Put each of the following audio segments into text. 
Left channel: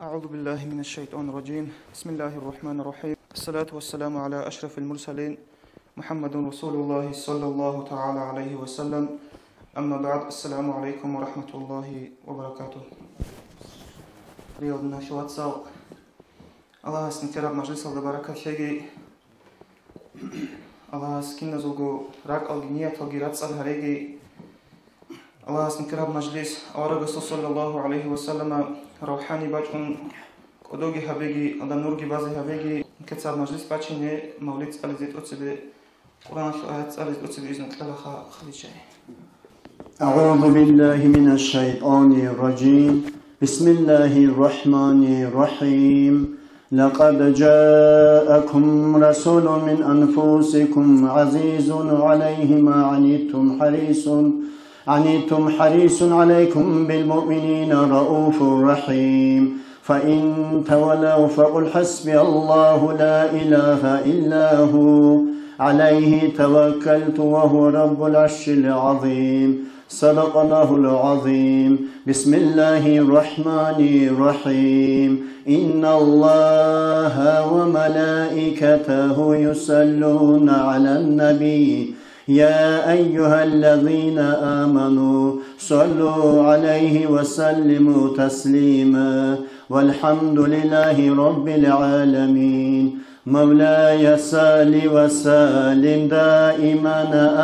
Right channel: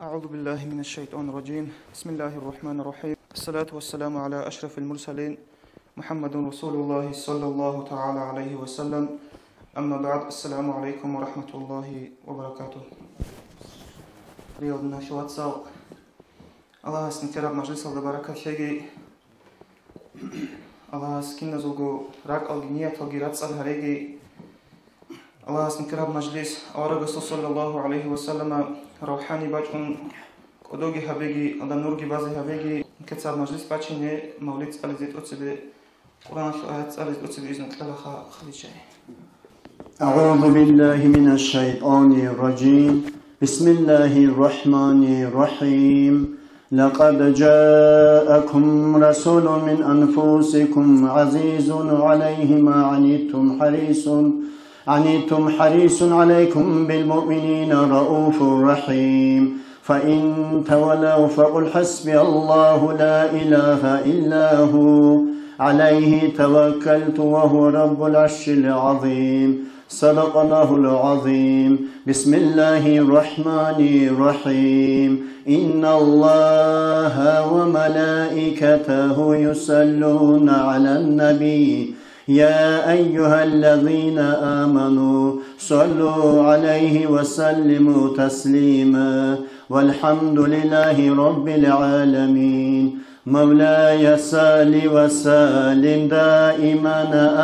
أعوذ بالله من الشيطان الرجيم بسم الله الرحمن الرحيم الصلاة والسلام على أشرف المرسلين محمد رسول الله صلى الله تعالى عليه وسلم أما بعد السلام عليكم ورحمة الله وبركاته رياضنا شواتساو الله سنتراب مجلس البركة شيء الله سكين زوجو راك الجنية تغيرات الهريجي الله سنتراب مجلس أورغ صلى الله عليه وسلم روحاني بچون قدوغي هبيجي أدا نورغي بازي هبيجي كتاب مجلس بچيني مولد ألزيت أتسبي قرآن شوآيات ألزيت أتسبي إذن تلغا خلي شيء أعوذ بالله من الشيطان الرجيم بسم الله الرحمن الرحيم لقد جاءكم رسول من أنفسكم عزيز عليه ما عنيتم حريص عليكم بالمؤمنين رؤوف رحيم فإن تولوا فقل حسبي الله لا إله إلا هو عليه توكلت وهو رب العرش العظيم صدق الله العظيم بسم الله الرحمن الرحيم إن الله وملائكته يصلون على النبي يا أيها الذين آمنوا صلوا عليه وسلموا تسليما والحمد لله رب العالمين مولاي صل وسلم دائما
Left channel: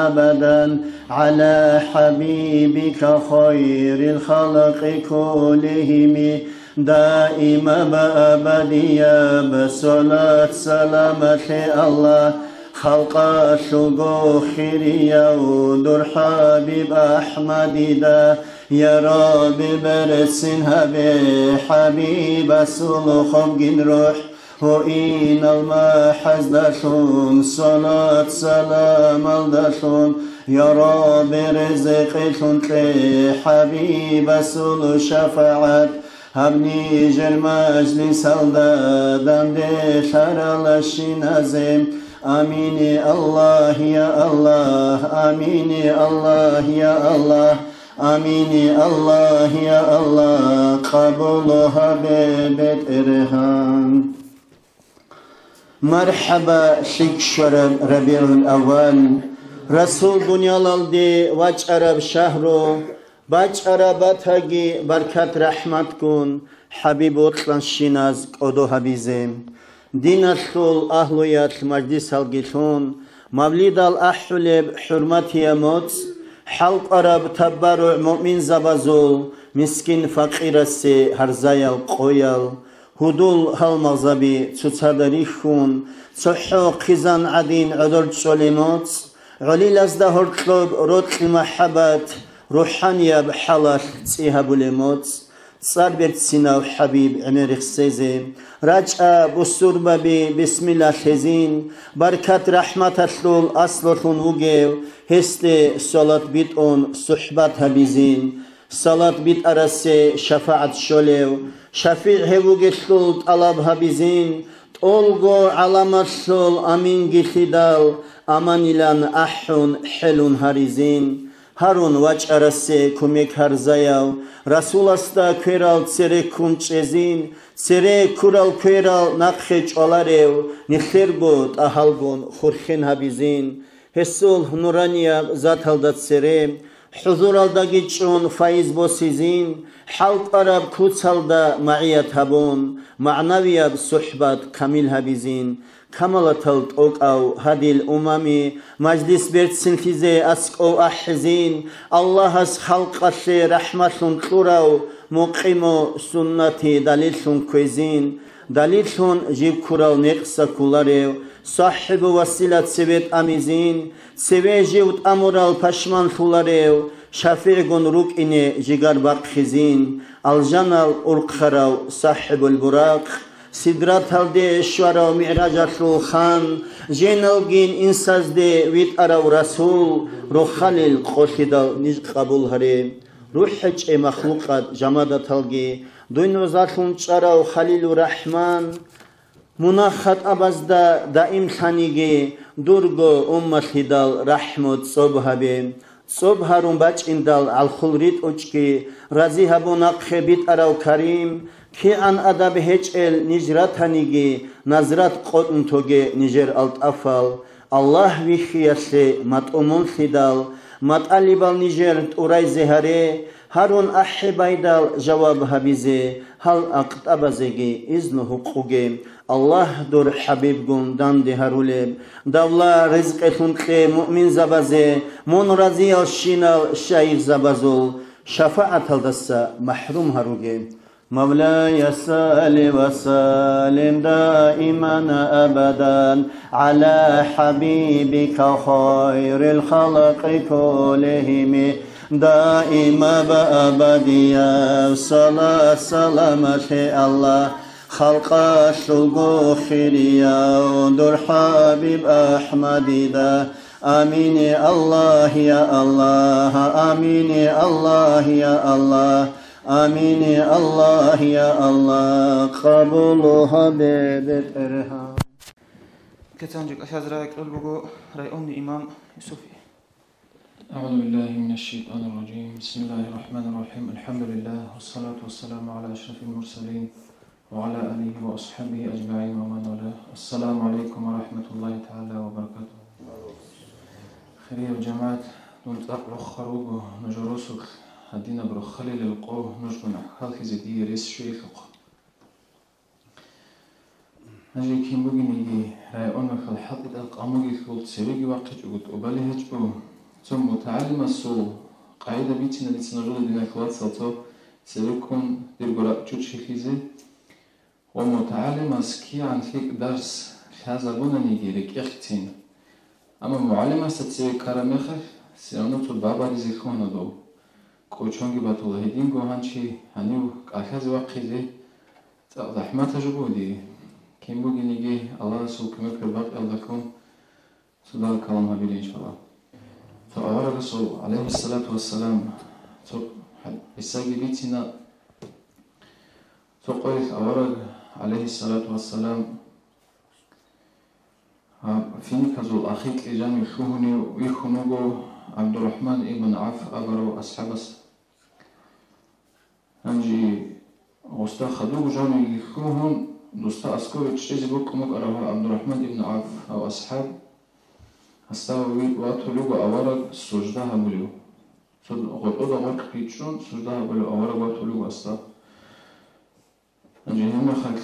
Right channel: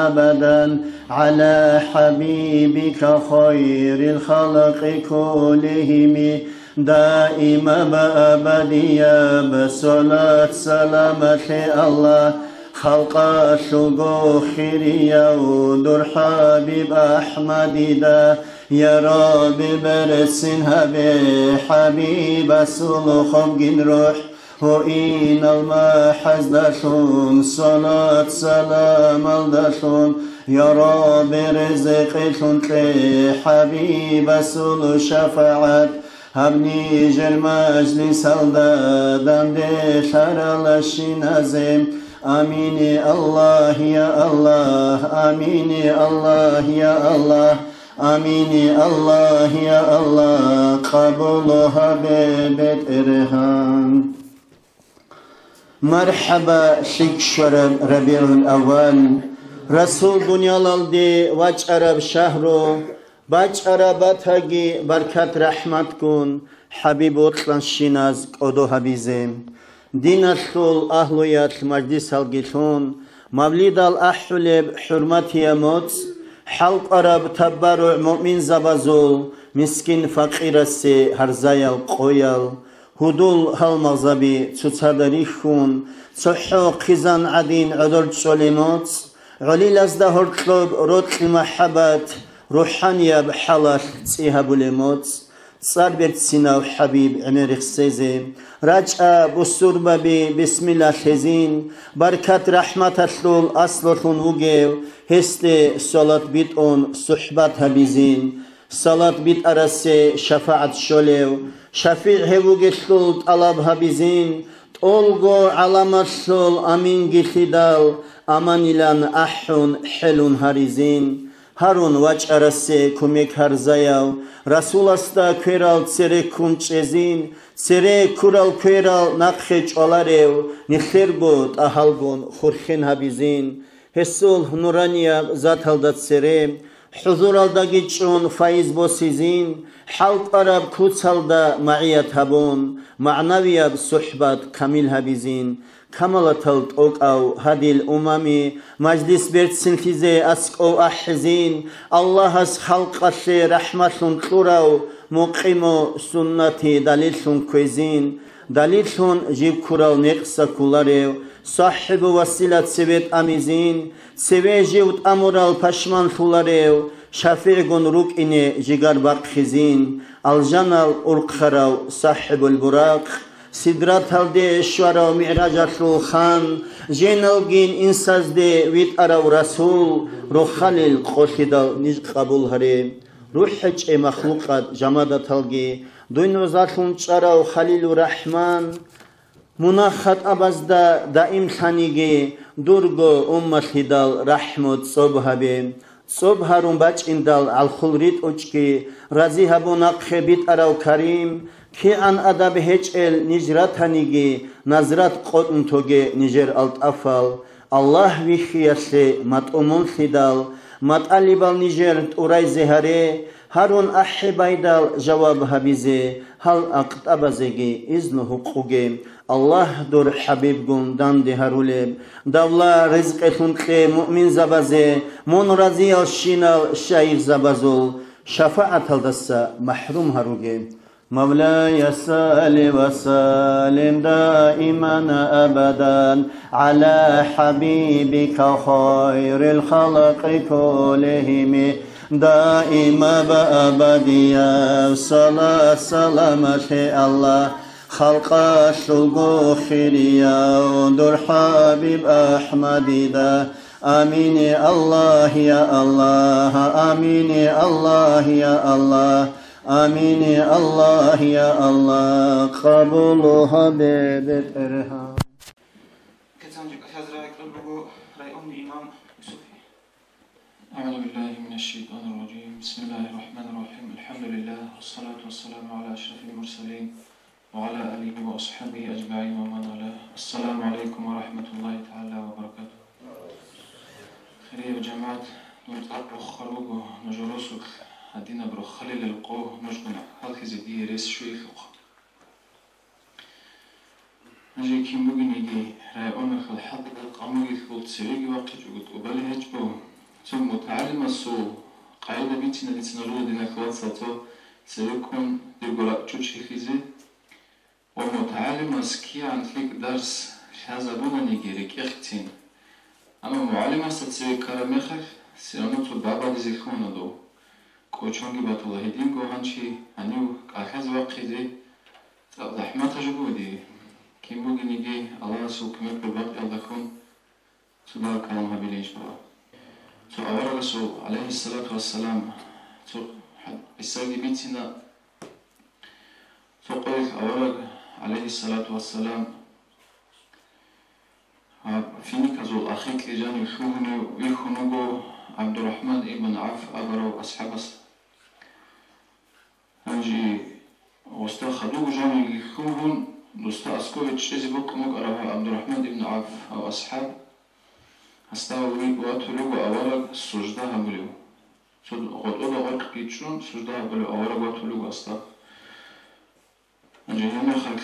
أبدا على حبيبك خير الخلق كلهم دائما بأبديا بصلاة سلامة الله خلق شغو خيريا ودر حبيب أحمد دا يا رب برسنها بحبيب سلخم جن روح وإن المحز داشون صلاة سلام الداشون يا رب رزقشون حبيب سل شفاعت هبني جل مجلس الدادم دشار الشنازم آمين الله يا الله آمين الله يا الله آمين الله يا الله قبولها ببيت إرهام مرحبا شكشر ربيع الأول رسول دنيا لالدي واج عرب شهرو باج عرباتاگي بركات رحمت كون حبيب أطلان شناز قدو حبيزم دين الشول أهليات مجلس الجيشون مولد الأحلب حرمتي موت حلق عرب تبرع مؤمن زبازول مسكين فقير السي هرزايل قويل هدول هالمغزبي تتدريخون صحو قزان عدين عدل تسوليموت علي لازدهر طلب روت المحبات روحانيا بحالة تسيها بوليموت صار سينا وحبيب عمر خسيزي رجع بسور بابي بسم الله خزين بركات رحمة الشول أصلتون وجيو هستي صلاة بيتون صحبات هبيزين صلاة بيت أرسي شفاعة شوليو شفيع هبوغي الشول طلب هبيزين تولغو علامة الشول أمين جيخدال أمان إلان أحون حلون هاريزين هارون واج أرسي كوميك هرزايو رسول استا كيرال تسيري كونچزين تسيري كورال كيرال نقخيج أولاريو نخيربوت أهالبون خورخين هبيزين هسول نورانيا ذات هلدت سيري حضور الداگيچون فايز بوسيزين حلق عرب كوت هلدا معيات هبون معنوية صحبات كامل هبيزين كمالة التوق أو هذه الأمامي مجلس برد سنفيزي أسك أو أحزين الله أس خلق الشي رحمة تلوراو مقيمو سنتي دليل كويزين دليل جيب كوراو نقصة كولاريو صاحب وسيلة سبت أميزين سوي جيوت أمورال پشمان فولاريو شافع روك إني جيغار باقخزين الجنال أرقخراو صاحب البراق سدرات هالدي شوارا ومعراج الخان جينالجين إنساز دي ويت أراو رسول روح خليل قوشيدال نج قبول هري روح حج مخلوقات جمادات هالجي دوين وزاتون چاراو خليل الرحمن مناخت أبازدا دائم خانيجي درغو أمت هدال رحمت صبحبي صبح هرون بچ اندال الخلريت اوچكي رازي هبونا خبيت اراو كريم كي ان ادب هيج ال نجرات هنيجي نظرات قطن توجي نجر الت افال الله ويخياسي مات امون خدال مات اليبال نجر اوراي زهري هارون احبايدال جواب هبيزي هل اقت ابازيجي اذن حقوقي الله دور حبيب گون دان دي هارولب داولا رزق خنقي مؤمن زبازي مون رازي الشينال شايف زبازول شفاعة الدسا محروم هاروغي مولاي صل وسلم دائما ابدا على حبيبك خير الخلق كلهم دائما بأبديا صلاة سلامة الله خلق شلقو خيريا ودر حبيب أحمد دا آمين الله يا الله آمين الله يا الله آمين الله يا الله قبولها ببترها كتانجك أشهد رأيك البقو رأيوني إمام يوسف. أعوذ بالله من الشيطان الرجيم. بسم الله الرحمن الرحيم. الحمد لله والصلاة والسلام على أشرف المرسلين وعلى آله وأصحابه أجمعين ومن والاه. السلام عليكم ورحمة الله تعالى وبركاته. خير يا جماعة نلتقى بخروجه نجرسك هدينا برخلي للقوه نجمع خلق زدي رس شويفق نجي كيم بوجي نيجي رايون مخ الحقيقة القاموجي قلت سريجي وقت قلت أبلهج بو ثم متعلم السو قاعدة بيتنا اللي تنرود دينا كوات سلطة سيكون ديرجرا تشوشي خيزي ومتعلم اسكي عن فيك درس خازبونا نيجي ركيختين أما معلم استتسوي كراميخ سيرانوتو بابا دي زيخونا دو كوچونگی باتوله هدیم گوهانچی هنیو کاخز وقتی زحمت جبودی کیم بودی نگی الله رسول کمک برباق یادکون سبار کلام هبیلیش برا تو آور رسول علیه الصلاة والسلام تو بسردی بیتینا تو قویک آور علیه الصلاة والسلام فيني كزول أخيك لجاني خوني ويخونوغو عبد الرحمن ابن عوف أبرو أصحابس هنجي غستا خدوغ جاني يخوهن دوستا أسكويتش إزي بوكموك أرها عبد الرحمن ابن عوف أو أصحاب أستاوي واتولوغو أورق سجدها بلو غطوغا غرق بيتشون سجدها بلو أورق واتولوغو أستا هنجي هنا خلق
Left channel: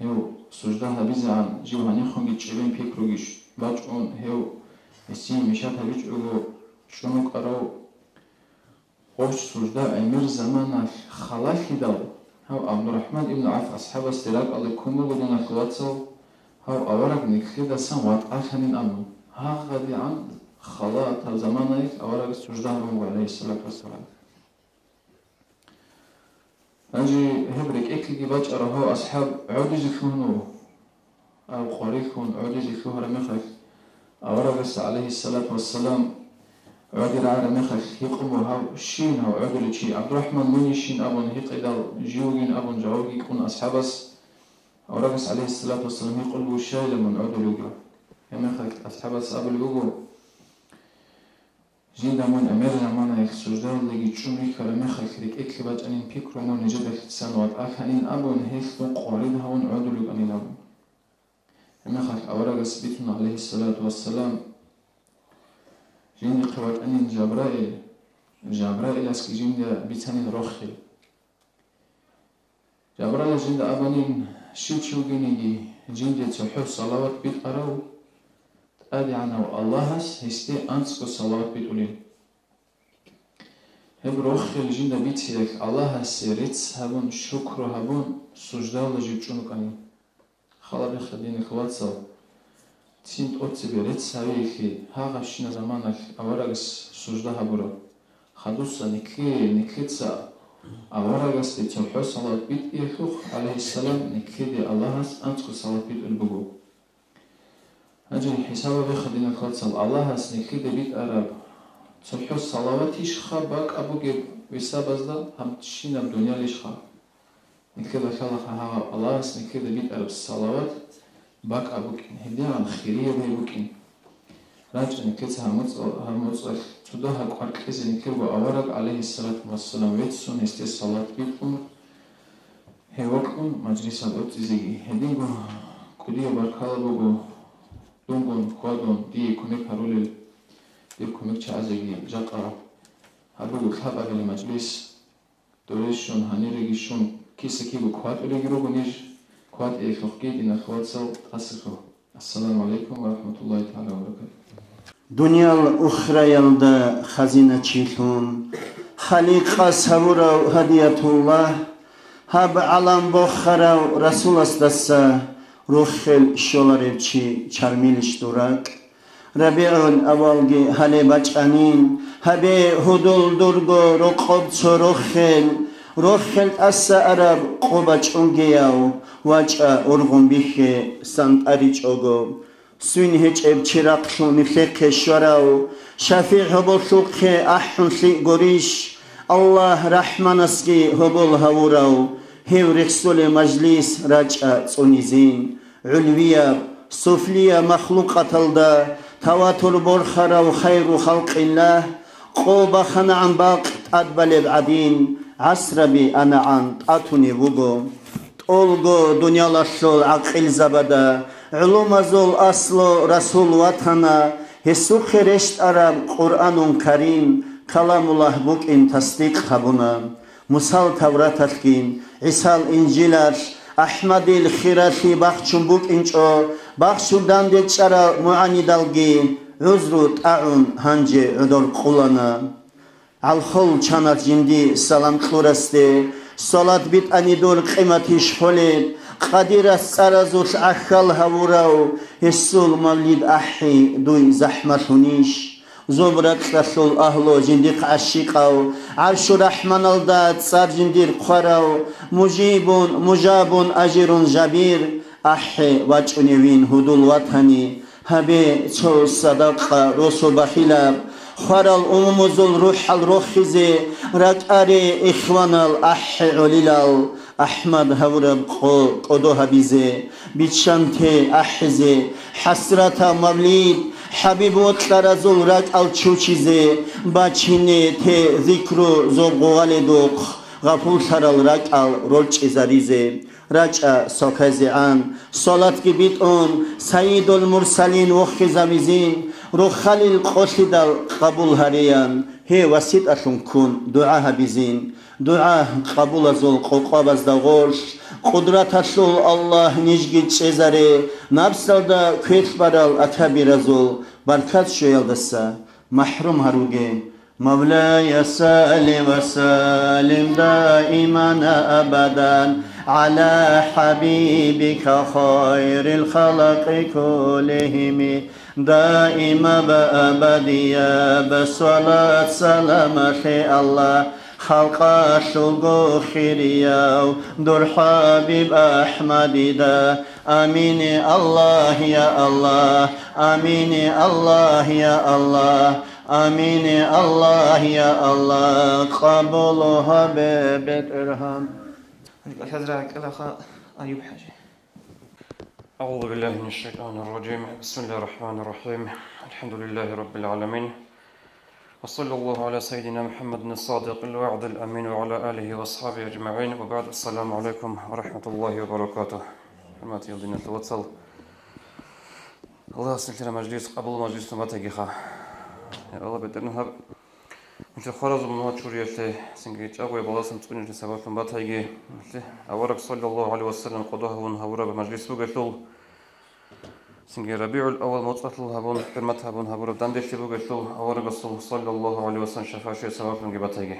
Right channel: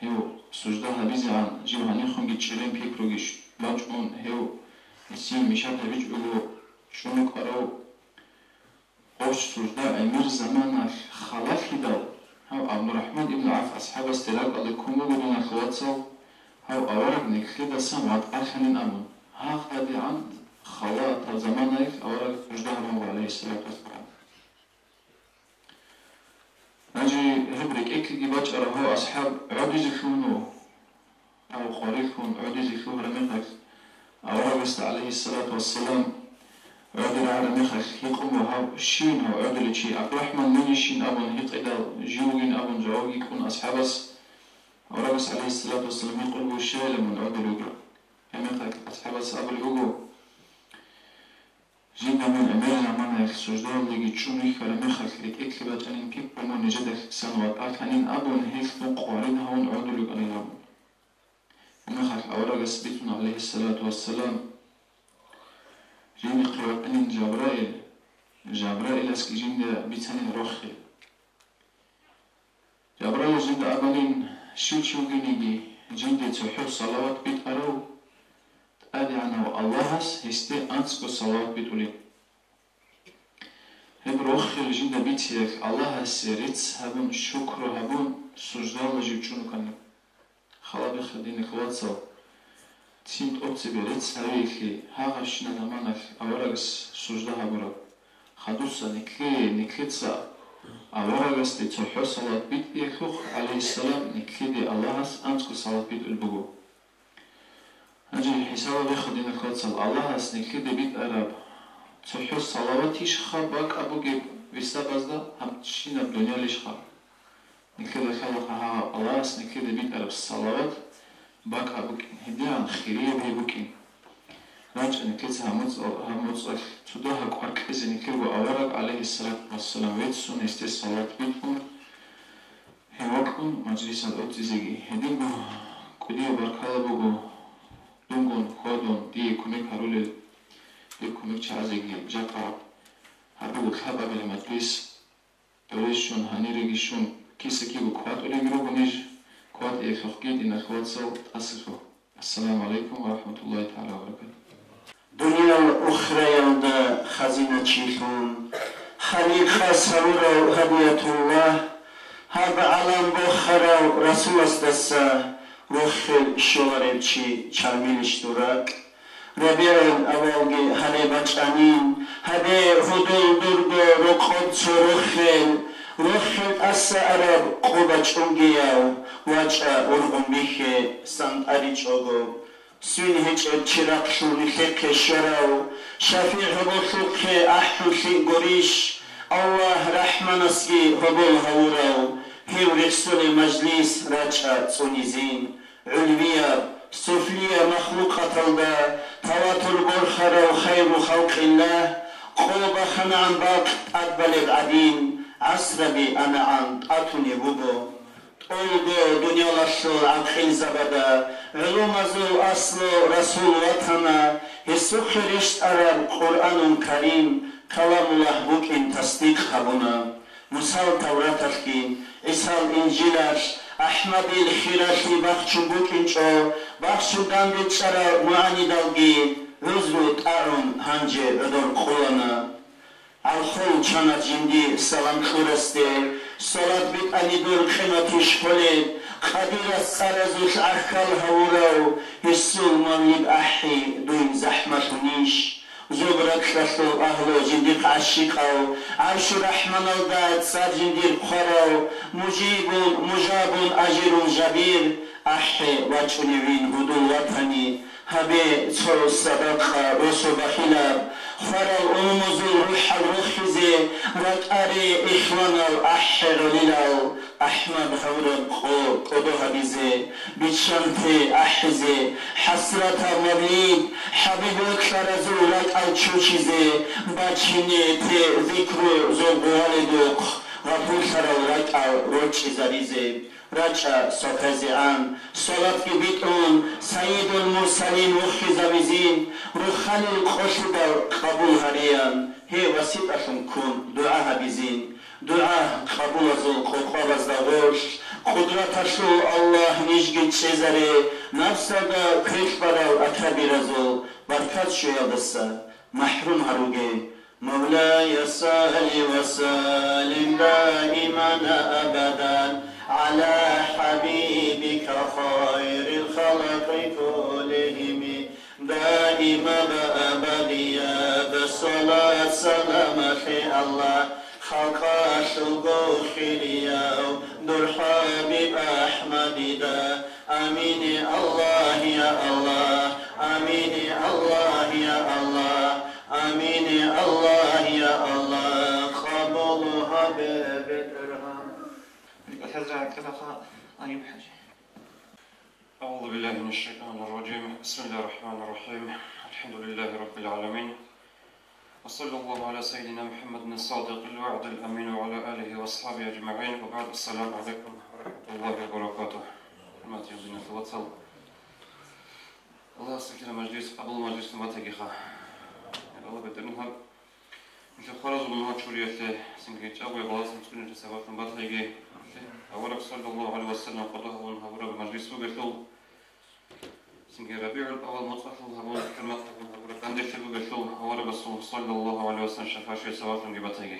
هيو سجدها بيزي عن جيو هنيخون جيتشرين بيكروغيش باجون هيو السين مشات هبيج أو شنو قرأوا قوش سجدة أمير زمان خلاف دال هاو عبد الرحمن ابن عوف أصحاب استراك على كومو بدون خواتو هاو أورق نكخيدا سام وات آخرين أمون ها غادي عن خلاط هاو زمان أورق سجدة هو عليه الصلاة والسلام أجي هبرك إكل جباج أرهو أصحاب عودي زكونو أو قريكون عودي زكوه رمثك أورق عليه الصلاة والسلام عودل على مخك يقوم وهاو شين هاو عودل شي عبد الرحمن من يشين أبون هيط إذا جوجين أبون جوجي يكون أصحابس أورغس عليه الصلاة والسلام يقول بو شايل من عودل يقول يا مخك أصحابس أبو الوجو جين دمون أمير زمان هيك سجدان اللي جتشون هيك على مخك هيك إكلبات أنين بيكرو من جدك تسانوات أكانين أبون هيك نقارن هون عودل يقول أنين أبون يا مخك أورغس بيتنا عليه الصلاة والسلام جيني قرأت أنين جبرائيل أسكي جيني بيتانين روخي جبرائيل جيني أبانين شو جيني جيني تحو صلوات بيت أرو تأدي عنه الله هس هستي أنسكو صلوات بيت أولين هب روخي جيني بيتيك الله هس ريتس هبون شكر هبون سجدال جيبشونك أنين خلا بخدين خواتسو تيمت أوتسي بريتس هاويكي هاغشنا زمانك أورغس سجدها برو خدوسا نكليتسا أورغس دي تلحو صلاة بيت إيخوخ عليه السلام نكلي دي اللهس أنتكو صلاة بيت البقو هجي حسابا بخدين خواتسا اللهس نكلي دي بيت أراب تلحو صلاة تيش خار باك أبو جيب ويسابزدا هم تشينا الدنيا ليش خار نكلي دي خلقها اللهس نكلي دي بيت أراب الصلاة باك أبوكين هدي عن خيرية بيبوكين Ranchene kets hamuts tudo ha qarqizini kebo avarak alayhi salatu wassalam vetsun este salat bitun hevakun majlisan otizigi hedingo kudiya barkalabogo dungon kodon di kumik harule di kumik chazigi jaqa habugo khababele majlis doreshon hanirigishon kisekigo kwaturigirugunesh kwat ekhokidi nakhwatsal asifo assalamu alaikum wa rahmatullahi ta'ala wa barakatuh. Dünya ukhra yolda hazine çilhun, Halika savurav hadiyatullah, Hab alam bokharav Rasul astassa, Ruhel şolarevçi çarmiliş durak, Rabi'un avalgi hale baçanin, Habe hudul durgo roqodso Ruhel assa arab qobaç ungeyav, Vaça urgun bihe sant ariç ogo, Sün hiç evçirak şunu fekhe şarav, Şafi hubul şukhe ahun şi goriş, Allah rahman aski hubul havurav, Hevrik sule majlis raca sonizin, Ulviya, sufliya makhlukat alda, Tavatur borkharav khayru halqillah, Qoba khana'an baq adbalev adin, Asrabi ana'an atuni vugo, Olgo dünyalaşol aqil zabada, Ulumazol aslo Rasul vatana, Hesuk reşt arab Kur'anun Karim, Kalamullah bukin tasdik habuna, Musal Tavrat atkin, İsal İncilar, Ahmadil Khirashi bahçun bukin ço, Bahçurdan deçara muanidalgi, Özrut a'un hanci ödol kulana, Al-Khol çanar cindi salam kuraste, Salat bit anidur qimatish holet, Qadiras sarazush akhal havurav, Hissul mavlid ahi duy zahmatunish, Zobrak rasul ahlo jindik ashiqav, Arshur rahman alda tsar jindir qarav, Mujabun ajirun jabir, Ahi vachunevin hudul watani, Habe ço sadaqa rosul bahilab, Faral umuzul ruhal ruhize, Rak'ari ihvanal ahhi ulilal, Ahmad havrab qodo habize, Bichante ahize, Hasrata mavlid, Habibut karazul rak'al çuçize, Bachine te zikru zorgualeduk, Gafur saral rak'al rolçizarize, Raca sokazi'an, Salat gibit on, Sayyidul mursalin vukhizamizin, Ruhalil qoshidal qabul hariyan, He vasit ashun kun, Dua habizin, Dua qabul azul qoqabaz da gosh, Qudrat ashul Allah nijgit çezare, Nafsada köşbaral akabir azul, Barkat şoyadasa, Mahrum haruge, مولاي صل وسلم دائما أبدا على حبيبك خير الخلق كلهم دائما بأبديا بالصلاة سلام الله خلق شلقو خيرياو دور حبيب أحمد دا آمين الله يا الله آمين الله يا الله آمين الله يا الله قبولها بالإرهام. أعوذ بالله من الشيطان الرجيم. بسم الله الرحمن الرحيم. الحمد لله رب العالمين. وصلى الله على سيدنا محمد الصادق الوعد الأمين وعلى آله وأصحابه أجمعين. وبعد السلام عليكم ورحمة الله وبركاته. حرمات يدين الوصل. الله سكر مجلس قبل مجلس نباتيخا. الله بترنها مش خلاص من هاد شوريته سنجيت أقوى بلاسم تقولين سبب نباتيجي. أورك صلى الله عليه وسلم قضاه ونهورا بمجلس وقتل. سنجي ربيع الأول مطلقه هبون كلمة هبون هبورا دندش وقتل. أورك صلى الله عليه وسلم شفاعة شيء سبب نباتيجي.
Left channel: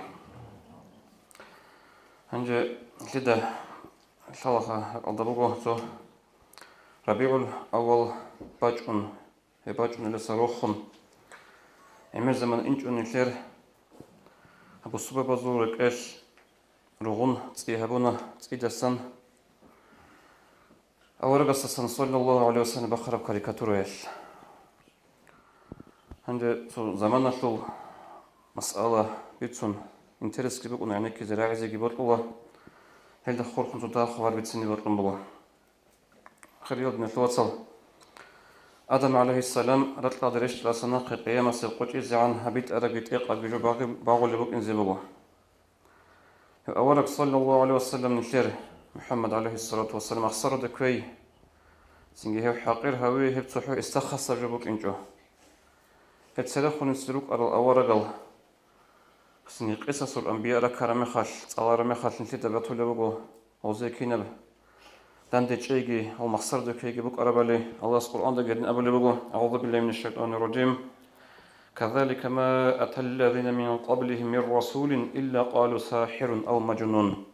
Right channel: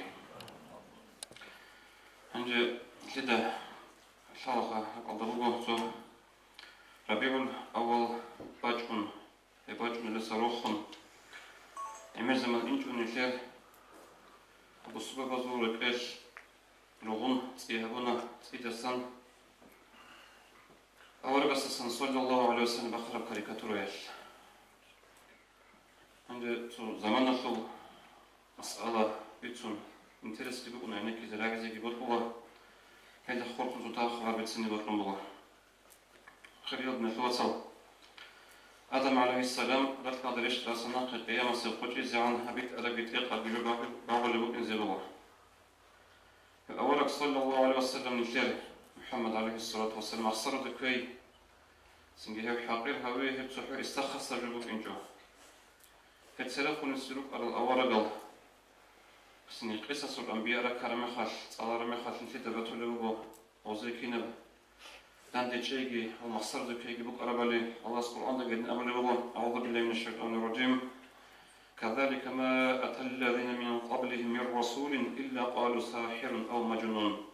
هنجي كده شلخة أضربه تو ربيع الأول باجون لسروخهم. Emir zaman inç önükler bu süper bazuruk eş ruğun tsihabuna tsidasan awaragassan sallallahu aleyhi ve sellem bakara karikaturu eş hande so zaman nasıl masala bitsun interes gibi ona ne ki zara'ize gibi oldu helde korkunç da xabar bitsin gibi oldu bu xariyad ne tawasal Adam aleyhisselam ratla dereşt rasana qiyamasi qochi zan habit arabit eqa bijo bagul buk inzibugo. Awalak sallallahu aleyhi ve sellem nişer Muhammed aleyhissalatu vesselam akhsar da köy. Singe hep haqir hawi hep suhu istakhassa jubuk injo. Het selakhun suluk aral awaragal. Singe qisasul anbiya rakarame khal salarame khal nişer da batulugo. Ozekina Dan de çeygi o maksar da köy buk arabali Allah Kur'an'da gelin abulugo. Euzu billahi mineşşeytanirracim. كذلك ما أتى الذين من قبلهم من رسول إلا قالوا ساحر أو مجنون.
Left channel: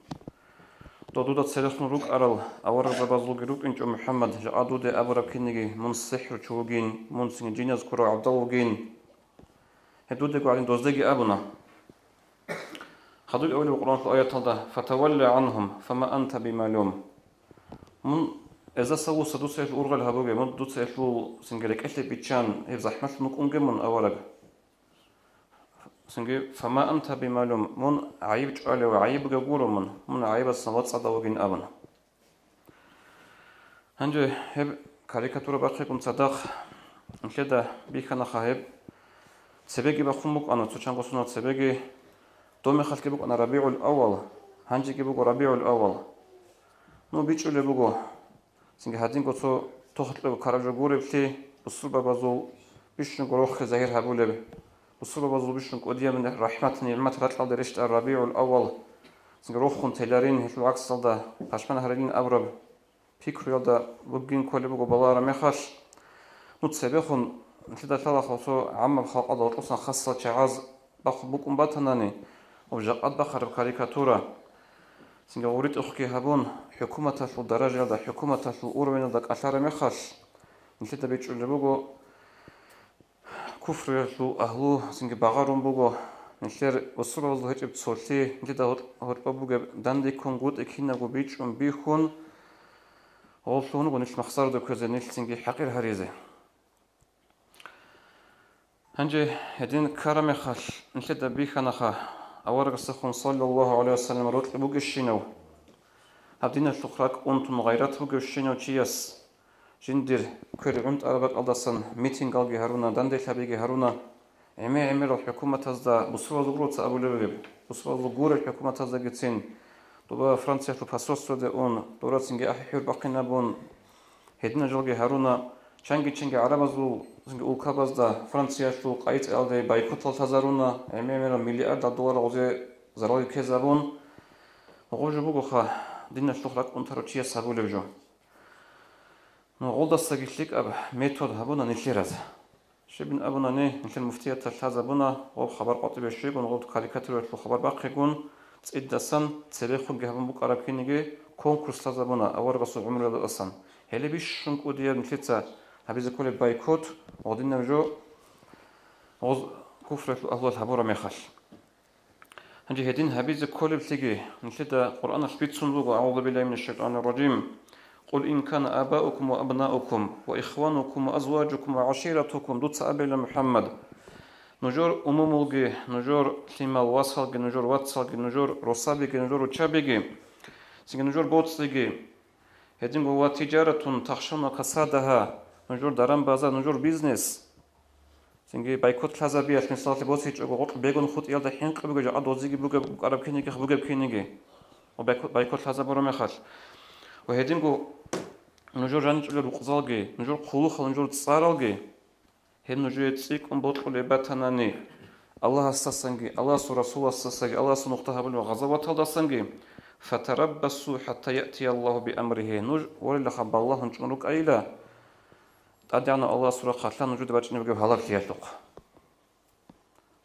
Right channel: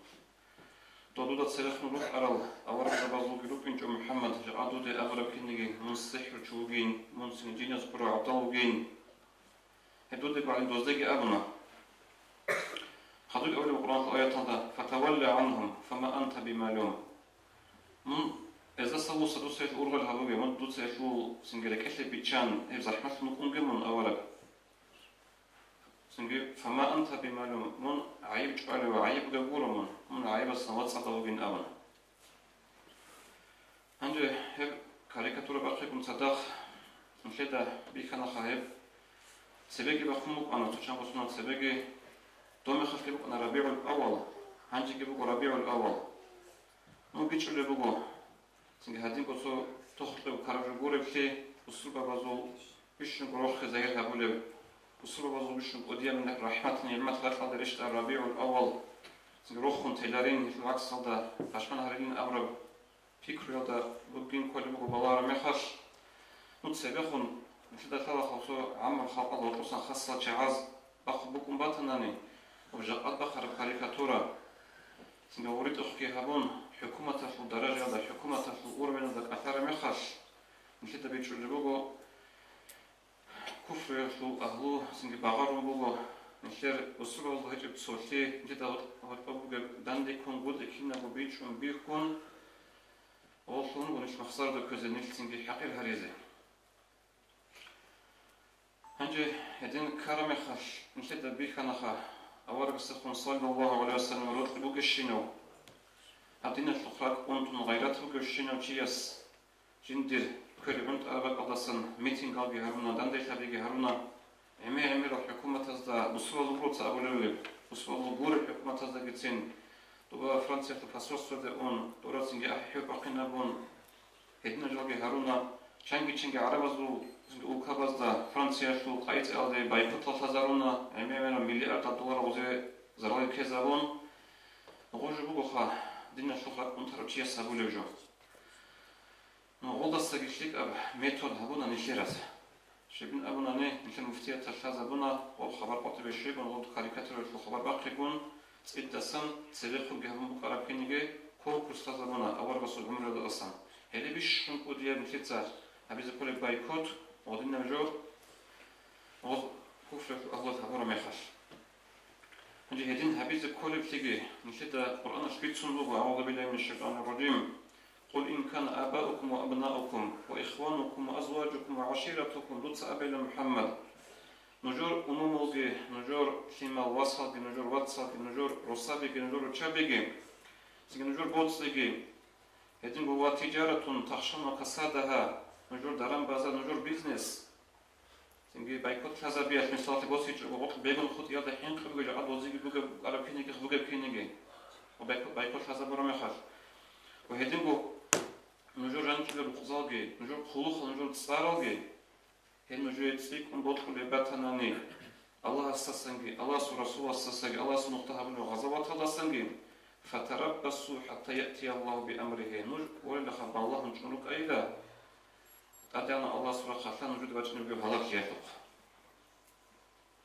Doduda selekhnuruk aral awara zabazlug rup inç Muhammed jadu de abra kinigi mun sihr çugin mun sin jinas kura abdalugin hedude qalin dozdagi abuna hadul awli Qur'an ayatada fatawalla anhum fama anta bimalum mun eza sawu sadu sayf urgal habubi mun dut sayfu singelek etle bitchan ev zahmat muk ungemun awara Singe fama anta bimalum mun ayib çale ve ayib gagurumun mun ayib sanat sadavugin abana. Hande hep karikatura bakıp sadak şeda bir kana khahib sebegi bakhumuk ana tuçan qosunat sebegi dome khalki buk ana rabiul awal hanji ki buk rabiul awal no biçule bugo singe hadin qoso tohtlu karaja gurepti usul babazu üçün gorox zahir habule Usul bazuluşun qodiyamin rahmat nimet ratla derişt Rabiul Awwal. Singroxun telarin hiç aksalda taşman haragin avrab. Fikriyolda bugün kolbu gobalara mexaş. Nut sebexun fida talaxoso amma xalqada otusan xassa çağaz bax bukum batanani. O jaqad baxar karikatura. Singa urit uxki habun hukumata fil darajada hukumata fil urwinada qashar mexaş. Nifita beçul bugo Kufrlu ahlu singe bagarum bugo nişer usurozlu hecep solti nida horpa buge dandi kongut ekina go bichum bihun olsunu go niş maksar da közenil singe hakir harize Hanje hedin karame khash nişe da bihana kha awar gsakhun sallallahu aleyhi ve sellem rot buge shino hadina shukrak untun gayrat buge shino chiyas Jindir körünt arabat aldasan miting algi haruna dande habigi haruna emir hükümetazda bu sırada bursa abulebe bu sırada gure hükümetazda gitsin doba Fransa pasosto de on dorasinge ahir baqina bon hedina jalgi haruna changi arabazu zinge ulkabazda Fransa şu qayt alde baykot tazaruna emir milyarda dolar oze zarali kezabon oje bugo kha dinna shukrak untarochiya sabulevjo No oldasta gittik ab metod habuna nişeraz. Şebin abuna ne nişen muftiyat taşaza buna o haber qatı beşik on o karikatür şu haber baqigun ciddasan selexu gehbun bu qarapinigi konkursda zabuna awar basu umrada asan. Hele bir şun qodiya nişetsa habize kole baykot odinna jo oz kufratu Allah habura mekhaş. Hanje hedin habize kole tigi nişeta Qur'ana spitsunluğu auzu billahi mineşşeytanirracim. قل إن كان آباؤكم وأبناؤكم وإخوانكم وأزواجكم وعشيرتكم دوتس أبيل محمد نجور أموملغي نجور تيمال واسخلغي نجور واتسخلغي نجور روسابيغي نجور وچابيغي سيغي نجور بوتسلغي هدين بوا تجارة تخشون كسادها نجور داران بازار نجور بيزنس سيغي بايكوت لازابيات مثالتي بوتسيچ اوغوت بيغون خوت يالدا هنقبغي ادوزيغي بوغا عرب كينيغي بوغا كينيغي او بايكوت لازابرو مخاش وهدين بو نجور جانچلو بقزالغي نجور قولو خلنجور تصارالغي هن نجور يتسيك بوتقو لباتاناني الله استسانغي الله رسول استسانغي الله نقطه بلو غزوات داسانغي فتربصوا حتى ياتي الله بامره نور ولا خب الله نجروك ايلا تاديانا الله سورة قاتلان نجور دباچني بگو حالات ياتوق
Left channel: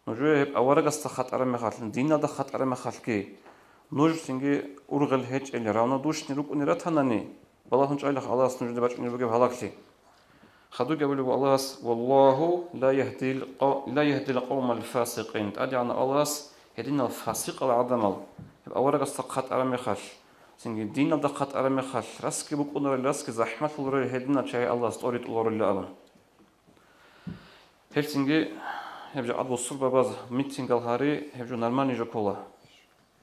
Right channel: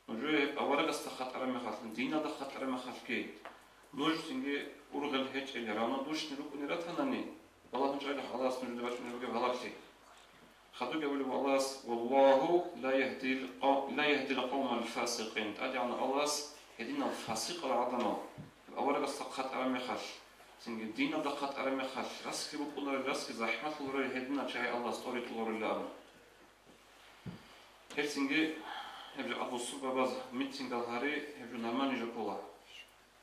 نجور هب اورا قست خطر مخاتن دينا دا خطر مخاتكي نور سينغي ургал هيچ ال راونا دوشني روك نيراتاناني الله نجعله الله نجور دباچني بگو حالاتي خدو قبلوا الله والله لا يهدي القوم الفاسقين تاديانا الله هدينا الفاسق العظمه اورا قست خطر مخاش Çünkü din adı kat arame xaş. Raski bu konuları raski zahmet olur hedina çay Allah storit olur lan. Hepsingi hepce adı suba baz meeting alhari hepce normali jokola.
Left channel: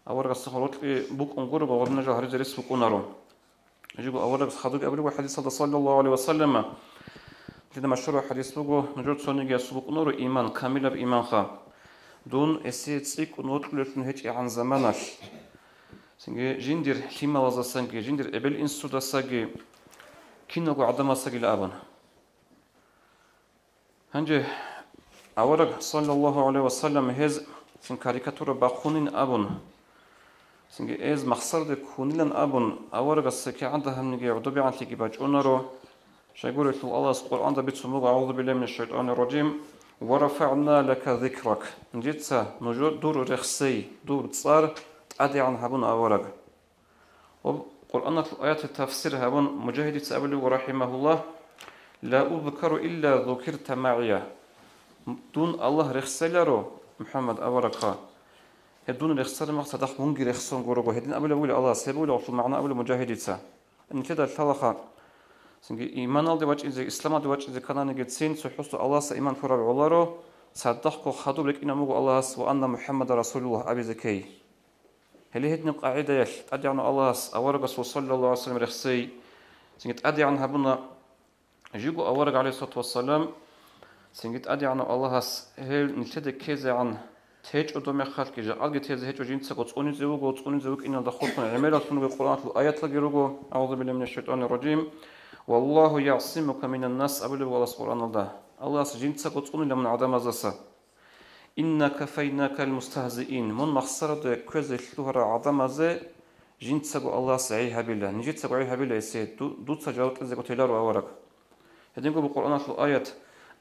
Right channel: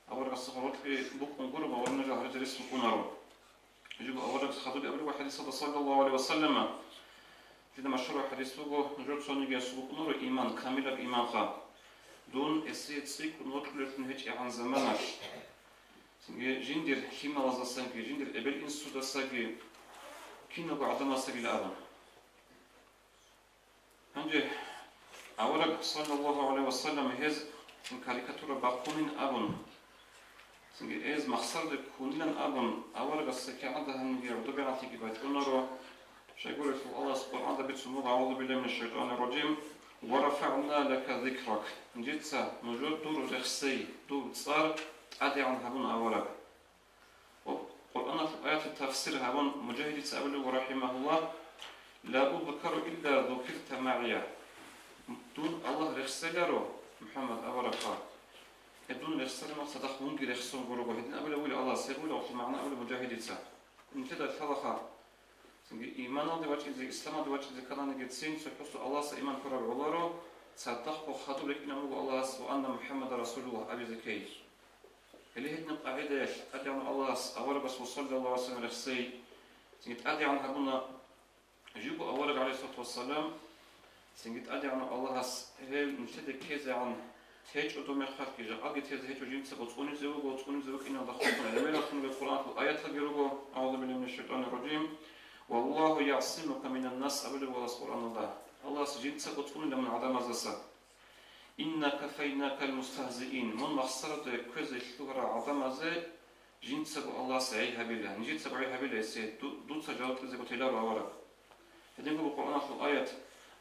Avarga sıxorotli bu kongur bu orna jo hari deris bu konaro. Jigo avarga xaduk abri ve hadis sallallahu aleyhi ve sellem. لذا مشروع حديث بقول نجور تصوني سلوك نور إيمان كامل بإيمان خا دون أسيد سيك ونطلع نهج عن زمانك سنجي جندر كيما لازم سنجي جندر قبل إنسود سنجي كنا قعدنا سنجي لأبنا هنجي أورق صلى الله عليه وسلم هز سن كاريكاتورة باقونين أبن سنجي إز مخسر كونين أبن أورق السكي عندها نجي عدوبي عن تيجي باجونرو شيقول الله القرآن ده بيتسموه أعوذ بالله من الشيطان الرجيم ورفعنا لك ذكرك نجيتسا نجور دور رخصي دور تصار أدي عن هبون أورق وقرآن في آيات التفسير هبون مجاهد تأبلغ رحمه الله لا أذكر إلا ذكرت معي دون الله رخصلارو محمد أورقا هدون رخصل مقصد أخبونجي رخصون قرقو هدين أبلغ الله سيبولي وطل معنا أبلغ مجاهد تأ إن كده الثلاثة سنجي إيمان الله دواج إذا إسلام دواج إذا كنا نجتسين سحوست الله سإيمان كرر والله صدقوا خدوا لك إن مجو الله وأن محمد رسول الله أبي زكي هل هدنا قاعدة يش أدي عن الله أورق صلى الله عليه وسلم رخصي سنجت أدي عن هبنا جيبوا أورق عليه الصلاة والسلام سنجت أدي عن الله هل نتدى كذا عن تهج أدوم خلق جاء أجي تهج هج وجين سقط أوني زوج إن دخلنا عملت من القرآن الآيات لجلوجو أعوذ بالله من الشيطان الرجيم والله يعصمك من الناس أبلغ ولا سبحان الله الله سجين سقط أوني من عدم زسا إن كفيناك المستهزئين من مخسرة كذا الشهر عدم زي جين سقط الله سعيها بالله نجيت سقعيها بالله يسيد دوت سجاوت إذا قلت لا رأورك هدينكم بالقرآن الآيات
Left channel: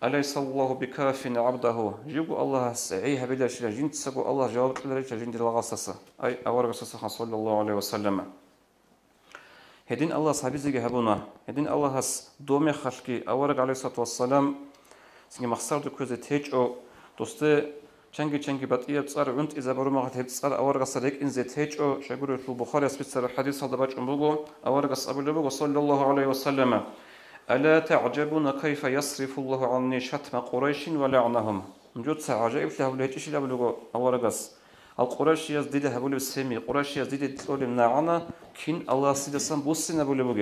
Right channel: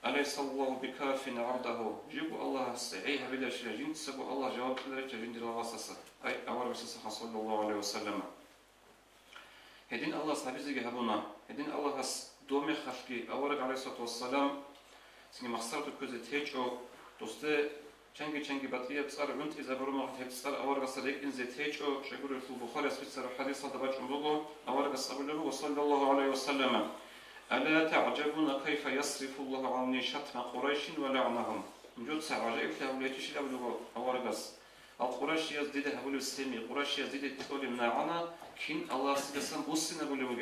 أليس الله بكاف عبده جيبوا الله سعيها بالله شلا جين سقط الله جاوت إذا جين دل غصصة أي أورك صلى الله عليه وسلم هدين الله صحابي زي هبونا هدين الله هس دومي خلقي أورك عليه الصلاة والسلام سنجي مخسر كوزة تيج أو دوسته چنگی بطیه تصار وند إذا برو ما هت تصار أورك صديق إن زي تيج أو شجور في البخاري أسبت الحديث هذا باج أمبوغو أورك أبو لبوغو صلى الله عليه وسلم ألا تعجبون كيف يصرف الله عني شتم قريش ولعنهم نجود سعجائب له لهتش له بلوغو أورك القريش يزديد هبول السمي قريش يزديد تقول النعنا كين الله سيدسان بوسنا بلوغو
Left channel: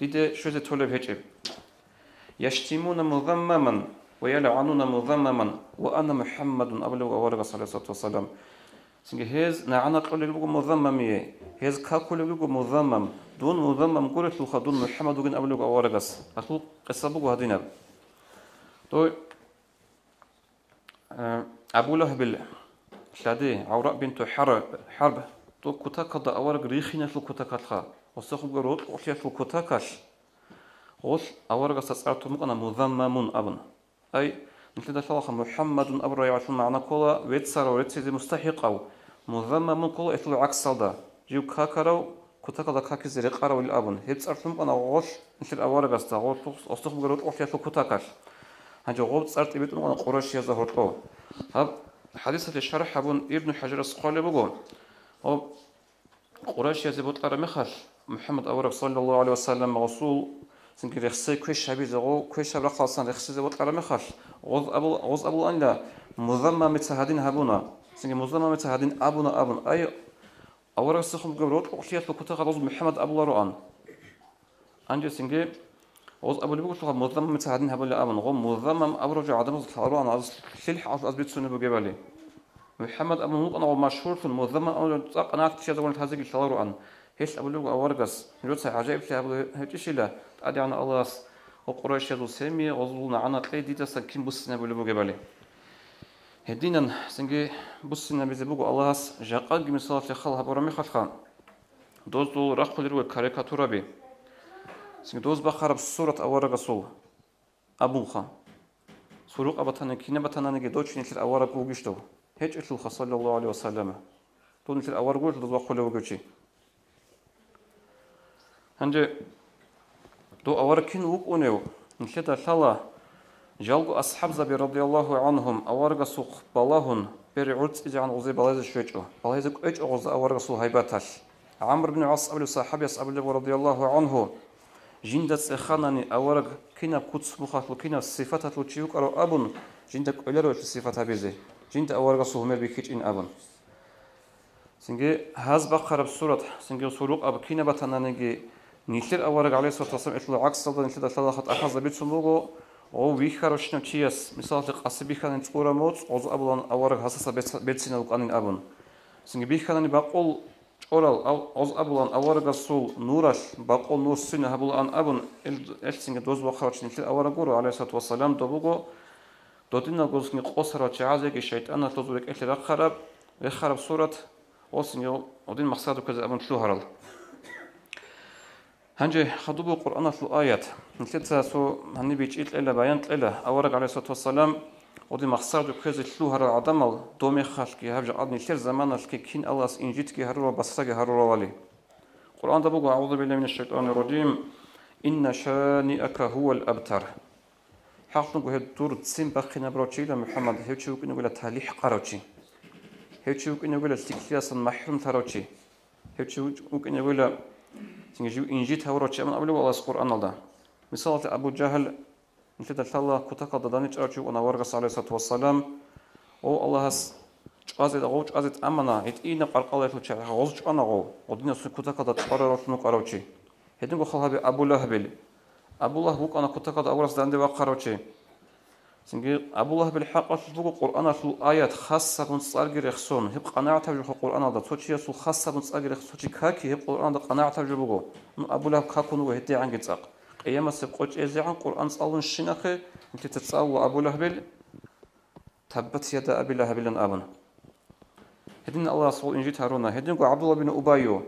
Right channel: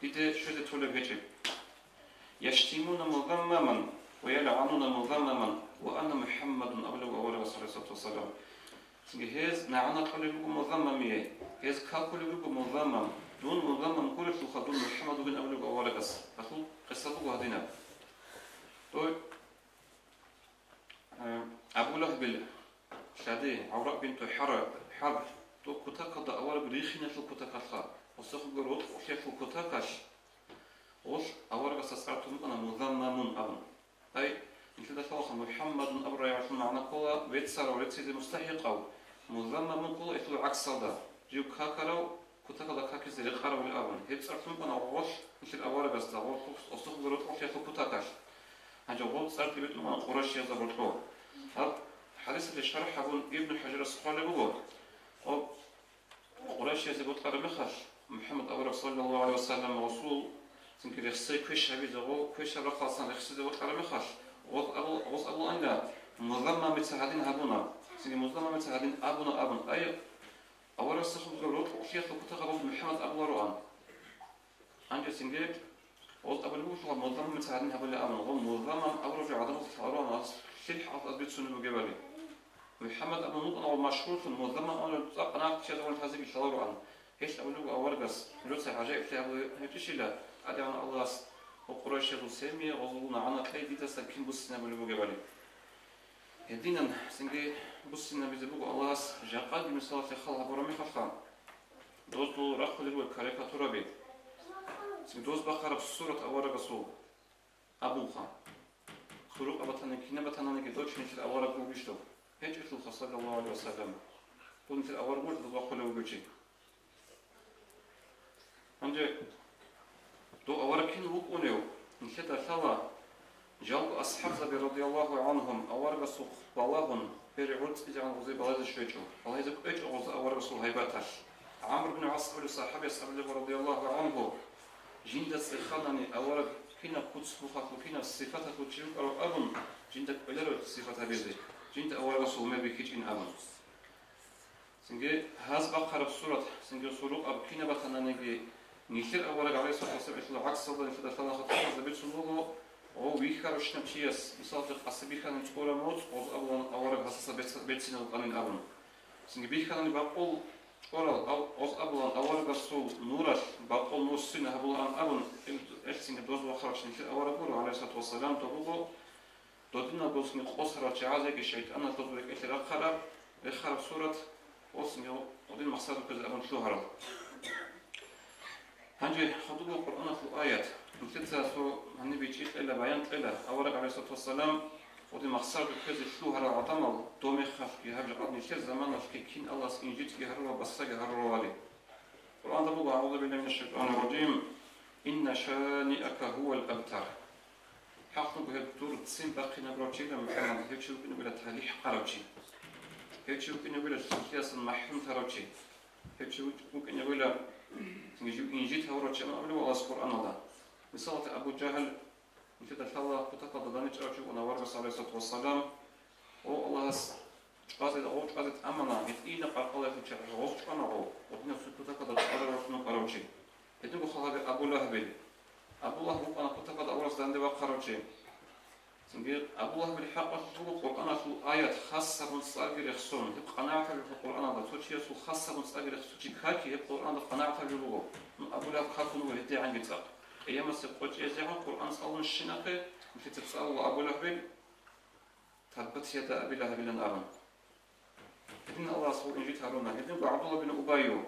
ديده شو تقول بهجب يشتمون مذمما ويلعنون مذمما وأنا محمد أبلغ أورغ صلى الله عليه وسلم سنجي هز نعنا قول لوغو مذممية هز كاكو لوغو مذمم دون مذمم قولت لوخا دون محمد وغن أبلغ أورغس أتو قصة بوغو هدينا تو أبو لهب شادي عوراء بنت حرب تو كتاكا دا أورغ ريخينا في الكتاكا وسخو قروت وحيا في الكتاكا وش أورغ سأسعرتو مقنا مذممون أبن أي مثل ذلك محمد أبرا يعرفون معنا كلا ويتسار ويتسيد مستحق أو مذمم كلا إثل عكس صدا جيو كاكرو كتاكا دا كاكي زي قارو الأبن هيتسارتم أنا غوش مثل أورغ أستا غوش أستخدم قروت أحيا في الكتاكاش هنجو غوب تسارت إبتم أنا قراش يزهرتو هاب حديثة الشرح أبن ابن حجر السقالي بقول قراش يزبط أرمخش محمد أورغ صلى الله عليه وسلم رسول سنجي رخصي كويش شبيه زغو كويش رخصان رخصي زبط أرمخش غوز أبو أنلا مذمم متهدين هبونا سنجي مذمم متهدين أبونا أبن أي أورغ سخم قبروت وحيات بكتاغ غوز محمد أبو لروان أنجي سنجي غوز أبو لبقى شوها مذمم متهدين هبونا أبن غو مذمم أبرج عدم الحلوان عز شلح عز أزبيت سنة بقبالي محمد أبو نوط أنا مشهور في المذمم أنا تساق أنا أكتشي دولة هزيق الحلوان هيش أبو لبقى أورغس نجوت عجائب في أبو هيتشي له أدي عن الله وقريش يدو سامي وظلنا عنا تلاقي دي تسكين بسنا بلبو جبالي هدينا سنجي بسنا بزبوق الله جاقال من صلاة خالها برامي خلقان دوز دول رقل الوي كاريكاتورا بي سنجي دوز بخرب سورة أورغ صول أبوخا سلوك أبطانا كينا بطانا نجي دوش نتل أورغ وغشتو هيج إتلوخا صلى الله عليه وسلم دول نتل أورغ وغشتو دوز بخل وغشي هنجي دو أوركين وقونيو نشتا ثلا جالو أصحاب زبي رضي الله عنهم أورغ سوق بلاهن بري عرض إجعان غزي بلايز شويتو بلايزك إج أغز أورغ سو هيباتش عمرو بن عاص أبو صحابي أصحاب رضي الله عنه جندت إخانني أورغ كنا قدس مخاطل كنا صفات وتشيوك أرو أبن جندك أولرو في صفات بيزي جند أورغ سو هم بيكيج إن أبن سنجي هاز بقرب سورة سنجي سلوك أب كنا بتنانجي نيشير أورغ عليه الصلاة والسلام إثل عكس صدق نيشير ثلاثة أخذ بيت سموغو O vixaroshna chias, misalte qasibixanen tsqura mots, oz ablan awara hasasa betsina uqanin abun. Singi bixanani baqol oral oz ablan awara gasul nuras baqol nussina habulan abun el singi doz waqarochin til awara guru alayhi salatu wassalam dobugo dodina gosni qosara chaazegi shaytana tozurek el kharab surat osingi odin maqsadu kaza abun tluharal. Hanje hadubu Qur'ana fil ayat. Nitsa so hanni bichit ila bayan ila awara alayhi salatu wassalam ودي مخسر كذا شلو هذا عدمل دومي خالك هذا عدني كثير زمان الكين الله إنجيت كي هروا بس كي هروا والي القرآن ده بقول أعوذ بالله من الشيطان الرجيم إن شانئك هو الأبتر حق نقول هالدور تسين بقينا بروتشي ده محمد هيتشو كنا نقول تهليح قروتشي هيتشو كنا نقول استكلاس محروم تروتشي هيتشو كنا نقول تنجيب إنجيت هوروتشي من قبل والله القرآن ده مثال أبو جهل نفيد الله كتاقة دانيش أرجو أن ورغس عليه الصلاة والسلام أو الله هس جازت أغو جازت أمنا إتئينا قرقالة فوتشي غوز جانا غو ودينا سن كتاقة دا تقرر وشنو قروتشي هدين خلها بأبو لهب أبو لهب أنا كتاقة أورس داندي وقروتشي سنجي أبو لهب الحق فوق القرآن في آيات خاصة من صارجر يخصون هب قناعة في القرآن ده توتشي يسوع خاصة من صارجر يخصوتشي كاكي هب القرآن ده قناعة في الجبوه أبو لهب كاكون وهدي عن جتاق أيام السبقوش إزاعة القرآن صلوا الشناخة أنت تتصور أبو لهب تبت يد أبي لهب لن أبن هدين الله صلى إنجيل هارونا هدين عبد الله بن أبايو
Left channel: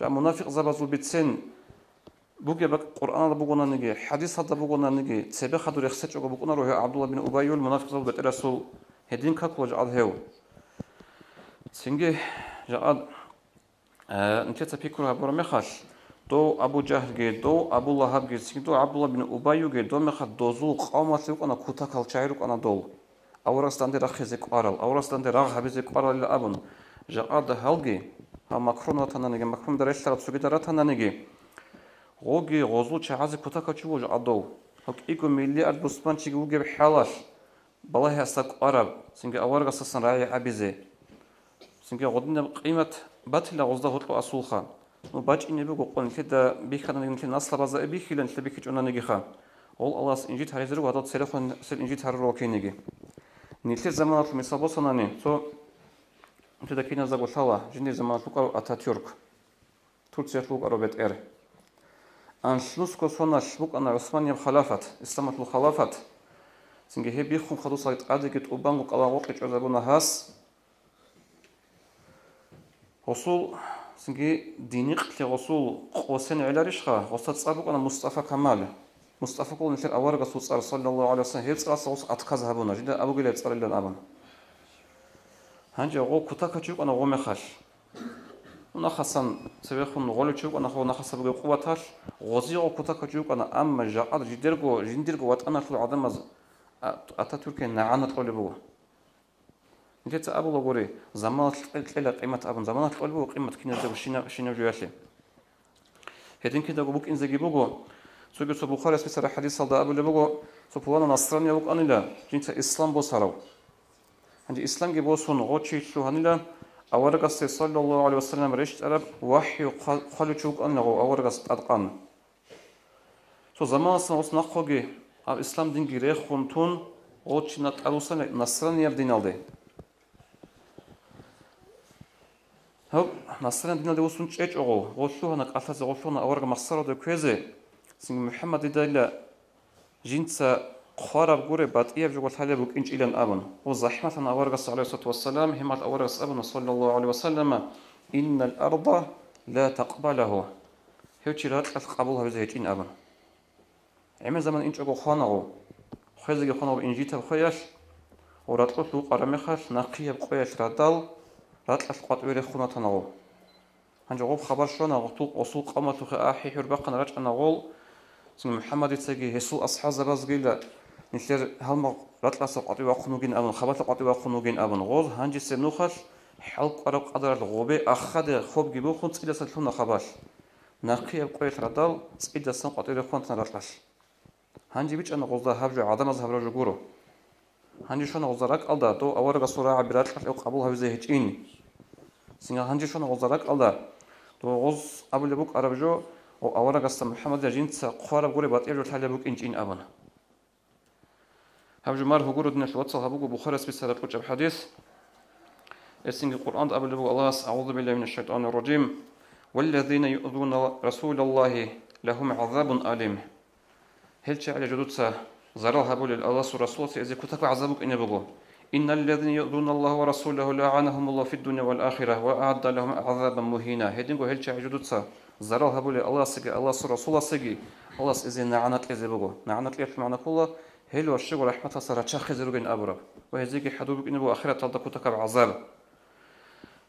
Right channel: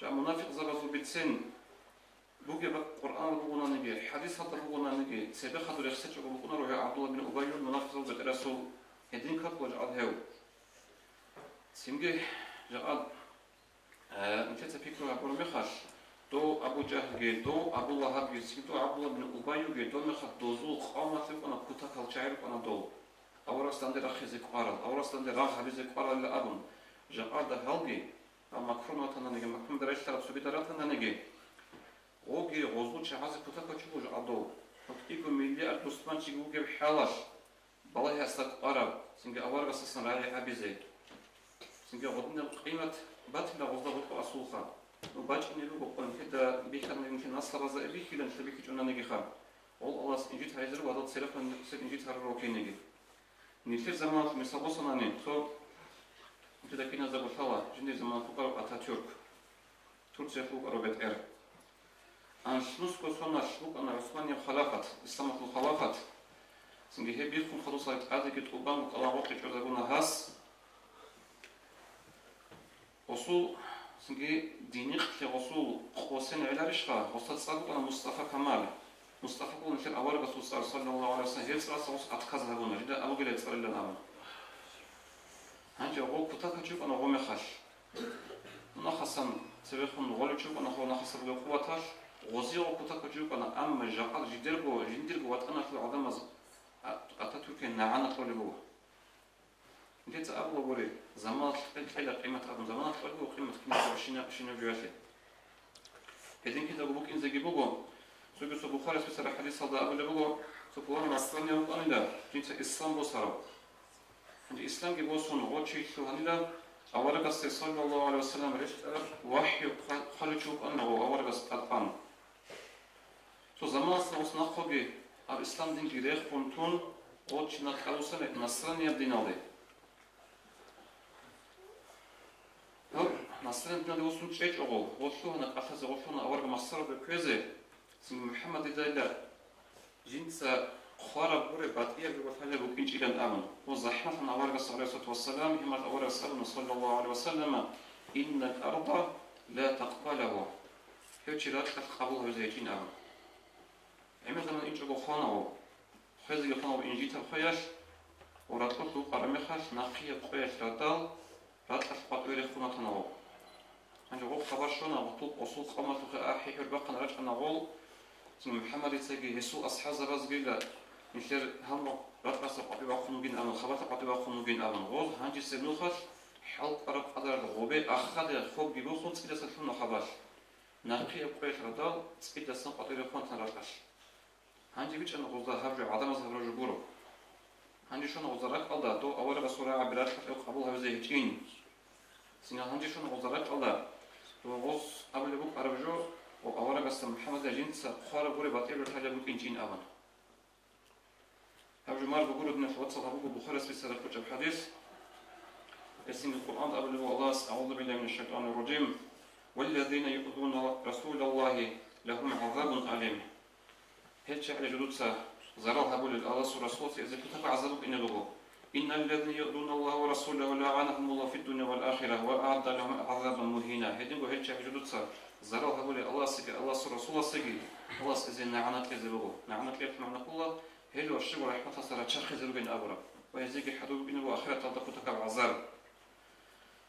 جاء منافق زبزو بتسن بوجي بق القرآن بقولنا نجي حديث هذا بقولنا نجي سبق هذا رخصة جو بقولنا روح عبد الله بن أبايو المنافق زبزو بترسل هدين كقول جعل هو سنجي جاء أنت تفكرها برمخاش دو أبو جهل جي دو أبو لهب جي سيدو عبد الله بن أبي جي دو مخد دوزو قامت لك أنا كوتاك الشعيرك أنا دول أورستان دي رخيزك قارل أورستان دي رغ هبزك قارل إلا أبن جاء ده هلجي ها مكرون وطنا نجي مكرون دريش ترى تسوي درتنا نجي غوجي غزو شعاز كوتاك تشوج عدو هك إيكو مليار بسمان تيجي وجي بحلاش بالله هستك قرب سنجي أورغ أساسا راي عبيزة سنجي غدنا قيمة باتلا غزده هتلو أصولخان وباج إني بقول قلنا كده بيخلنا يمكن نصل بزاف بيخلنا نتلا بيخج أنا نجي خام أول الله إنجيل هايزر وهذا تلفون سل إنجيل هارو كي نجي نيتل زمان في مثال بصنا نين تو كده كنا زاغو ثوا جندي زمان فوق أتاتورك تركيا فوق أروبت إير أنشلوس كوسونا شبوك أنا عثمانية الخلافة إسلام الخلافة سنجي هي بيخون خلوص على عادي كت أوبانغو قلا وقت عذابنا هاس وصول سنجي دينيق لغسول قوسين على رشخة غسل تصابق أنا مصطفى كمال مصطفى كون نشر أورق صوص صلى الله عليه وسلم هيت صوص أتكاز هبونا جدا أبو جلاد صار لنا أبنا هنجي غو كتاك تشوف أنا غو مخاش ونخصن سبيخون غول تشوف أنا خو نخص بقى قوتاش غزي غو كتاك تشوف أنا أما جاء جندرجو وات أنا في العدم أتاتورك نعانة طول بوا جت أبو لغوري زمان تلا قيمة أبن زمان تقولوا قيمة كنا زب شنا جواسي هدين كده بوك إن زجي بوجو سوق سب الخارس في سر حديث صلى أبو لبوجو سبحان الله نصراني وق أنيلا جنت إسلام بوسارو عند إسلام جبوسون غوتشي شو هنيلا أورق صلى الله عليه وسلم رشت أرب وحي خلو شوق أنه أورق أدقان سو زمان سنوس نخوجي الإسلام دين جريخ خنتون غوتشي نتعرسنا نصراني يبدين عليه هو نصرنا دينا دي وصون تشيج أغو غوثوها نقفز غوثونا أورغ مخصرة دو كويزي سنگ محمد دايلا جنسا خارب غوري بات إياب جوغل تالي بوك إنج إلان أبن وزحمة أورغ صلى الله عليه وسلم همات أورغ أبن صلى الله عليه وسلم إن الأرض لا تقبله هيوشي لا تقبلها وزيجين أبن عمل زمان إنج أغو خانغو خيزي خانغو إنجيتا وخياش وراتلو قرمخاش نقيا بقوياش رادال رات أسقط ويري خونا تناغو هنجا غوب خبر شونا غطوق أصول قامت وخي آحي حرباقنا راج أنا غول سنو محمد يتساقي هسو أصحاب زبازقيلا نشير هالما رات أسقط ويقنوغين أبن خبات قط ويقنوغين أبن غول هنجي سنوخش حلق أرق قدر الغوبي أخد خوب جيبو خون تسقيدا سلطونا خباش ناقيا بقوية ردال تسقيدا سنقط ويري خونا تنراتلاش هنجي بيش أنا غوزا هبري عدم از هبري جورو هنجي شونا غوزا راك ألدا دو أورغ صورة عبرات أو قبول هبزي هيتشيني سنجا هنجي شونا غوزارك ألدا تو غوز أبو لبوك أربجو أو أورا قصة محمد جين تسا قارب غوري بات إيرو تالي بوك إنجين أبنا هبجو مار هقول إن الواتساب هبوجو بخارس بسالة كتب حديث اسم القرآن قبل الله أعوذ بالله من الشيطان الرجيم والذين يؤذون رسول الله لهم عذاب أليم هل شعر جدودسا زرال هبول الله ورسوله إذا كتب عذابك إن بقو إن الذين يؤذون الله ورسوله لعنهم الله في الدنيا والآخرة وأعد لهم عذابا مهينا هدينكو هل شعر جدودسا زرال هبول الله سجى الله ورسوله سجى الله إذا نعنت إذا بقو نعنت إيه معنى كله هل والشغل رحمة صار تشخص رجل أبرا وهذيك حدوبك إنه آخرة تلقى كتب عذاب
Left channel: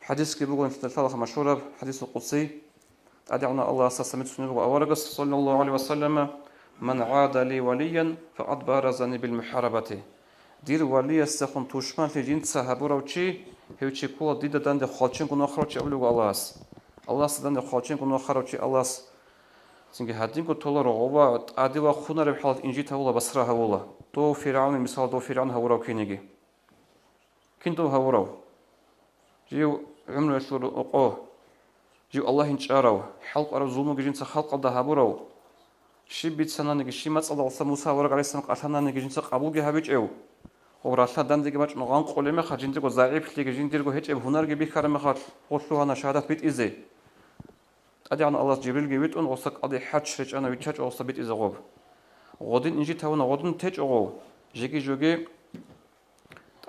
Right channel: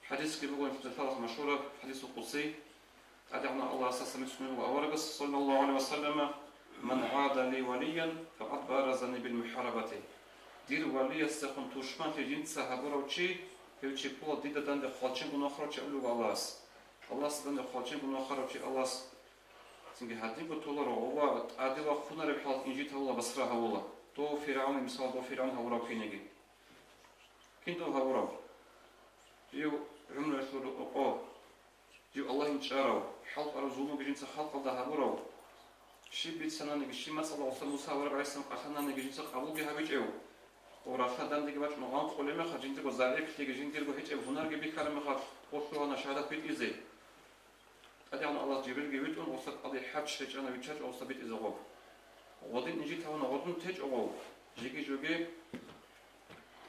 حديث كبير في الثلاثة مشهورة حديث القدسي أدعونا الله سسمت سنبه أورقس صلى الله عليه وسلم من عاد لي وليا فقد بارزني بالمحاربة دير ولي استخون توشمان في جنت سهبورا وشي هيوشي كولا ديدا دند خالشين كنا خرج أولو الله سدند خالشين كنا خرج الله سنجي هادين كو تولر غوا أديوا خونا ربحال إنجي تولى بسرها هولا تو فرعون مثال تو فرعون هورا وكينيجي كنتو هورا جيو عملوا يشلو أقوه جيو الله ينشارو حلق أرو ظلمو جنس خلق الله هبورو شي بيت سنة نجي شي مات الله وصل موسى ورق عليه السلام قتلنا نجي جنس قبول جه بيج أو وراسها دان ديجي مات نغان قولي ما خد جنتكو ضعيف تيجي جنتكو هيج أب هنر جبي كرم خد قصوا أنا شهادة بيت إزاي أدي عن الله جبريل جبيت أن وصل أدي حج شيء أنا بيتحج وصل بيت إزاي غاب غادين نجي تونا غادين تيج أو جيجي جوجي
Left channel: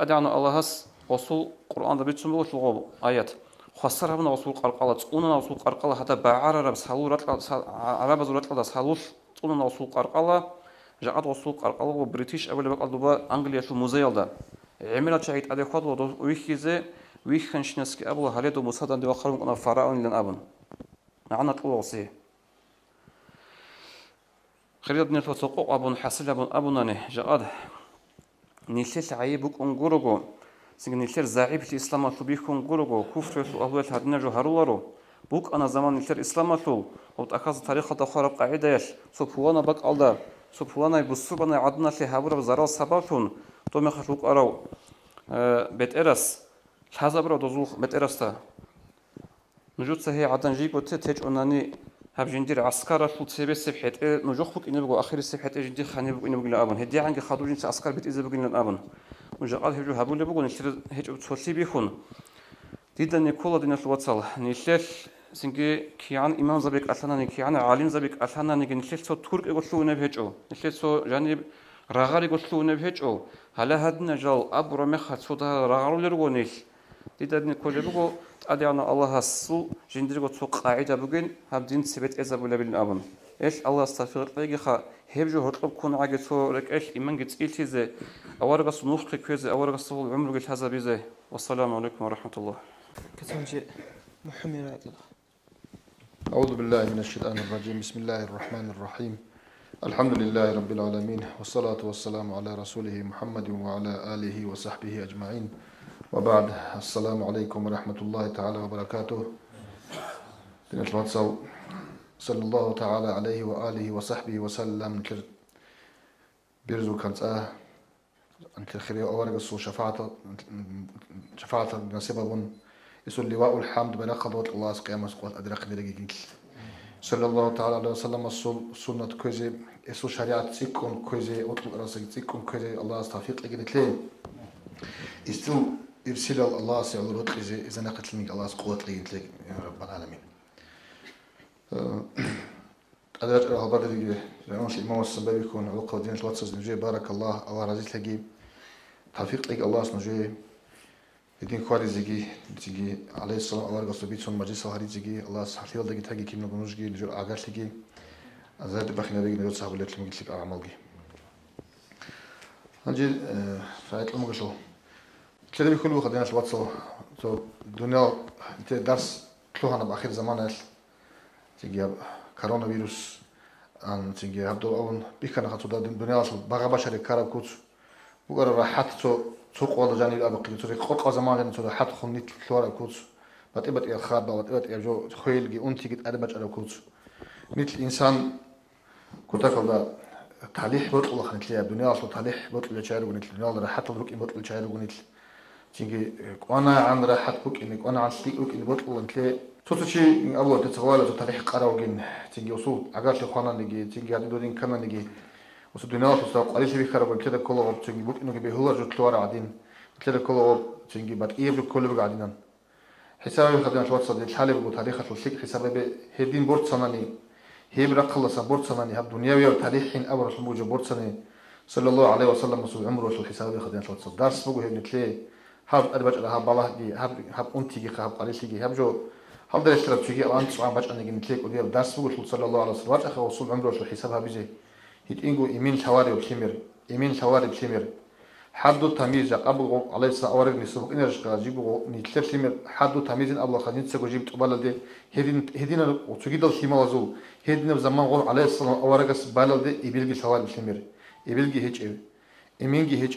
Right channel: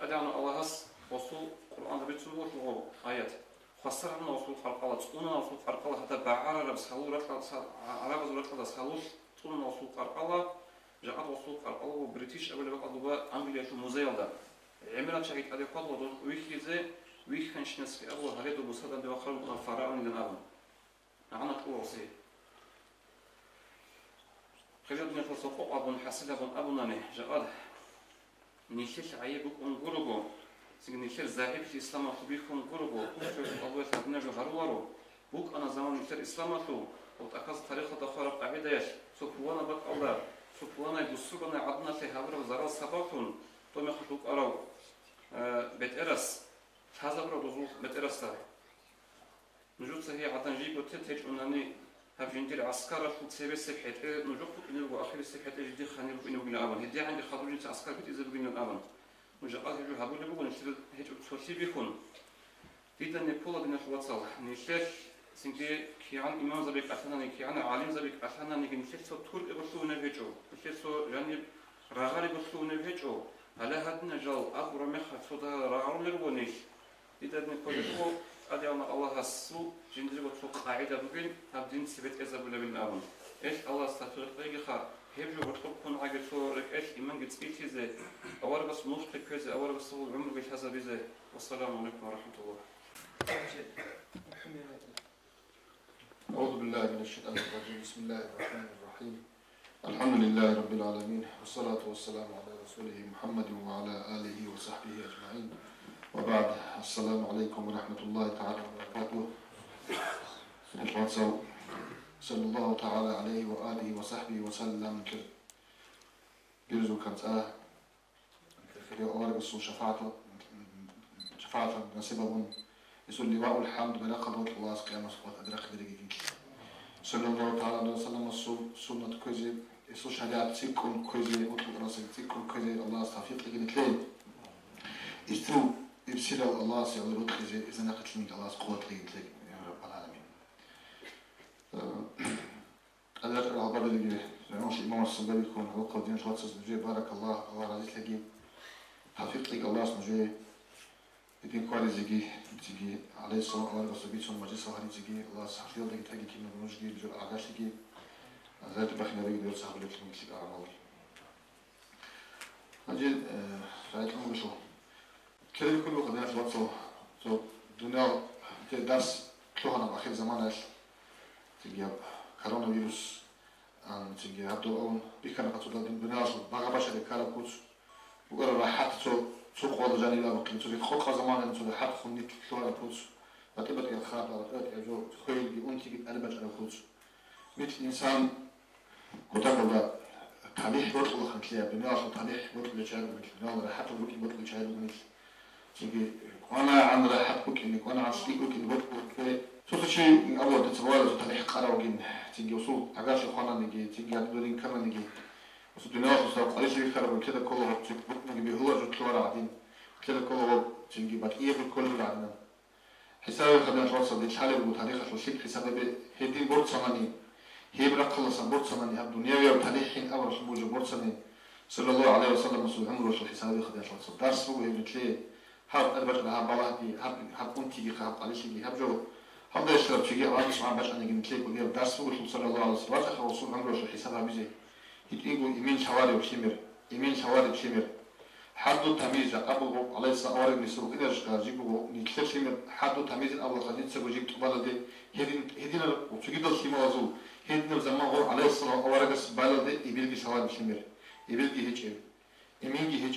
أدي عن الله هس وصل القرآن ده بيتسمى وصل آيات خسرها من وصل قرقلة تقولنا وصل قرقلة حتى بعرر بسهول عرب زورات كذا سهول تقولنا وصل قرقلة جاءت وصل قرقلة وبريتيش أول بقى دبا أنجليا شو موزيل ده عملت شيء أدي خطوة ويخيزة ويخنش نسك أبو هليد ومصادر دي وخرم أنا فراون لين أبن نعنا تقول وصيه خريط بن الفتوق أبو حسن أبو نانه جاءت نيشت عيبك أنجرجو سيجن الشر زعيب في الإسلام تبيكم قرقو كفر في أهوال هدنا جهرولارو بوك أنا زمان الشر الإسلام تو وتأخذ تاريخ تخرج قاعدة سبحانه بق الله سبحانه بسبحانه عدنا في هبور وزراء سباقون توم يخشوك أراو بيت إرس هذا برا دزوخ بيت إرس تا نجود سهي عدن جيب وتتج أنني هبجندير عسكر فوت سبب سبحت نجوخ بك إنه بقى آخر سبحت جدي خاني بك إنه بقى لأبن هدي عنك خادوجين عسكر بيت إذا بقى لأبن وجاءت هجو هبول بقول نشتر هجو تصلي بيخون ديدا نيكولا دينا الواتسال نشتر سنجي كيان إمام زبيك أثنا نكيان عالم زبيك أثنا نيجي نشتر سو ترك يقولوا نبهجو نشتر سو جانب رغار يقولوا نبهجو هلا هدنا جال أبرا مخات سو ده رغار لرونيش ديدا نيكولا بقول أدينا الله هسو جندير قصو قاعدة بقول هبدين سبت إذا بولا بالأبن إيش الله استغفر لك خا هبجو هرطب كون عاجل سو رك إيش إيمان جت إلتزه أورغ صنوخ كذا أورغ صول عمره قلت هذا بيزه والسلام عليكم ورحمة الله. أعوذ بالله من الشيطان الرجيم بسم الله الرحمن الرحيم الحمد لله رب العالمين والصلاة والسلام على رسوله محمد وعلى آله وصحبه أجمعين وبعد السلام عليكم ورحمة الله تعالى وبركاته. صلى الله تعالى عليه وآله وصحبه وسلم بيرزو كانت أنت الخير أورج الصو شفاعة نسبهم يسول لواء الحمد بلا قدرة الله قيام سقوط أدرك درجة صلى الله تعالى عليه وسلم السنة كوزي يسو شريعة تيكون كوزي أطلق راسك تيكون كوزي الله استفيق لجنة ليه يستو يرسل الله سيعود رد إذا نقتلني الله سقوط لجنة ليه يا رب العالمين أدرك الأخبار اللي جاءونش إمام السبابي يكون عقد دين الواتسز نجي بارك الله رزيت لجي توفيق لك الله سنجي الدين كواري زيجي عليه السلام الله رجع بيت سون مجلس هاري زيجي الله سحفيل لجي تاجي كلمة بنوجي لجو أعجاش لجي أزاد بخينا لجي نجود صاحب لك لمجلس لك أعمالي نجي فايت المجلسو كده يكون وخدنا شو واتسو تو الدنيا درس تلوهنا بآخر زمان تيجي كورونا فيروس أن تيجي هبدو أون بيكنا خطو دا الدنيا شو بغى بشر كارب كوت وقالوا راحت تو قوالو جاني الأبقي تو خلق زمان تو راحت خنيت كلورا كوت وتبت الخاب وتبت جو خيل جي أنتي جت أدمج على كوت مثل إنسان كتفر دا تعليح بطل خنتليا الدنيا شو تعليح بطل جاير ونتل الدنيا راحت بك بطل جاير ونتل تيجي وأنا عن راحت بك إنك وأنا عن سليك بك بطل ونتل توتشي الله تتوالى تعليح قراو جن تيجي وصول عقاش خوانا نجي تيجي هذا بدين كنا نجي وصل الدنيا تصل قريش بيخرب كده كله تيجي بوك نجيب هو جو تلوار قاعدين كده كله تيجي بعد إيه جو كله قاعدين حسابي خدنا شوات صدق حالي بقول تاريخ الشيء حسابي هدين بورت صناني هي برق خلص بورت صناني هب دنيوي وتاريخين أول رسم بوجو بورت صناني صلى الله عليه وسلم مسؤول عمره شو حسابي خدنا شوات صدق درس بقول هي بتلي هب أربع هب بالله دي هب أنتي هب قريش دي هب جو هب ده يشترك تيجي أنت سواء باش أنا جنتلك ودي درس بقول صلى الله عليه وسلم أخر رسول عمره شو حسابها بيجي هتيجوا إيمين شوارع وشمر إيمين شوارع وشمر حدو تمييز أبو عليه الصلاة والسلام يسوق إن رجع جيبوا نتلر شمر حدو تمييز أبو خلينا تسوق جيب تقبل ده هدينا وتجد الشمال زو هدينا بزمان قول عليه الصلاة والسلام سبالة ده يبيلجي شوارع وشمر يبيلجي هيج إيمينجي هيج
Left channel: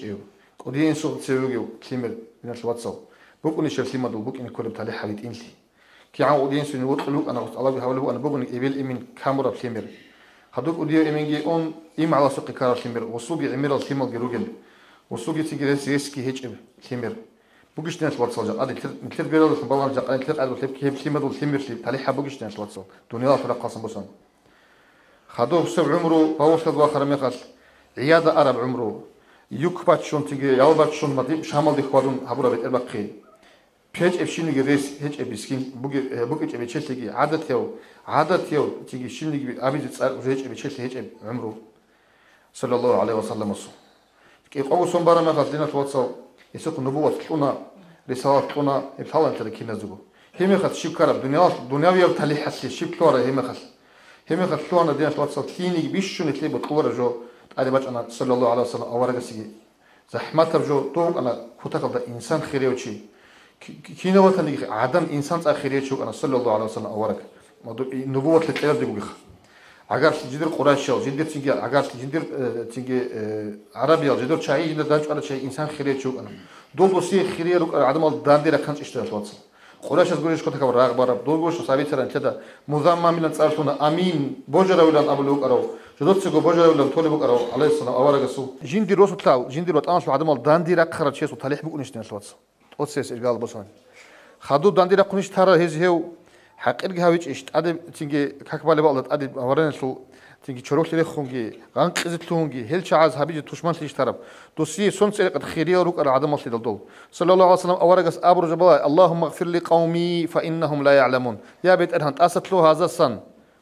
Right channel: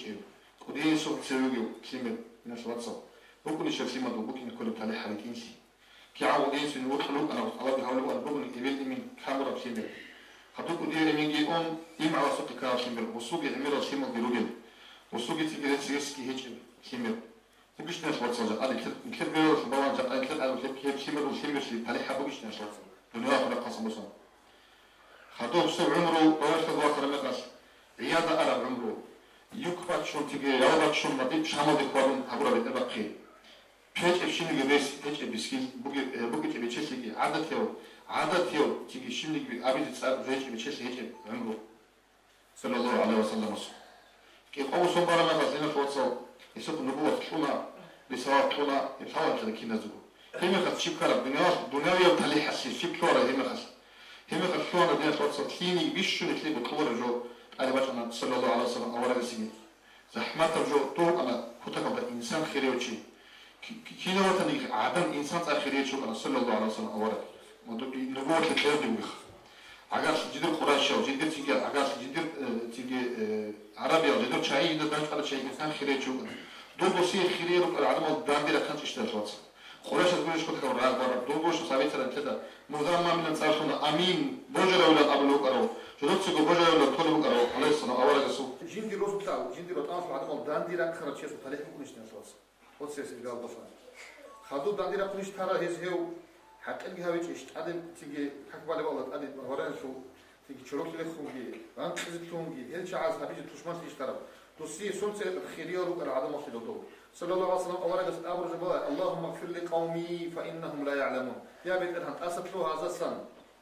كودين سوق تسوقي شمر من الواتساب بكون الشرسي ما دو بكون كل بتاعي حبيت إنسي كي عاو كودين سني وقت لوك أنا الله بيحاول أنا بكون يبيل إيمين كاميرا بشمر هدول ودي إيمينجي أون إيم على سوق كارا شمر وسوقي عمير الشمال جروجل وسوقي تيجي سيسكي هيج شمر بوجش ناس واتساب هذا كتير بيرو في بالله جاء كتير قالوا كتير شمر والشمر شيء عليه حبوجش ناس واتساب دنيا فرق قاسم بسان خدوه بسبب عمره هو شاب آخر مخاش عيادة عرب عمره يكبت شون تيجي يوبت شون مدي شامل بخوارون هبورا بيت البقي بيج افشين جريس هيج ابيسكين بوجي ابي تشيلي عادة يو تيجي شيني أبي تسأل هيج ابي تشيلي هيج عمره صلى الله عليه وسلم وصل كيف أول سون برا ما خدنا في واتساب يسوق نبوة تلونا رسالة تلونا الحوار كذا كي نزلوا هم يخد شيب كلا دنيا بيوتالي حسي شيب كلا هم يخد تلونا دينا في واتساب كيني بيشون تلي بتقول جو هذا بس أنا صلى الله عليه وسلم أورا قصي زحمة رجو توم أنا كتاب إنسان خيري وشي كينا وتني عدم إنسان خيري شو أنا صلى الله عليه وسلم أورا نبوة تلتقى دي بوجه عجاش جدير قريش أو جدير تيجي عجاش جدير تيجي عربي أو جدير شيء إذا دانش على شيء إنسان خيري شو أنا دول بسي خيري عدم الداندي لكانش إشتراك واتس قريش تقولش كنت كبر راغ برا دول بوش صابي ترى كذا مزام ما من تصرفنا أمين بوجرا ولا أبلوك أرو جدود سكو بوجرا ولا طول بوك أرو عليه السلام أورا قصو جندي روسو تلاو جندي روت أنش عدم الداندي لك خرج شيء وطلع بقول إشتراك واتس واتس إشغال بسون خدو داندي لك كنيش ترى هو حقيقة هاويش إشت أدي تيجي كقبل بالله أدي ورنا شو تيجي شروط لي خونجي غانك إزتلونجي هل شعاز هبيج توشمان تيجي تراب دوسي سونس الخيرية روك على عدم الصيد الدول صلى الله عليه وسلم أورجس أبرج بالله اللهم اغفر لي قومي فإنهم لا يعلمون يا بيت أرهن أسطلو هذا السن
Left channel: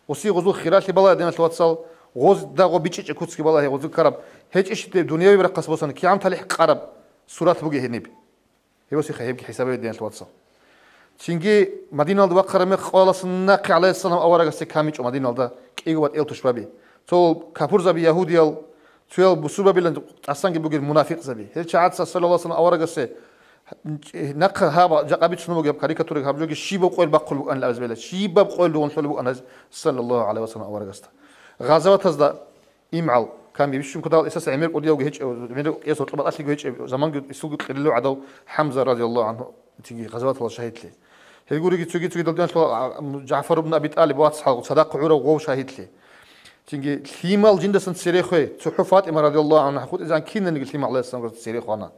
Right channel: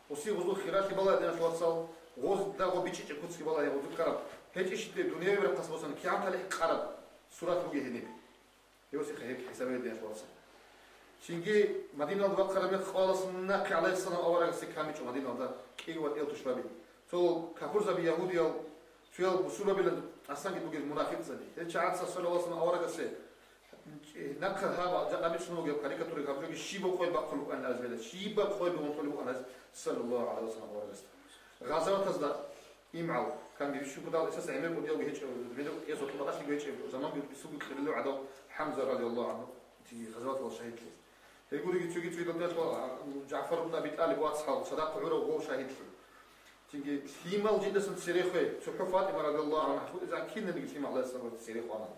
وسي غزو خيرات لي بالله دينا توصل غز داغو بيتش كوتسكي بالله غزو كرب هيج إيش الدنيا بيرقص بوسن كي عم تلح قرب سورات بوجي هنيب هي بس يخيب حسابي دينا توصل شينجي مدينة الدواء خرمي خالص النقي عليه السلام أورجس كاميج ومدينة الدا كيغوات إلتو شبابي تو كافور زبي يهوديال تويل بسبب اللي أصلاً جبوا المنافق زبي هل شعات صلى الله عليه وسلم أورجس نقل هذا جابيت شنو جاب كاريكاتورة هابلوج شيبة بقول بقول أن لا أزبله شيبة بقول لون شلو أنا صلى الله عليه وسلم أورجس غزوة هذا إمعل كان بيشوف كذا أساس عمير قدي أو جهش منو يسوع طلب أصلي جهش زمان يسوق قللوا عدو حمزة رضي الله عنه تيجي غزوة الله شهيد لي يقول يجي تيجي ضدنا جعفر بن أبي طالب واصحاب صداق عورة وغو شهيد لي تيجي ثيمال جندس سريخوي صحفات إمام رضي الله عنه خود إذا كنا نقول ثيمال الله السلام سريخوانا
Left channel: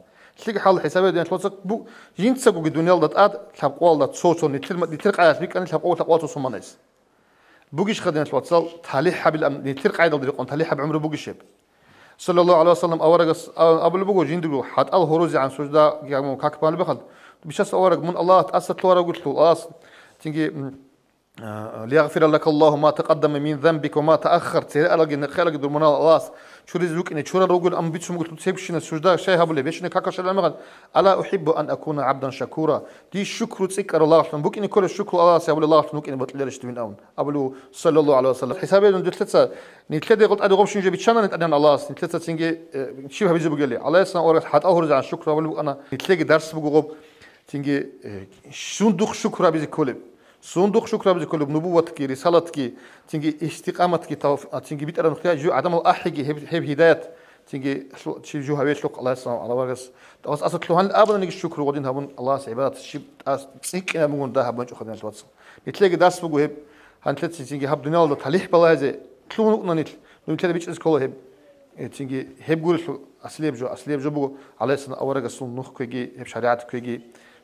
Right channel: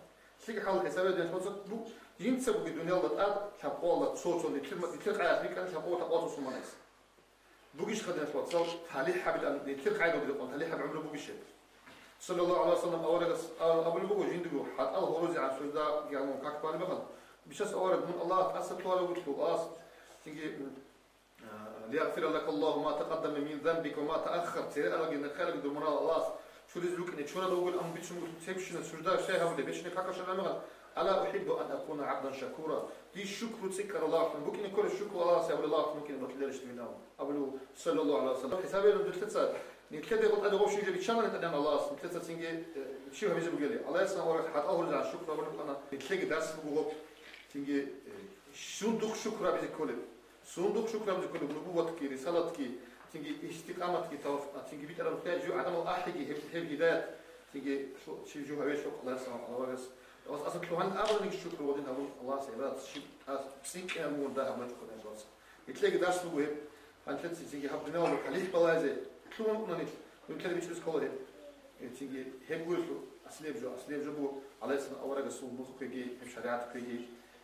تيجي حال حسابه دين شلون بو جنس سقوا الدنيا ضد أد تبقوا ضد صوتون نترق على سبيك أنا تبقوا تقوى تصوم ناس بوجيش خدنا شلون تصل تاليح حبل نترق على ضد قن تاليح بعمره بوجيش صلى الله عليه وسلم أورج أبو البوجو جندلو حتى الهروز عن سجدة يعني كاكبان بخد بيشاس أورج من الله تأسس له وقلت له أصل تيجي ليغفر لك الله ما تقدم من ذنبك وما تأخر ترى ألاقي خلق درمنا الله شو رزقك إن شو رجل أم بيتشم قلت تسيبشنا السجدة شيء هبلي بيشنا كاكش الأمغد ألا أحب أن أكون عبدا شكورا دي الشكر تذكر الله سبحانه بوك إن كل الشكر الله سيقول الله سبحانه إن بطل ليش تمين أون أبلو صلى الله عليه وسلم حسابي إنه ثلاثة نتلدي قلت أدي غبش نجيب بتشانا نتأذن الله نتلدي تيجي شيء هبيز بقول لي الله يسنا أورد حتى أهرج عن الشكر أبلو أنا نتلاقي درس بقول تيجي صندوق شكر هبيز كله صندوق شكر بزي كله بنبوتك رسالتك تيجي استقامتك تيجي بيت أنا جو عدم الأحجي هب هداية تيجي شو جو هويش لك الله يسلم على ورقس بس أصل تلوهن أبدا نيجي الشكر ودين هبون الله سعبات شيب سيك أنا بقول ده هبون شو خدنا توصل بتلاقي درس بقول هب هنتلت تيجي هب دنيا ولا تليح بالله زي تلون نيت نتلاقي بيتش إسكوله هب تيجي هب قول شو أصلي بجو بقول الله يسلم أورقس صندوق كيجي هب شريعة كيجي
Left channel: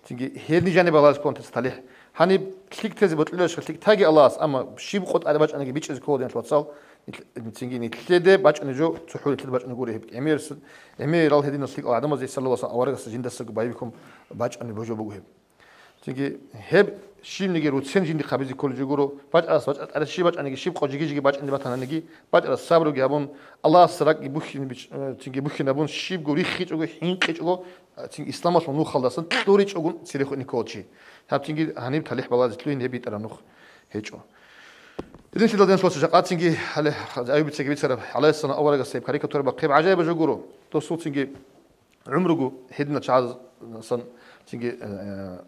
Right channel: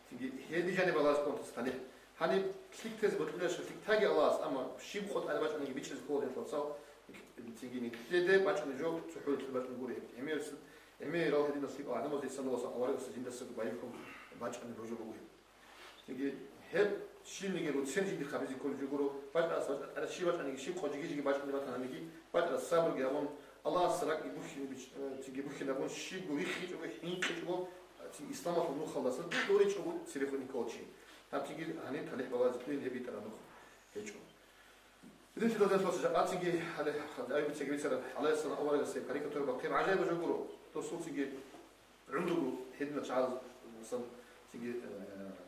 تيجي هذي جانب الله سبحانه تستليح هني كليك تزي بتقولش كليك تاجي الله أما شيء بقول أنا باش أنا جبيتش إسكول دين توصل تيجي نتلده باش نجو تحول تلده باش نقول هيك أمير رال هدين الصيق أعدم زي صلى الله عليه وسلم أورق السجين دستك بايبكم باش أنا بوجو بقول هيك تيجي هب شيء نجي روتين جيني خبيزي كل جورو باش أنا شيء باش أنا شيء قاجي جيجي باش أنا بتانا نجي باش الصبر وجابون الله سرق يبوخين تيجي بوخين أبون شيء بقولي خيط أو حين خيط أو تيجي إسلام أصلا نو خلصن توريش أقول سيرخو نيكوتشي هاب تيجي هنيب تليح بلاد تلوين هبي ترى نخ هيجو إذن شو دادين صوت شقات تيجي على أيوب تيجي بيتصرف على السنة أول جالس يبقى كاريكاتورة بقيب عجائب جورو تو صوت تيجي عمره هدنا شعاز صن تيجي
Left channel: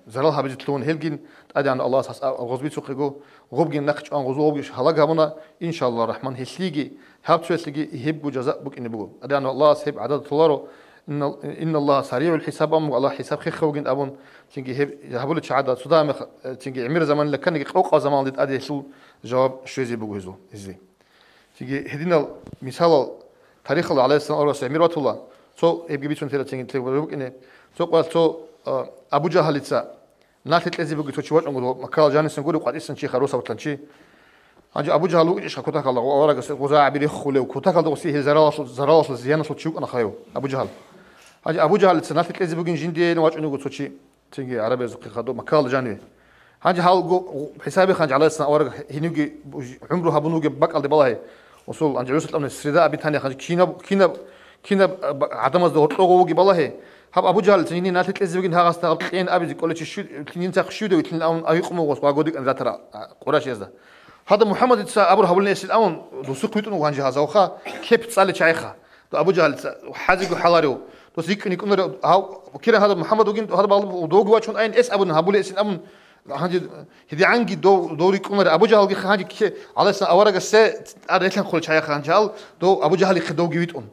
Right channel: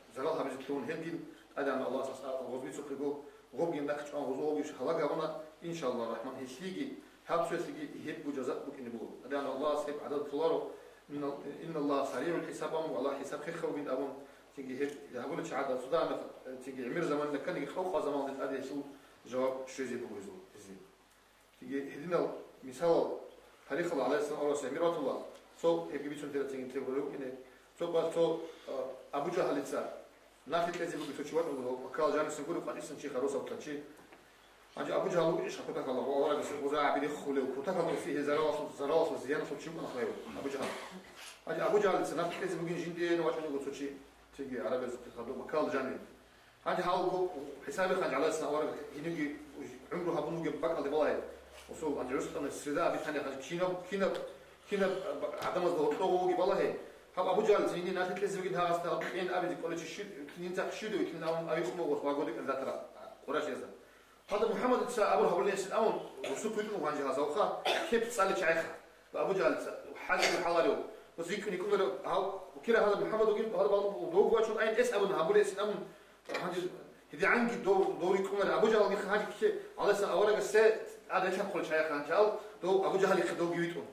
زرالها بيجتلون هلجين أدي عن الله ساس غزبي سوقيجو غوبجين نقش عن غزوبيش هلاقها منا إن شاء الله الرحمن هسليجي هاب تسليجي يهب وجزاء بك إن بقول أدي عن الله سيب عدد طلاره إن الله سريع الحساب أم الله حساب خير وجين أبون تيجي هب يهبول شعادة صدام تيجي عمير زمان لكن يجي أوقع زمان لد أدي سو جواب شو زي بقول هزو إزاي تيجي هدينا مثال تاريخ الله عليه السلام أورس عمير وات الله سو يبقى بيتون ثلاثة تيجي تقول إنه سو قال سو أبو جهل يتسا ناتت لذي بقول تشوش أمره مكال جاني سنقول وقعد إسن شيء خروسة وتلنشي هنجي أبو جهل وإيش كتاك الله وأورق غزاع بيري خله وكتاك الله وسيه زراس الزيانة صوت شوك أنا خيو أبو جهل هنجي أبو جهل يتسا ناتت لذي بقول جندي نواج إنه قلت شيء تيجي عربي زقي خدو مكال جاني هنجي هالجو حسابي خنج على السنة أورق هنيجي عمره هبنوجي بق على بالله وصل عند جلوس الأمن السرداء بيتاني خنج كينا عدم الزهور طوجي بالله هب أبو جهل تنيني ناتت لذي بقول هاغست قطعين أبي كل شيء شو تنين تخشيده وتنين أون أيقمو وسواجودك أن ذاترا قراش يزده هذا محمد يتسا أبو هبول ناس الأون دوسق يتونو وانجي هذا وخا كيف تسأل شيخه أبو جهل حاجة حلاريو دوسيك نيكون هاو كير هذا محمد وجين هذا بالله دوغوا شون أين إس أبو هبول إس الأون هنجي هدي عنجي دوري كونر أبو جهل هنجي كي على سنة أورق الساعة أريتلن كل شيخه هنجال دو أبو جهل يخدو جيتون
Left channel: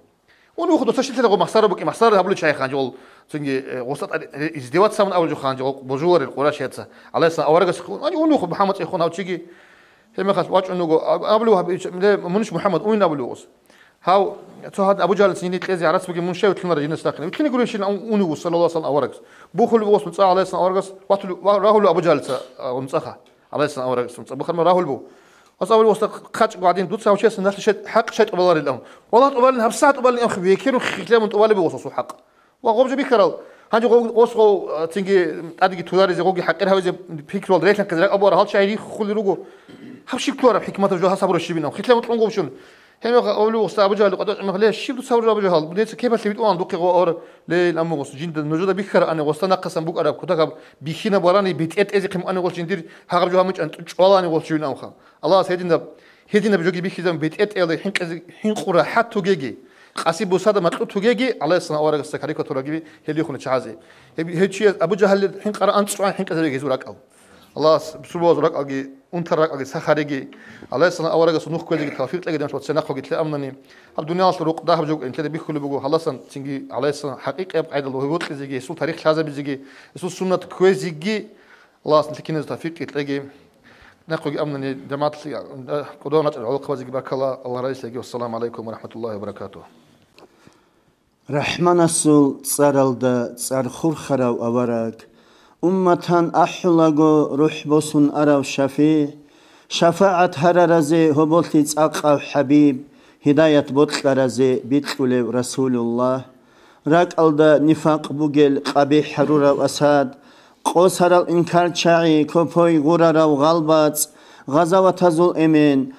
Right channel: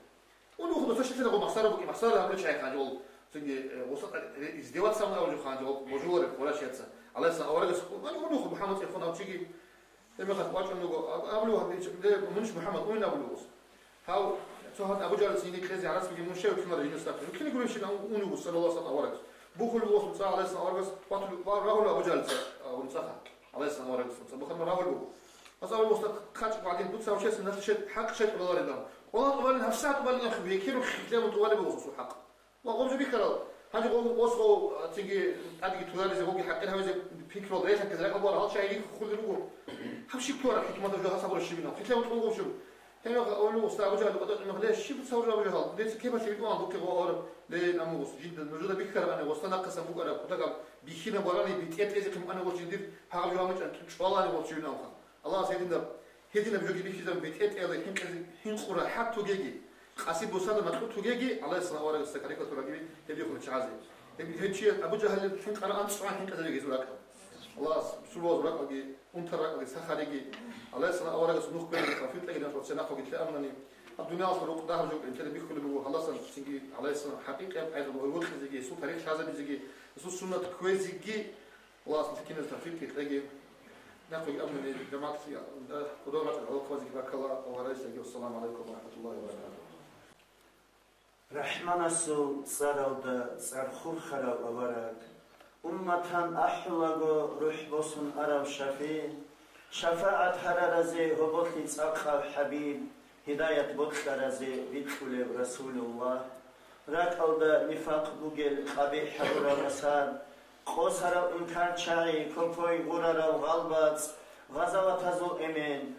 ونو خدو تشتي تلقوا محصار بك محصار هبول شيخه هنجال تنجي وسط ازدواج سامن أول جو خانجال بجوار القراش يتسا على سنة أورق السكون أنا ونو خد محمد يخون هاو تيجي ما خد واش إنه قبله منش محمد وين قبله هاو تو هذا أبو جهل سنين تلازي عرس بقي منشأ وتلنا رجينا ساكن وتلنا يقولون شيء أونو صلى الله عليه وسلم أورق بوخل بوس متصا على سنة أورق راهو له أبو جهل ونصخه على سنة أورق بخل ما راهو له بس أول وسط خاتش قاعدين دوت ساوي شيء سنة شيء حق شيء قبل الأم والله قبل هبسات قبل الأم خبيه كيرو خليهم قبل بوصو حق وقوم جبي كرال هنجي وصو تيجي أديك تولار زي قوي حق إرهاوي زي فكر والدريت كذا أبو رهال شيء خلي رجو هبشي كلار بحكمة الجوها صبر الشبينة خليهم تلونقوا شون هم أولو وسط أبو جهل قدرت ما خليه الشيب تصور أبو جهل بديت كيف اللي بتقول عن دقيقة أور ليه الأمر وسط جند النجودة بيخر أنا وسط نقص بوك أراب كتاك بيخينا براني بيتأت إذا كم أنا وسط جندير هاقب جوها مش أنت والله أنا وسط شون أوخام الله هيدنا بجوجي بيخيزم بيتأت إذا حين قرا حتى جيجي قاسيب وسادة ما تجيجي على السنة أورق السكري كتورجي هدي يخون شعازي هيد شيء أبو جهل حين قرا أنت شوان حين كذا يجي زورك أو الله بسرعة زورك أجي أنترك أجي سخريجي على السنة أورق السنوخ كل اللي كافير تلاقي دمشق سنة خو قلت أمنني الدنيا أصل روق ده بجوج أنت اللي بيخلوا بجو خلاص تيجي على السنة حقيقة بعيد الله هو تيجي يسوع تاريخ هذا بيجي يسوع سنة كويس يجي الله أصل كنا تافير تلاقي نقول أمنني جماعة قدونا العلاقة وزي بارك الله رئيس يجي والسلام عليكم ورحمة الله وبركاته رحمن السول صارلدا صارخور خراو أورق أمتان أحلقو روح بوسن أراو شفاعة هررزي هبولتيز أقاو حبيب هداية بوتلرزي بيتقول رسول الله راك ألدا نفاق بوغل قبيح حرورا أساد قوسر الإنكار شاعي كوبوي غرارا وغالبات غزاوة تزول إمين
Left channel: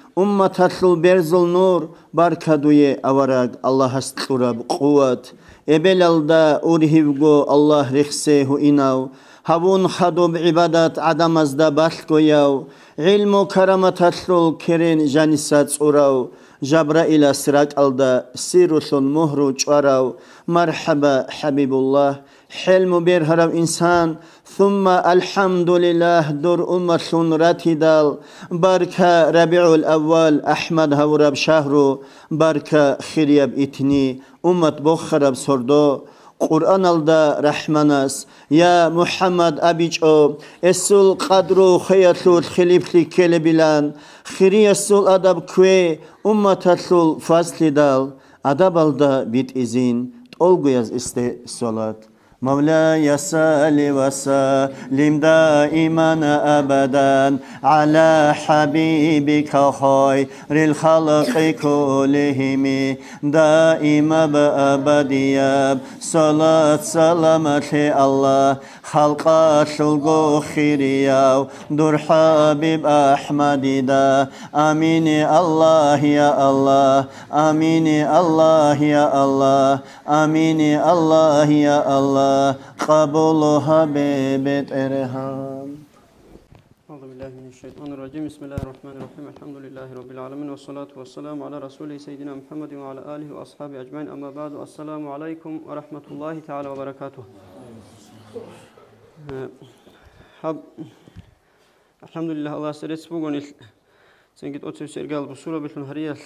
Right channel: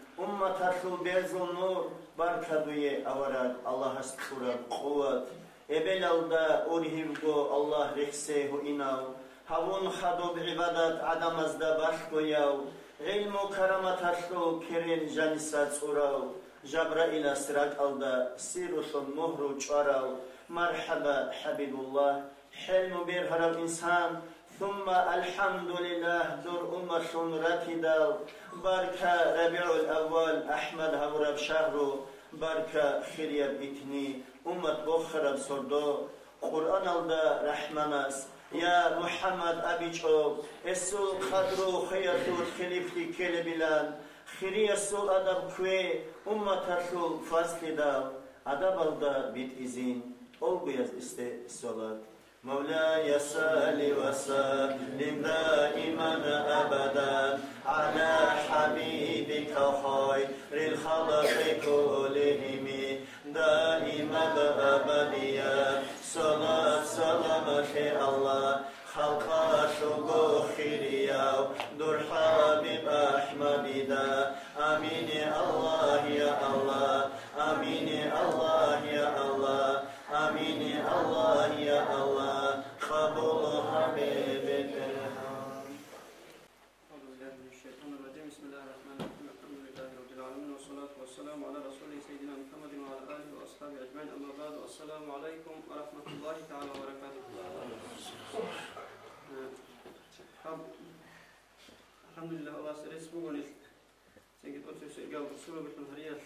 تطلو برزل نور باركادوية أوراق الله استقرب قوة إبل ألدا أورهيوغو الله رخسيه إناو هبون خدو بعبادات عدم أزدا بالكوياو علم كرامة تطلو كرين جانسات أوراو جبرائيل سراك ألدا سيروث مهرو جوراو مرحبا حبيب الله حلم بيرهرو إنسان ثم الحمد لله دور أمة راتدال باركة ربيع الأول أحمد هورب شهرو باركة خريب إتني أمة بخرب سردو قرآن الدا رحمناس يا محمد أبيجو السول قدرو خياتلو الخليفتي كلبلان خري السول أدب كوي أمة السول فاصل دال أدب الدا بيت إزين تولغيز استي صلاة مولاي صل وسلم دائما أبدا على حبيبك خير الخلق كلهم دائما بأبديا صلاة سلامة الله خلق شلقو خيريا دور حبيب أحمد دا آمين الله يا الله آمين الله يا الله آمين الله يا الله قبول حبيبة إرهام. أعوذ بالله من الشيطان الرجيم. بسم الله الرحمن الرحيم. الحمد لله رب العالمين والصلاة والسلام على رسوله سيدنا محمد وعلى آله وأصحابه أجمعين. أما بعد، السلام عليكم ورحمة الله تعالى وبركاته. الحمد لله. الله سريت بوغن سنجد أوتو سيرجال بسورة بالهريال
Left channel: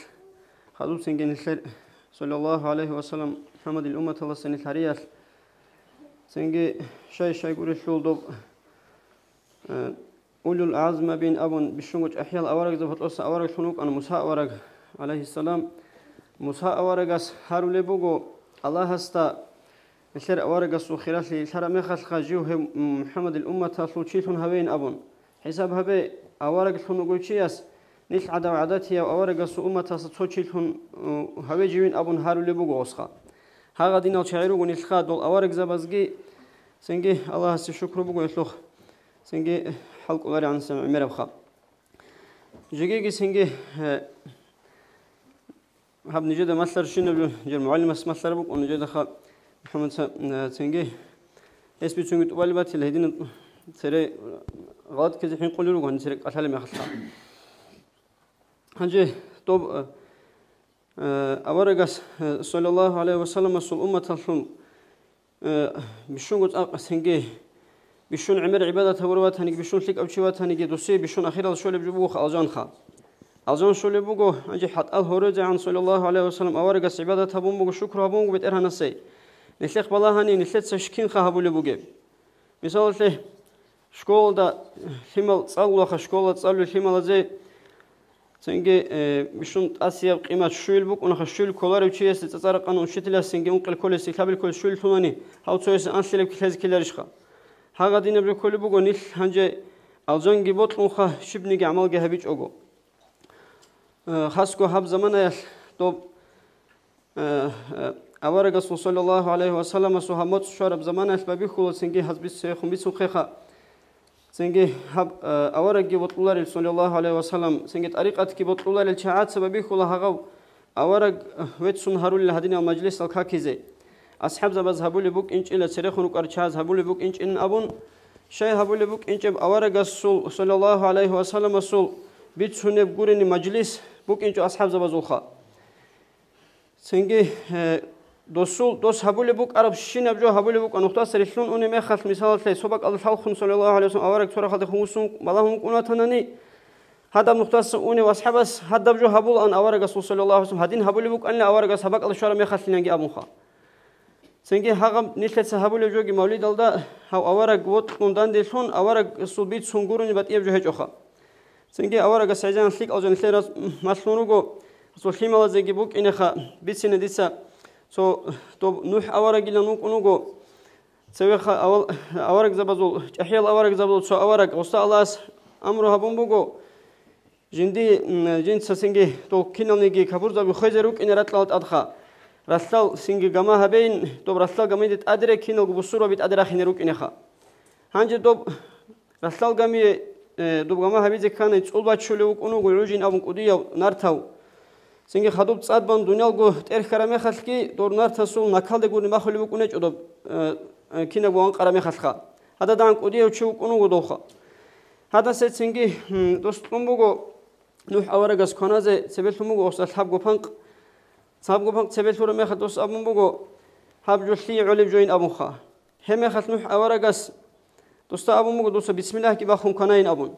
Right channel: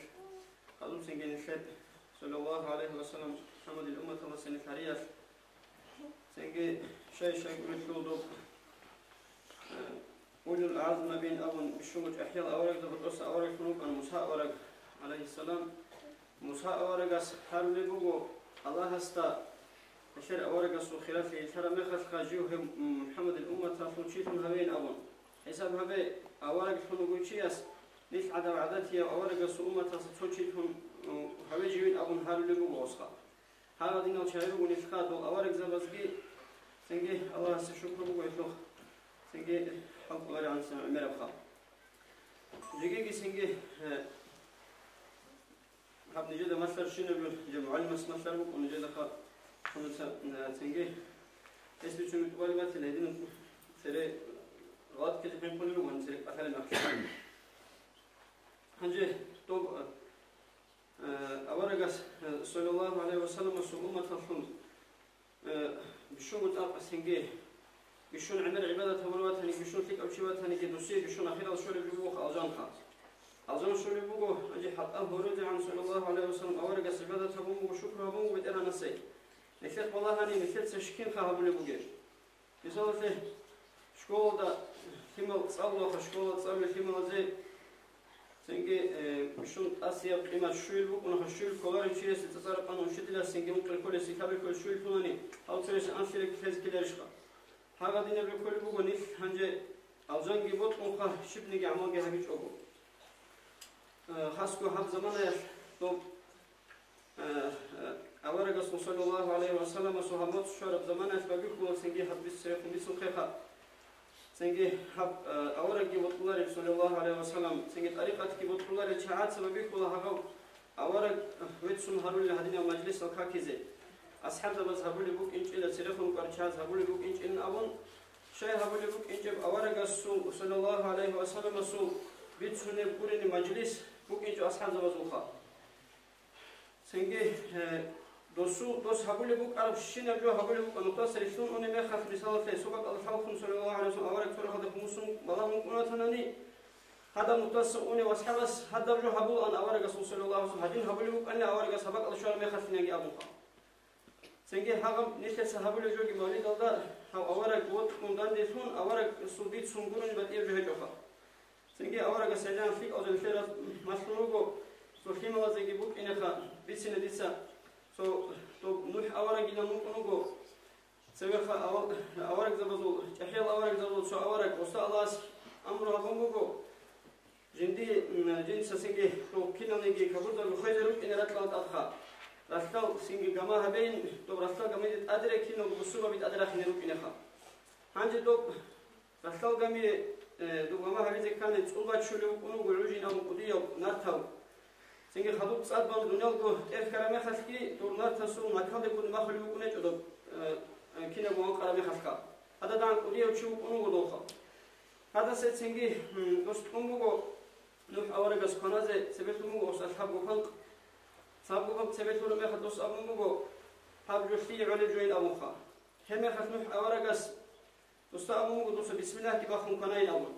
خدوب سنجن الخير صلى الله عليه وسلم محمد الأمة الله سنة الهريال سنجي شيء يقول الشول دوب أولو العزم بين أبون بشونج أحيال أورق زفت أصلا أورق شنوك أنا موسى أورق عليه السلام موسى أورقس هارو لبوغو الله هستا الشر أورقس وخلاف لي الشر مخل خجوه محمد الأمة تلوشيتون هوين أبون حساب هبي أورق شنوك شياس نيل عدا وعداتي أورقس أمة تلوشيتون هوي جوين أبون هارو لبوغو أسخا هذا دين الشعيرو ونيل خاد والأورق زبزجي سنجي الله هسه شكر بوغو يطلق سنجي حلق غير عن سمع مربخا جيجي سنجي هب نجد مثل شنو جل معلم اسمه مثل بوك ونجد خا محمد سنجي اسمي سنجي طوالبات الهدين سري غلط كذا حين قولوا له هنسرق أثال ما خلص هنجي طب أورجس صلى الله عليه وسلم صل أمة تلون بشون قلت سنجي بشون عمر عبادة وروات هنيك بشون لك أو شوات هنيك دوسي بشون أخيرا شول بجبوخ ألجان خا ألجان شول بجو أجي حتى الهروج عن صلى الله عليه وسلم أورجس عبادة هبون بجو شكر هبون بتأرها نسي نخلق بالله هني نخلق سشكين خا هبول بجو مثال له شكول دا حمل صلوا خا شكول صلوا حمل زي سنجي بشون أسياب قيمة شول بوك ونخ شول كولار وشيء ستتصارق أنا وشتلا سنجي أنقل كل استقبال كل شول ثماني هاو تسوي أنسلك كذا كلارش خا هذا دين بكل بوجو نيل هنجي ألجان جبوت لونخا شبني جعمال جهبيج أجو خاصكو هب زمانه طب أورج صلى الله عليه وسلم سهمت شرب زمانه ببي خلص سنجي حسب السيخم بسوقها سنجي هب أورج جبوت الله صلى الله عليه وسلم سنجي طريقة جبوت الله الشعات سببي خلا هجو أورج ويتسون هارول لهدين المجلس الكاكيزي أصحاب زبز هبولي بوك إنش إلى سرخون وكرشاز هبولي بوك إنش إن أبون شيء هبولي بوك إنش أورج السول صلى الله عليه وسلم السول بيتسون بقولين مجلس بوك إنش أصحاب زبز وخا سنجي دوس هبولي بوك عرب شين أبجو هبولي بوك أنقطة سرخون أني ما خلف مثال ثلاث سبق الخلق صلى الله عليه وسلم أورج صورة خد خمسون بالهم كنا تناني هذا نقطة أني وأصحابس هذا أبجو هبول أن أورج صلى الله عليه وسلم هدين هبولي بوك أن أورج سبق الشورى ما خلف لينجي أبو خا سنجي هاغم نيشلت سهابولي جوجي مولد الله هاو أورق وط كوندان ديشون أورق سوبيت سونغوروني بتيجي بجهج أخا سنجي أورق سعيان سليك أو جن سيرس مسلونوجو سو خيمة زيجي بوك إنخا بيتسين ديسا سو توب نوح أورق إلى نوك أنوجو سوي خا أورق زبزول أحيال أورق زبزول سو أورق وصا الله أمره بومبوجو جندي جند سنجي تو كينونيجي كابور زبي خيزروك إن رتلات أدخا رسال سنجي جماعة هبين توب رسال جماعة أدرك كينو بسورة بيت أدرك هنروك إنها هنجي توب رسال جماعة توب جماعة هبين كان يتقول بتشلوك أنو جروجين أو مقدية نارتاو سنجي خدوب صاد بان دنيا جو تأرخ كرامة خلقي دور نارتاسو نكال دقول ما خلوك أنج توب كينو بوان كرامة خلقا هذا دان قدية وشوك أنو جدوخا هذا سيد سنجي دوستكم بقو نوح أورجس كنازة سبيلهم بقو أصل حب جوفانق صابو بانك سبيل فور ما خدوس أبون بقو هاب جوشلي علب جوين أبون خا هم خد نوح أورجس دوستا أبون بقو دوستا بسم الله كي بخون كناين أبون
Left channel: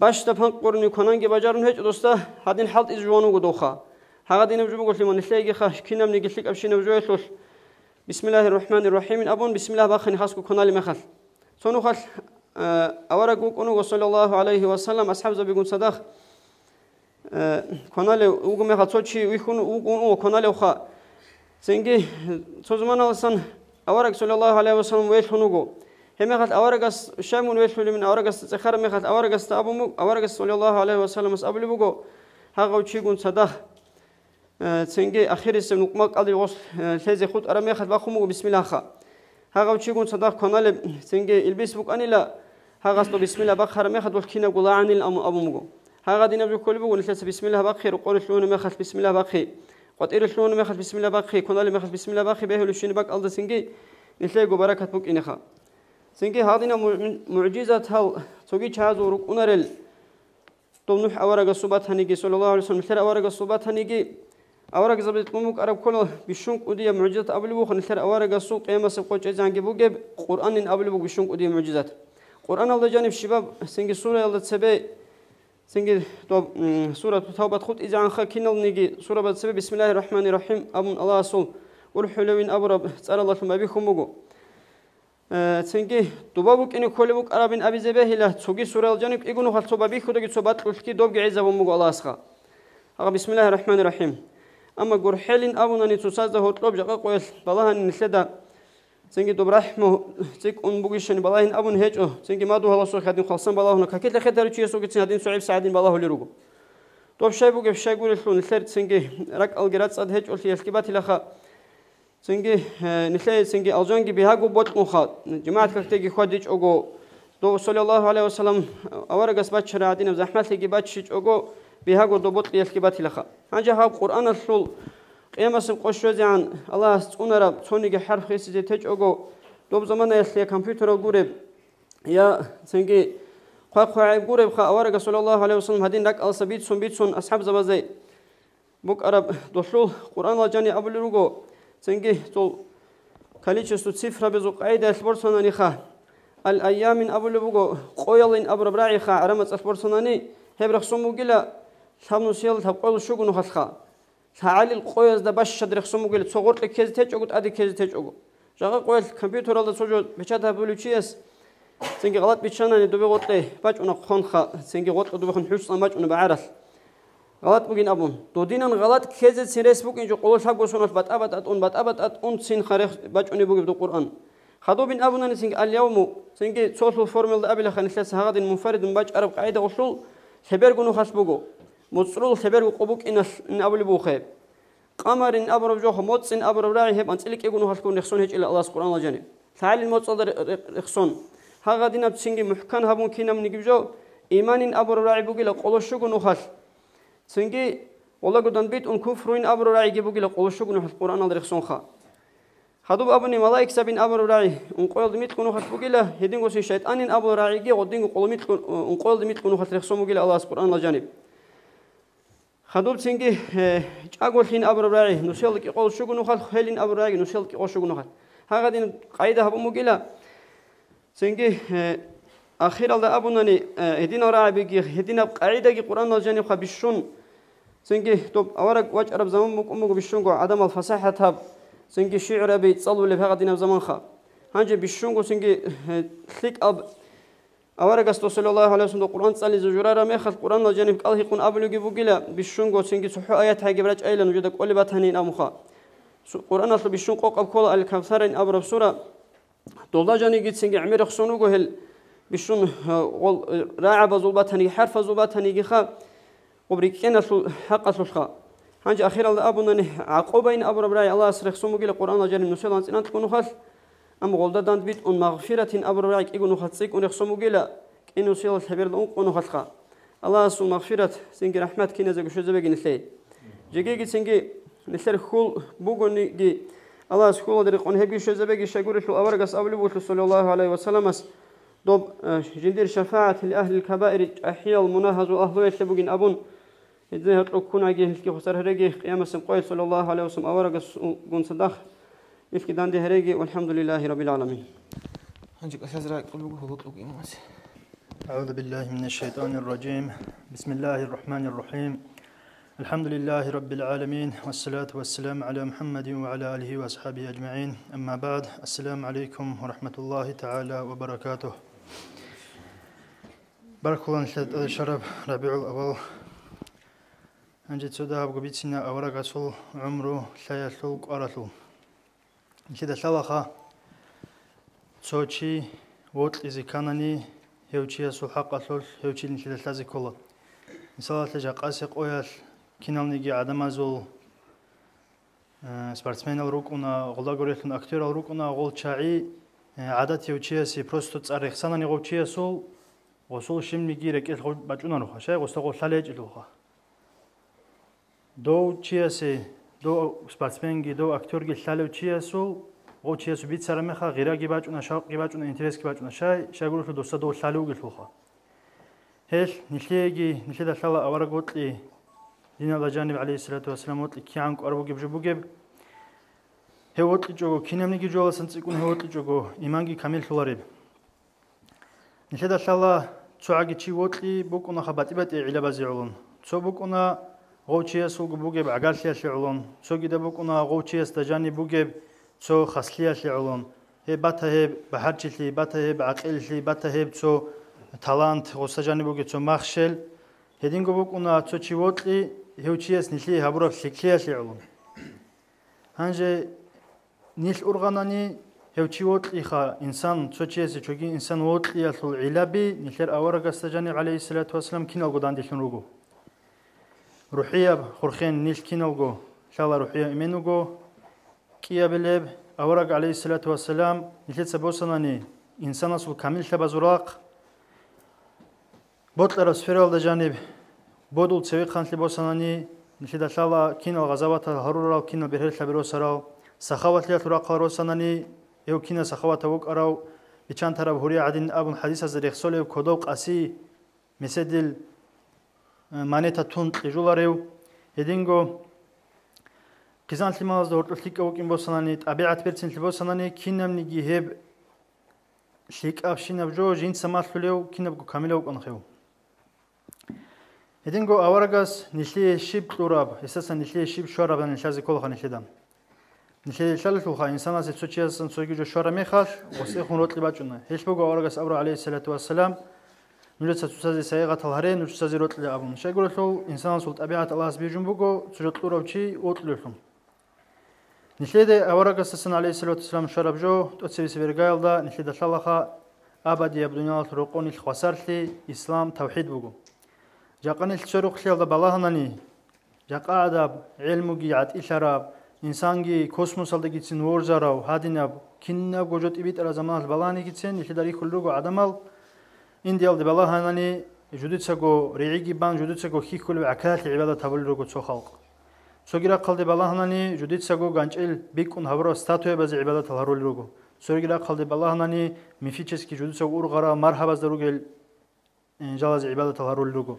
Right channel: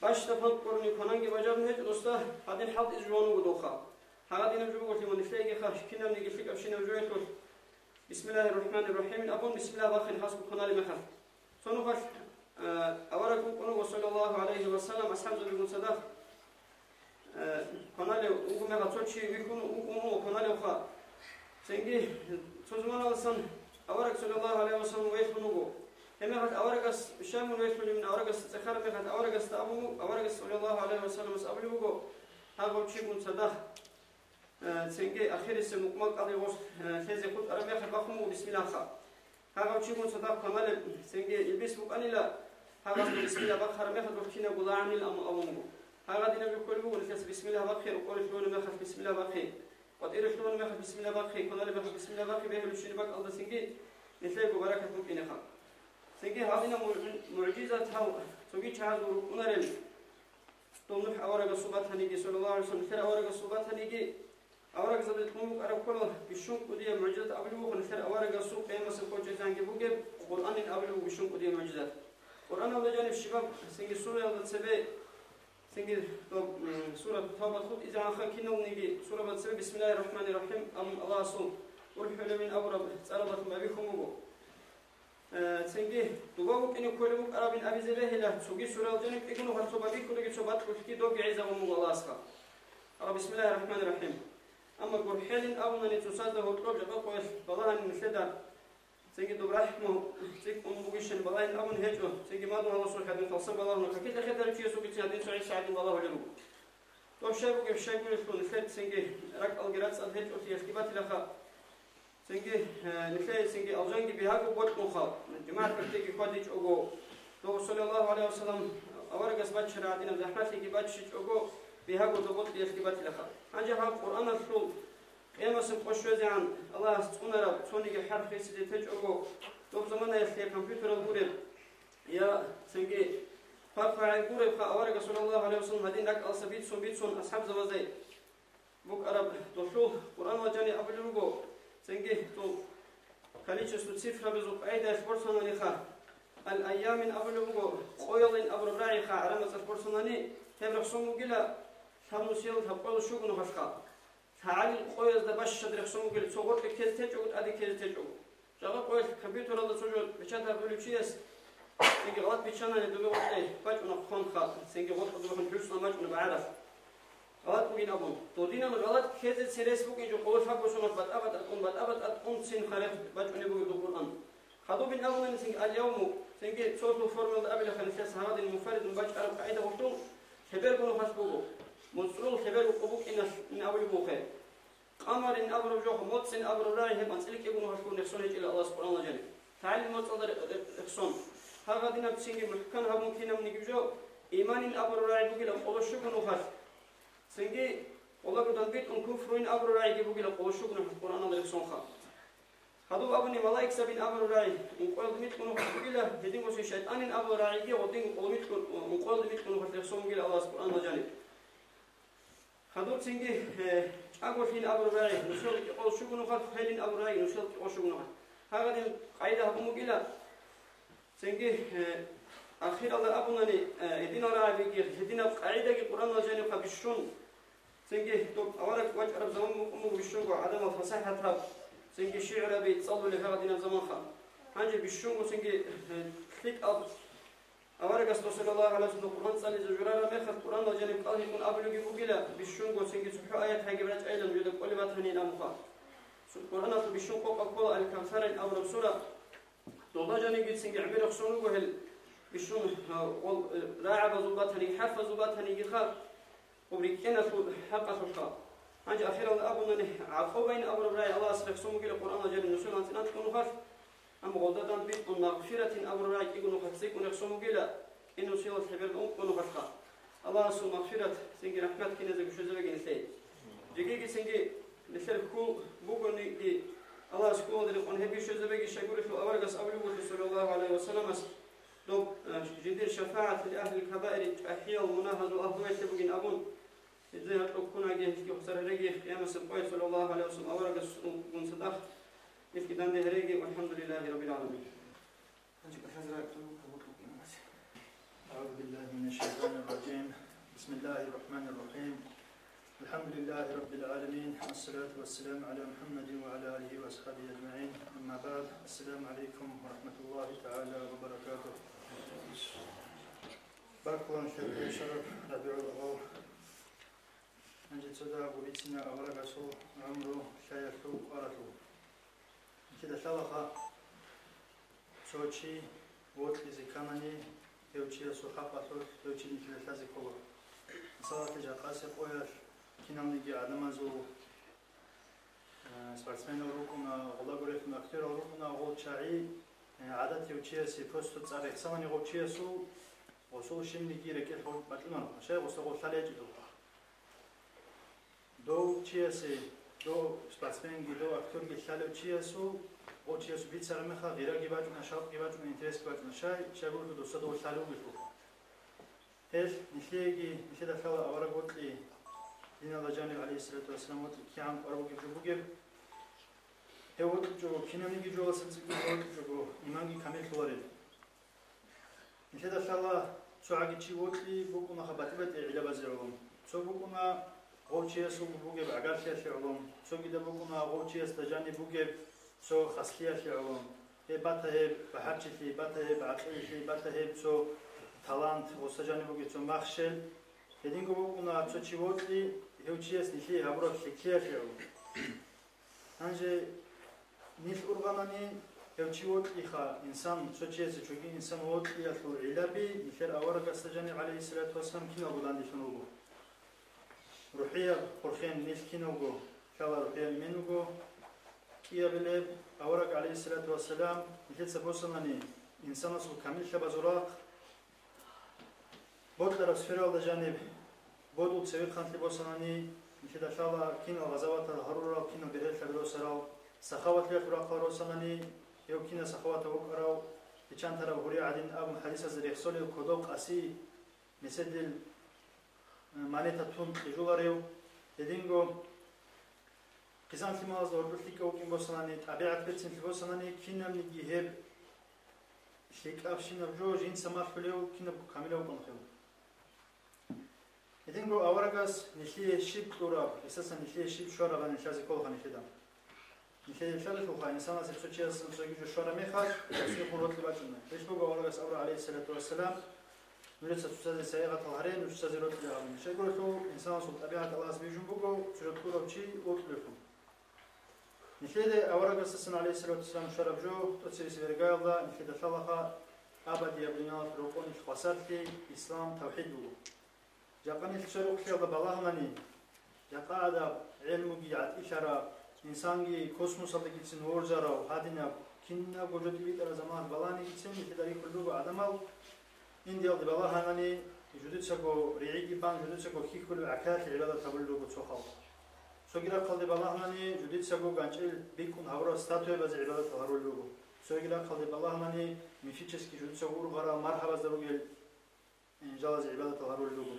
باش تفهم قرني كناين كي بجارن هيج دوستا هادين حالت إزوانو قدوخا هذا دين بجو بقول لمن نسلي خا كنا من يقلك أبشين وجوه بسم الله الرحمن الرحيم أبون بسم الله بخن خاصكو كنالي مخل صنو خل أورجو كنو صلى الله عليه وسلم أصحاب زبيقون صدق كنالي وقوم يخاطوشي ويكون وقوم كنالي وخا سنجي سوزمان الإنسان أورق صلى الله عليه وسلم ويشونوجو هم خد أورقس شامون ويشون من أورقس تخر هم خد أورقس أبو أورقس صلى الله عليه وسلم أبلي بوجو هاقو تشيجون صدق تنجي أخير اسم نقمق أدي وص هذا خد أرمي خد بخمو بسم الله خا هاقو تشيجون صدق كنال تنجي البس بوك أني لا هاقصو بسم الله بخر ما خد والكينا قلا عن الأم أبو مجو هاقا دينا بكل بوجو نسلس بسم الله بخير وقول شلون ما خد بسم الله بخير قطير شلون ما خد بسم الله بخير كنال ما خد بسم الله بخير بهلو شين بق ألد تنجي نتلاقي بركة بوك إنخا سنجي هذينا معجزة هاو توجي شهادو رك أنرل تمنح أورق الصبات هنيجي صلى الله عليه وسلم مثل أورق الصبات هنيجي أورق زبدة ممك أرب كله بشونك ودي معجزة قبل بوخ مثل أورق السوق قيامة سبقة جزان جبوا جب قرآن قبل بوخ بشونك ودي معجزات قرآن الله جانب شباب سنجي سورة الله تسبي سنجي طب سورة توبة خد إذا عن خكينا نيجي سورة بتسبي بسم الله الرحمن الرحيم أبن الله أصول والحلوين أبرب سأل الله ثم بيخم بوجو تنجي دبابك إنه كل بوك أرابين أبي زبيه له تسوقي سورة الجانب يقولوا خل صوب بيخ ودقي صوبات كل دوب جعزة ومجو الله أسخا بسم الله الرحمن الرحيم أما جرحلين أبونا نتوساز ده هطلب جاك قويل بالله نسلدا تنجي دبرحمه تك أن بوجيشن بالله أبون هجو تنجي ما دوه الله سوق هادين خلصان بالله هنا ككيت لخدر شيء سوق تنادين سعيد سعدين بالله ليروجو طب شيء بوجي شيء يقول شلون نسلد تنجي رك الجرات صاد هج قلت يسكبات لخا تنجي نسلد تنجي الجانجي بهاجو بوت مخاط جماعة كتيجي خديج أجو دو صلى الله عليه وسلم أورق أسبات شرادين زحمة تيجي باتشيج أجو بهاجو دو بوت يسكبات لخا هنجا هاب قرآن الرسول قيام سبقش عن الله سبحانه تونيجي حرف خيسي تيج أجو دوب زمان يسلي كمبيوتر الجورب يا تنجي خا الجورب خا أورق صلى الله عليه وسلم هدين لك الصبيت سون أصحاب زبازي بوك عرب دخلوا قرآن الجاني أبو لروجو تنجي تو كاليشستو صفر بزوق عيد أسبورسوناني خا الأيام من أبو لروجو قويلين أبو ربراعي خا عرمت أسبورسوناني هبرخ سموجلا ثمن سيل تبقول شو جنو خسخا تعالي القويز ده باش شدرخ سموجلا تصور لك كذا تجوج أدي كذا تجوج جاك قويل كمبيوتر هذا سوجو بيشتها بلوشيس تنجي غلط بيشانني دوبي غطي باش أنا خون خا تنجي غط دوبي خن حوش باش أنا بعرف غلط بقين أبون دودينا غلط كذا سيرس بقين جو قول حق وصنف بات أبد أون سين خارج باش أنا بقول بالقرآن خدوا بين أبونا نسيج اليوم سنجي social formula قبل خنسلس هذا المنفرد من باج عرب قاعدة وصل خبر جنو خسبوجو متصل خبر قبوك إن أبو بوخير قمر إن أبو رجوه موت إن أبو راعي هب أنتلك يجونو خسبون يخسون هيج إلى الله سبحانه وتعالى تعال المتصل يخسون هذا دينا بسنجي محكم هبون كنا من يجيبجو إيمان إن أبو راعي بوجي لقول شو جنو خس سنجي والله قدام بيت أن كفرين أبو راعي يجيبوجي لقول شو جنو خس القرآن الله يخسون خا خدوب أبني ملاك سبين أبو راعي أنقول دميت كونو خس بوجي له هدين قصي شيطان إن أبو راعي جي ودين قلميت أنقول دميت كونو خس يخسون بوجي الله سبحانه الله جانب خدوب سنجي أقول حين أبو راعي نسيلك يقول شو جنو خس هلين أبو راعي نسيلك يقول شو جنو خس هذا دين قاعدة هبو مجيلا سنجي أخير الله أبونني هدين راعي بيجي هدين قاعدة القرآن الله جانب خبيشون سنجي توب أورق وجه عرب زمان مقوم بيشون عدم الفصاحة هب سنجي شعر بيت صلوا اللي في هذا دين زمان خا هنجي بيشون سنجي ثليك أب أورق صلى الله عليه وسلم القرآن صلي زجرارا ما خد القرآن الله جانب قال يكون أبو لجيبو جلا بيشون سنجي صحو آيات هاي جبرج أيلا وجدك أولي باتهنين أمخا القرآن أصل بيشون قوق أبكول الكوثر إن أبو رسولة دولدا جاني جيت سنجي عمير خسونو جهل بيشون راعي بزوبات هني حرف زوبات هني جخا وبريكين حق أصلخا هنجي أخيرا أبونا عقوبين أبو ربراي الله أسرخ سمو جل القرآن جل نسول أنت أنت كونوا خاص أم غولدا دان بيت أن مغفرة أبو ربراي يكونوا خاصيك أن يخسمو جل إنه سيل الحبير دون كونوا خاص الله سو مغفرة سنجي رحمة كنا زوج شو زبق نسلي جيجي سنجي نسل خول بوجوني جي الله سكول دري قن هبي شو زبق شجور شو أورجس أبو لبوت صلى الله عليه وسلم دوب جندير شفاعة لأهل الكبائر أحياء المناهز وأهل يشبقين أبون إذا هتكون عجيه في خسر هرجي قيام السمقاي صلى الله عليه وسلم أورق جون صدق يفكي دان ده هرجي والحمد لله رب العالمين. أعوذ بالله من الشيطان الرجيم. بسم الله الرحمن الرحيم. الحمد لله رب العالمين والصلاة والسلام على محمد وعلى آله وأصحابه أجمعين. أما بعد السلام عليكم ورحمة الله تعالى وبركاته. بارك الله شرف ربيع الأول. أنجد سوداء بقبيتنا أورق أصل عمره لا يسوق أرسل. كده سلخة Sochi, what is a canani, Heuchia so Hakathol, Heuchin Lazikola. Salat Jakasek oil, Kinalnigi Adamazul, sportsman Rukuna, Olagorith, actor Rukuna, Old Chai, Adat Heuchia, Prostots Arexana Rochia so, or so Shimigi, Batuno, Hasha, was to Salaj. Do Chiase, do sportsman, do actor Gilalo Chiaso. او چیه سوبیت سر میخا غیره گیباج اون شاق گیباج اون اینترس گیباج اون شاگرو شو دوستا دو سالو گلفوخا هل نشيد الله أورا قلت لي دين الله جانب عليه الصلاة والسلام قلت لي كي عنك أربو جب جبو جب هو قلت لي جوجو كي نمني جوجو سنتكون هو قلت لي جوجو إيمانجي كامل فلاريب نشيد الله تسوعي شيء قلت لي بكونا خباتي بتي على بزعلون تسو بكونا غوتشي سوق بوجب عقالشي شعلون تسو جدا بكونا غوتشي استجاني بوجب تسو خصلية شعلون هي باتها بحرجلي باتها بعقلي باتها تسو талант осажани буги цо махшел хединго букуна цо чивотли хеучиес нили хабурак сиклияши улун анже нил урганани хеучиотли ха инсан цо чиес чоги инсан вотли ясул илаби нилер аварага сажани алейхиссалату вассалам киналго дандишун ругу рухия хурхен нил киналго шала рухия именуго киябелеб аварага алейхиссалату вассалам нилет сабосанани инсанасул камил табазурак بطل سفيرال دجانب بدول سوي خانتلي بوساناني نشيد شالا كينو غزوات هرورا كينو بهرل خبرو سراو سخاوت لي ترا قارو سناني يو كينا سخاوت وق اراو بيچان طرف هوري عدين ابو حديث از رخصول كودو قاسي مسدل مانيتا تون جولاريو يدينغو كيزانتلي ماز دورت ليكو كين بوساناني طبيعت بيرسن بوساناني كينم نيجي هب شيك افشين بجو جين سماخليو كينبو كاميلو قنخيو Единго аварагас нишли шиб тураб, эсасан нишли шиб шораб ан шази колха нишидам. Нишли шалхуха инсана се сочиасан согижо шора мехаш, осе хунротли бачуна. Хешбого аварагас авра алейхиссалату вассалам, нулеца тусази сайга талхаре, нучсази ротли абун. Шагурху инсан сул табиат Аллах бижумбого, сужот туравчи отлухум. Нишли аварагас сан алейхиссалату вассалам шорабжо, тоцеви севергайлда, нишли дашалаха абади абдунял рукони хвасарли, ислам тавхид буго. جاقني الشروق خيال بالهناني جاقا أدب علمي عاد إشارة إنسانجي كوسموس على جيتين ورزارو هادينا كنا بوجود إبيت على زمان البلاني جيتين يخدري كلوجو عدمال إنديال بالهناني جودت سجو ريعي بان جودت سجو خي كل عكات العبادة تبلغو تسخالق سوغيرا قلد بالهناني جودت سجو غانجل بيكون هبرو ستاتوي بز عبادة تهرولوجو سوغيرا قلد بالهناني مفيتشسكي جودت سجو أورغرا مرحبا زروجل جواز عبادة تهرولوجو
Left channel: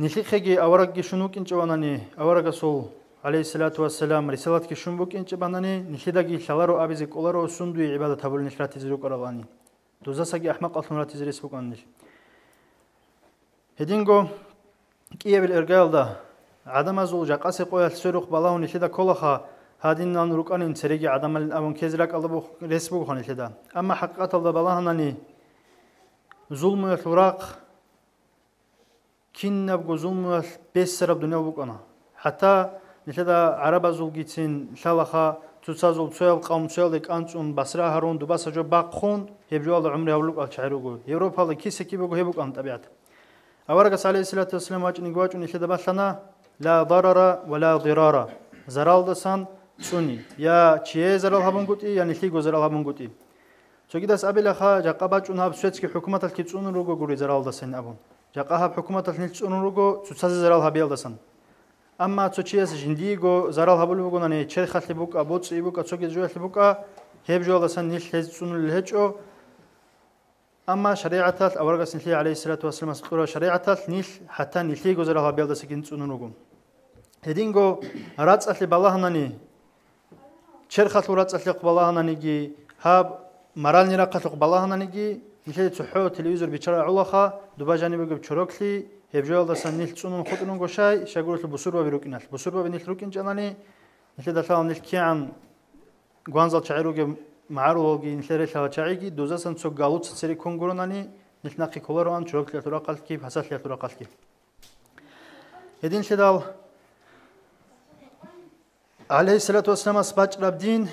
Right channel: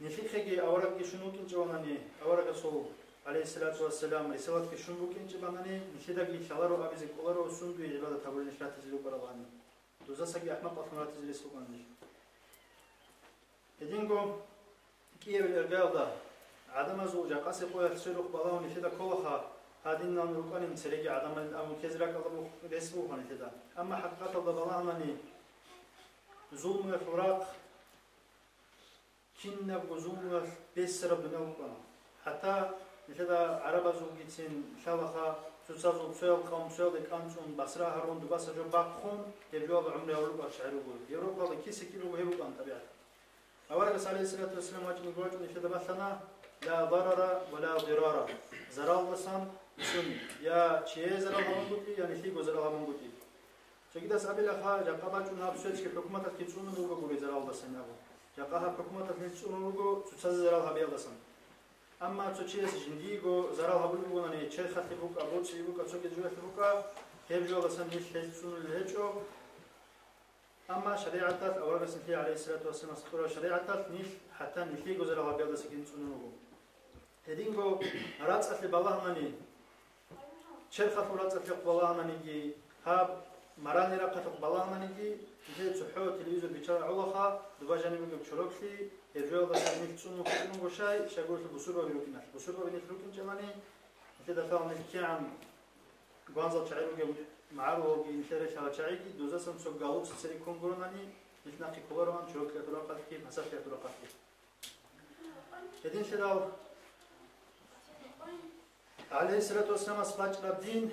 نشيخي أورق شنوك إنش باناني أورق سول عليه الصلاة والسلام رسالة كشنبوك إنش باناني نشيداكي شلارو أبيزك أولارو سندوي عبادة تبول نشرات تزروك أرغاني دوزاساكي أحمق أطلمرات تزريس بوكانيش هدينغو كيه بالإرقال دا عدم أزول جاقاسي قوية سيروق بالاو نشيدا كولخا هادين نان روكاني انسريقي عدم الأبون كيزراك ألبو رسبوك نشيدا أما حقيقة الله بالاهناني ظلم الوراق كنا بجزوم بيسر بدنيا بقنا حتى نشدا عرب زول جيتين شالخا تسازول سوال قام سوال لك أنتم بصرة هارون دباسة جو باقخون يبجوا الله عمره يقولك أشعروا يوروبا الله كيس كي بقول هيبوك أنت طبيعت أورجس عليه الصلاة والسلام واجن جواج نشدا بسنا لا ضرر ولا ضرار زرال دسان سني يا شيء زرال هبون قطي يا نشلي جو زرال هبون قطي سو كده سأبي لخا جاقباج أنها بسويتش كحكومة الكيتسون روجو جوري زرال دسان أبو جاقها بحكومة النيتسونروغو تساز زرال هابيل دسن أما تشيس جنديغو زرال هابولوغو ناني تشرخ لبوك أبوتس إبوك أتسوكي جوه لبوك هيب جوه دسن نيش هزتسون الهجو أما شريعة أورغس نحلي عليه الصلاة والسلام سطورة شريعة نيش حتى نحليغو زرال هابيل دسكين تسونروغو هدينغو راتس أتلي بالله ناني تشرخ لوراتس أتلي بالله نانيجي هاب مرال نراقة بالله نانيجي نشيد صحو تلفزيون بيشرع علاقة دباجاني بيجيب شروكلي هبجول دسان نيل تسونون خطنون قشاي شغول البصور وبيروكينال بصور وبنيل روكين جاناني نشيد دفعوا نيل كيان غوانزال شعيروجي معروجي نشيرش على شعيجي دوزاسن سو غالوت سري كونغوروناني نيل ناقي كولاران شروكلي تراقل كيف حساس لي تراقل كيف يدين شدال عليه الصلاة والسلام سباج رابدين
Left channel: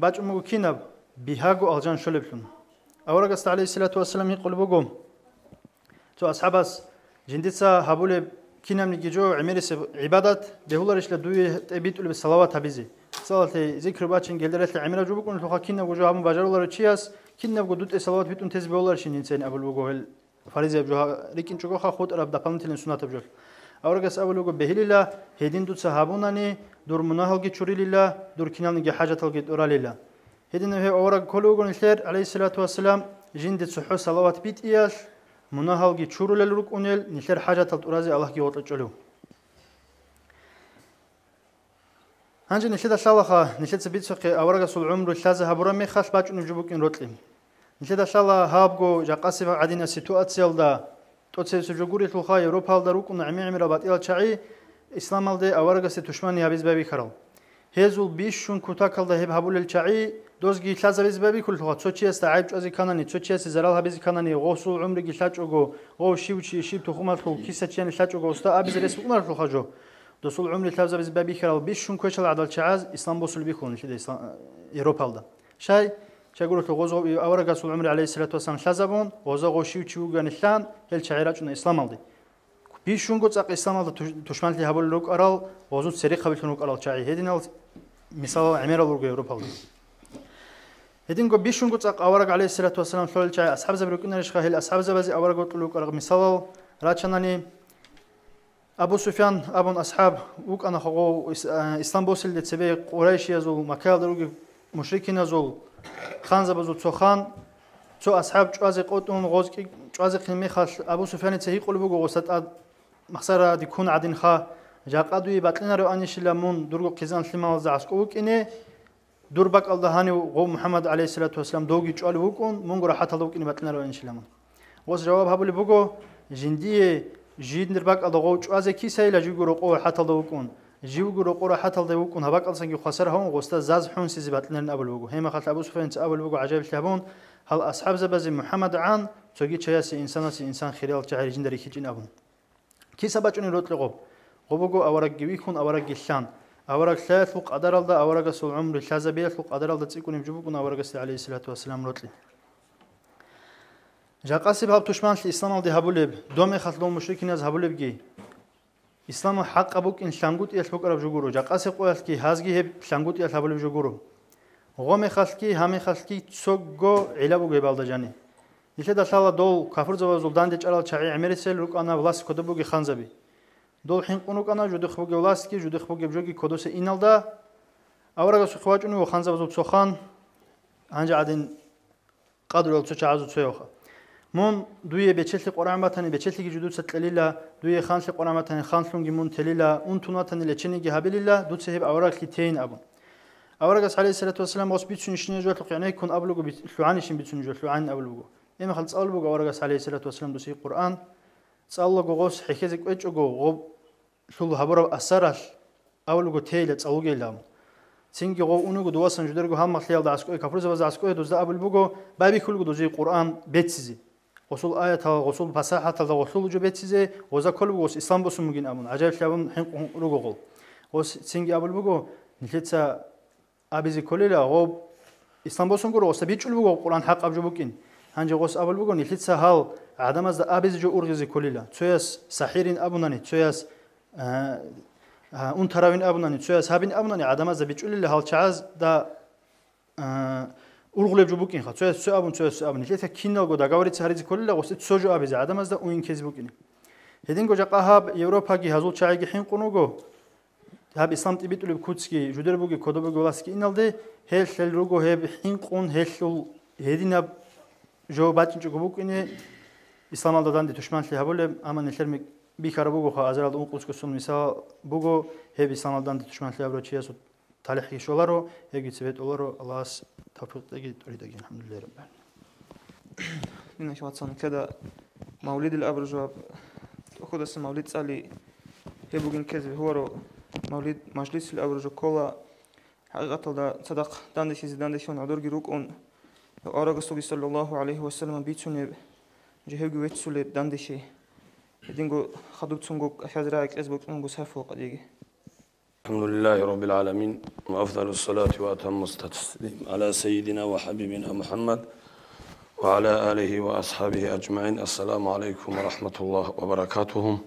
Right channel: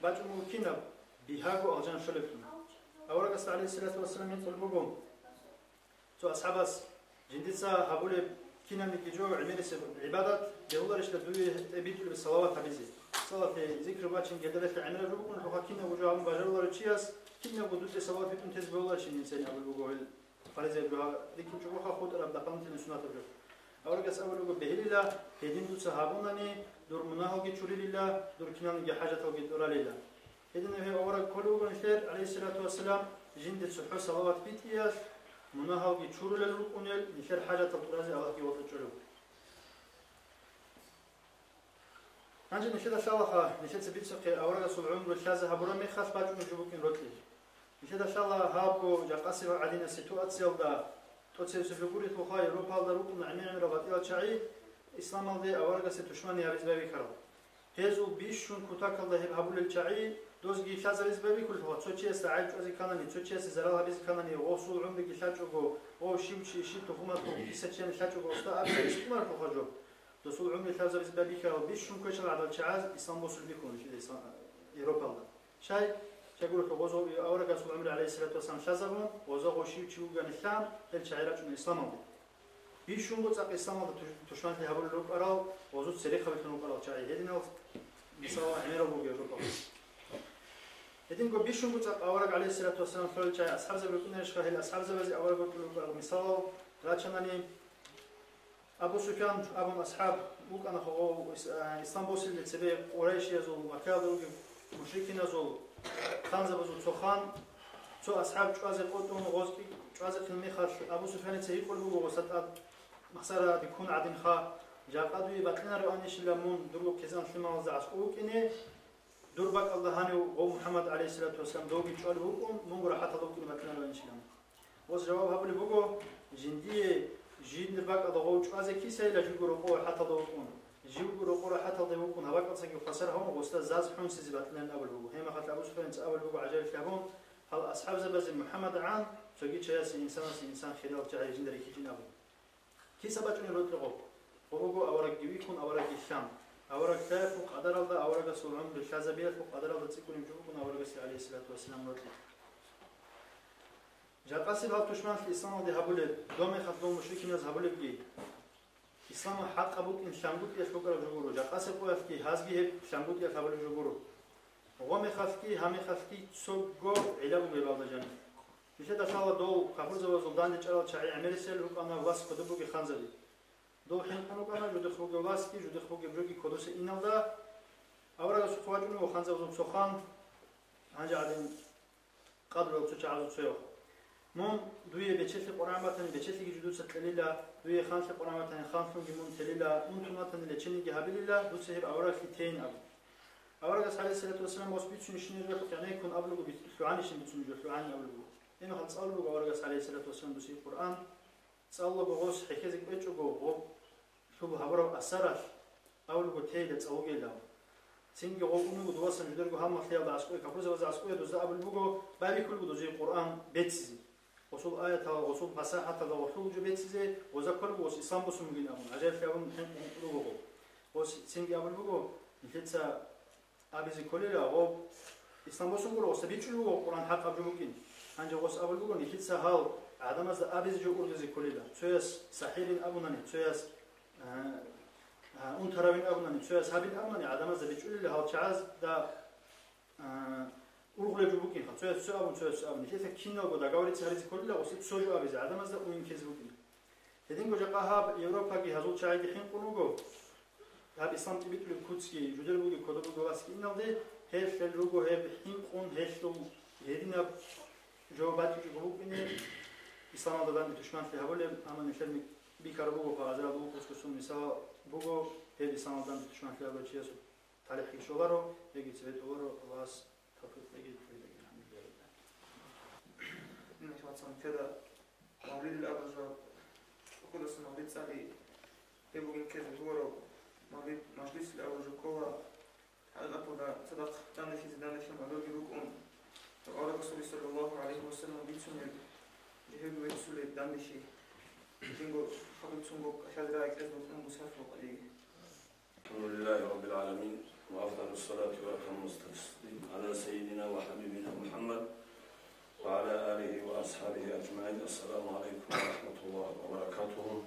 باج ممكنب بيهاجو ألجان شلبلون أورجست عليه الصلاة والسلام يقول بقوم تو أصحابس جندتسا هبول كنا من جيجو عميرس عبادات بهولارش لدوي تبيت له بالصلوات هبيزي صلاة ذكر باتشين جلدرت عميرة جو بكون لخا كنا وجو هم بجارولار تشياس كنا بقدوت الصلوات بيتون تز بهولارش إنسان أول بقول فريزة بجوها لكن شو خا خود أرب دفعنا تلين سنة بجول أورجس أول بقول بهليلا هدين دوت صحابوناني دور مناهل جت شوري لله دور كنا من حاجة تلقيت أورا لله هدين هي أورج كله بقول الخير عليه الصلاة والسلام جند صحو صلوات بيت إياش مناهل جت شورو للرك أنيل نخير حاجة تلتورازي الله جي وطلعوا هنجي نشيد الشالخة نشيد سبيت سقي أورج سول عمر الشازة هبرم مخاش باج نجيبوك إن روتلين نشيد الشالله هابجو جاقاسي عدينا سيتواتسيال دا توتسي سجوري تلخا أوروبا داروك ونعمي عمر بات إلى شعي إسلام الدي أورج ستوشماني هبيز بابي خرال هزول بيش شون كوتاكل ده هبول الشعي دوزجي شازة بيز بابي كل تلخا تشوتشي استعيب أزي كانني تشوتشي زرال هبيز كانني غوصول عمر جيشاج أجو غو شيوشي شيب تخوم الخو كيسة شيء شاج أجو استا أبيز رسم عمر تلخا جو دوسول عمر شازة بيز بابي خرال بيش شون كوشل عدل شعاز إسلام بوصل بيكون شيء إسلام أوروبا ده شاي شاقول لك غوزو أورا رسول عمر عليه الصلاة والسلام شازبون غوزو غوشيو تشيو غنشان هل شعيرات جنا إسلام aldı. بيشون قط أق إسلام aldı تشمل لي هبول لوك أرال غوزو سري قبل لوك أرال شعي هدين مثال عمير لوك أوروبا aldı. هدين قو بيشون قط أق أورا عليه الصلاة والسلام شلول شعي أصحاب زبركون رشخه هل أصحاب زبزي أورا قط لوك أرال مثال راتشناني أبو سفيان أبون أصحاب وك أنا خو إسلام بوصل لتسبي قريش يزول مكال دروج مشركين يزول خان زبزو تسخان تو أصحاب جوازي قطون غوزكي جوازي قيمي خاش أبو سفيان تسهي قلبو غوستات مخسرة ديكون عدين خا جاق أدوي باتلنا رو أنيش لمون درغو قيزان لما وزعسكوك إني دربك الدهاني وغو محمد عليه الصلاة والسلام دوغي جوال وكون مونغو راحت لوك إني باتلنا رو أنيش لمون وز جواب هبولي بوغو جندية جيد نربك الدغو جوازي كيساي لجيغو رقو حتى لوكون جيوغو رقو حتى لوكون هباك ألسنجي خسر هم غوستا زاز حون سيزي باتلنا أبو لوغو هيما خلت أبو سفيان أبو لوغو عجائب شهبون هل أصحاب زبازي محمد عن تجي شيء إنسان خيال تعالى جندري كيجين أبون كي سبأجني روت لغو غبوغو أورق جويكون أورق الشان أورق ثلاث فوق أدر الله أورق سول عمر الشازبية فوق أدر الله تسيكون يجيبوكون أورق عليه الصلاة والسلام روت لي جاقاسي بهاب تشمان الإسلام الدي هبولب دومي خطلون مشركين از هبولب جي إسلام حق أبوك إن شانغوت يشبوك أرب جوجورو جاقاسي قويل كي هازجي هب شانغوت يش هبولب جوجورو غومي خلكي همي خلكي تسوغو علابو جبال جاني نشد الله دول كافر زوال داند جلال شعي عمرسل روك أنا ولاس كتبوجي خانزبي دول حين قنوك أنا جودخ بوجي ولاسكي جودخ بوجي بجوجي كودوس إنالدا أورا سخواج إنه خانزب زود سخان عنج عدين قادر يلتو شعازو تسويوخا مون دوية بيتشلي قرآن باتني بيتشلي جدود ستليلا دوية خانش قرآن باتني خانشلونجي مون تليلا أنتوناتني لتشينيجي هابيليلا دود سهب أوراق لتين أبون أوراق عليه الصلاة والسلام وص بيتشون يشني جوات يعني يكون أبلغو بيتلوعانيشين بيتشون جوات لوعان أبلغو إما خلص أبلغو أوراق عليه الصلاة والسلام دوسي قرآن تسألغو غوص حكيزك ويتشوغو غوب شلو هبرو أسرش أبلغو تيلا تسألغي لهم سينجي غو أونغو دواسن جدرغو هم مخليال دعسكوي كفرزة وزعسكوي دوزا أبلغو بابي كلغو دوزي قرآن بيتسيزي غسول آية غسول فصاحة غسول جو بيتسيزي وزا كلغو غوص إسلام بوسو مجين أمون عجائب شابون حين رغو غول غوص سينجي أبلغو نحيتسا أبيزي كليلا غوب إسلام بوسون كرو غوص بيتشلو غو قرآن حق أبجبوكين هنجي غوص أبلغو نحيتسا هال عدم از أبيزي جو أرغزي كليلا تسويس سحيرين أبوناني تسويس اون تراوين أبوناني تسويس هابين أبوناني عدم از بيتشلو هال چاز دا أرغلب جبوكين خا تسويس سو أبون تسويس سو أبون نحيتسا كينال غو داغاوري تسهريزي كليلا غوص تسوجو أبيزي عدم از دا أوين كيزبوكين هدين غو جاقا هاب يوروبا جي هزول چايجي حين قنوغو هاب إسلام تبيت له بكوتسكي جودر بوجي كودو بولاسكي إنالده هل روجو هب حين قون هل هدينا جو باتين جو بوك إنه إسلام الله دان دتشمان لي هبول أما نشر بيكارو بوجو خا أزراد أون قوس كسون مثال بوجو هب إسلام الله دان دتشمان لي هبول شيء سو تالحي شولارو هيجي سبت أولارو الله توفيق تجي تريد أجي الحمد لله رب العالمين. إن شاء الله كذا مولد الأبرجواب أخذ اسم مولد سالي هبوجين كذا هو مولد مجلس الأبرجو كولا حقيقة دا صدق داندش زداندشون عدور جروك أون أورا رسول صلى الله عليه وسلم بيتسون جهوج ويتسول داندشي دينغو خدوت سونغو حزراك إسبوك أونغو سافو قديجي الحمد لله رب العالمين وأفضل الصلاة وأتم التسليم على سيدنا وحبيبنا محمد وعلى آله وأصحابه أجمعين. السلام عليكم ورحمة الله وبركاته.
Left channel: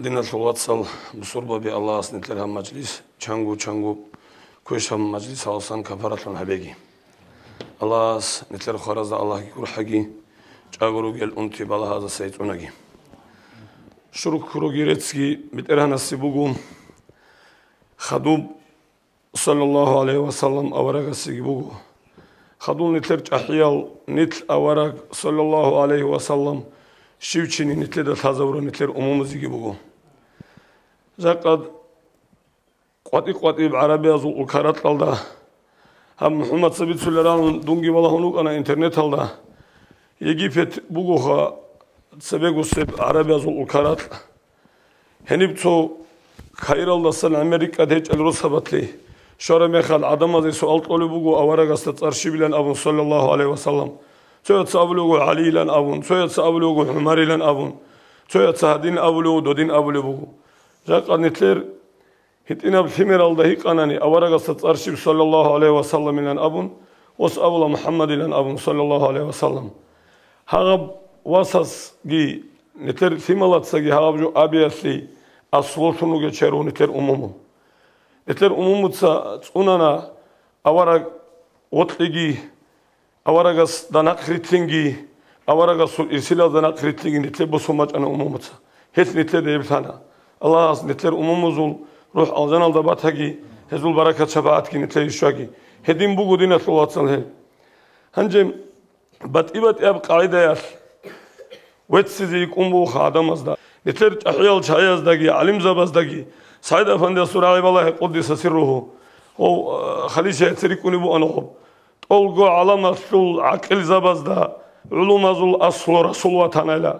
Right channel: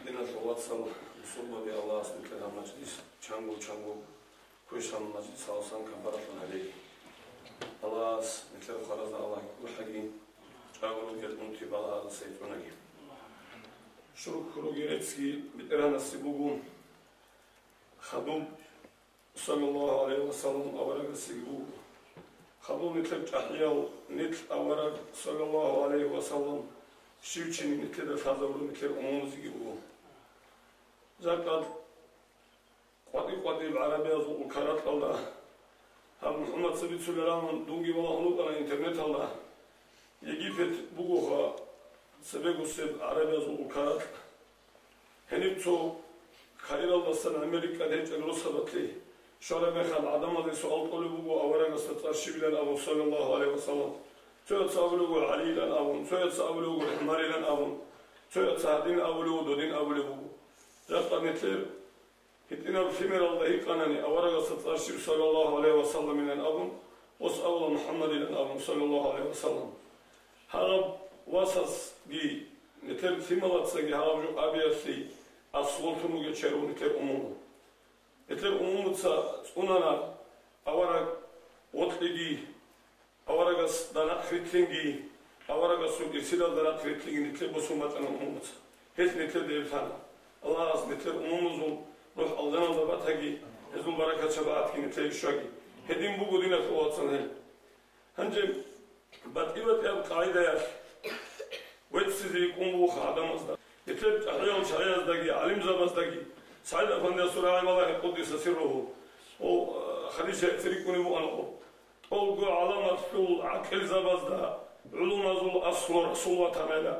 دين الواتساب بصربة بالله سنتلها مجلس چانگو كوشام مجلس أوسان كفارة الحبيجي الله نتلر خرز الله يقول حقي چاغرو جل أنتي بالله هذا سيدوناجي شروع كروجيرتسكي بترهنا السبوغو خدوب صلى الله عليه وسلم أورق السبوغو خدول نتلر تحيال نتل أورق صلى الله عليه وسلم شيوچيني نتلر تازورو نتلر أمومزي بوغو زقد قواتي بعربية زول الكارات لالدا هم محمد سبيت سلران دونجي والله هنوك أنا إنترنت لالدا يجيبت بوغوها سبب سب عربية زول الكارات هنبتو خيرالله سن أمريكا دهج الروس هبتلي شارع مخال عدم هذا سؤال طالب بوغو أورق استرشي بلن أبو صلى الله عليه وسلم سويت سأبلوغو علي لن أبون سويت سأبلوغو حماري لن أبون سويت سهدين أبلوغو دودين أبلوغو جاك نتلر هتينا بثمر الدهيق أناني أورق استرشي صلى الله عليه وسلم لن أبون وسأبل محمد لن أبون صلى الله عليه وسلم هغب واساس جي نتر ثمالات سجي هغب جو أبياسي أصولتونو جشرو نتر أممو نتر أممو تسونانا أورق وطلقي أورقس دانق ريتلينجي أورقس إرسال دانق ريتلينجي نتر بسومج أنا أممو تسا هت نتر ديبتانا الله نتر أممو زول روح الجنال دبات هجي هزول بركة شفاعت كي نتر يشواجي هدين بوجو دينا ثوات سنهل هنجم بات أب قاعدة ياش وتسيزي كومبو خادم أزدا نتر أحيال شايز دقي علم زباز دقي سعيد أفندي سورة الله قدس سره هو خليشة تريكوني بو أنهم تلقوا علامة شل عقل زباز دا علوم زول أصل رسول وطنيلا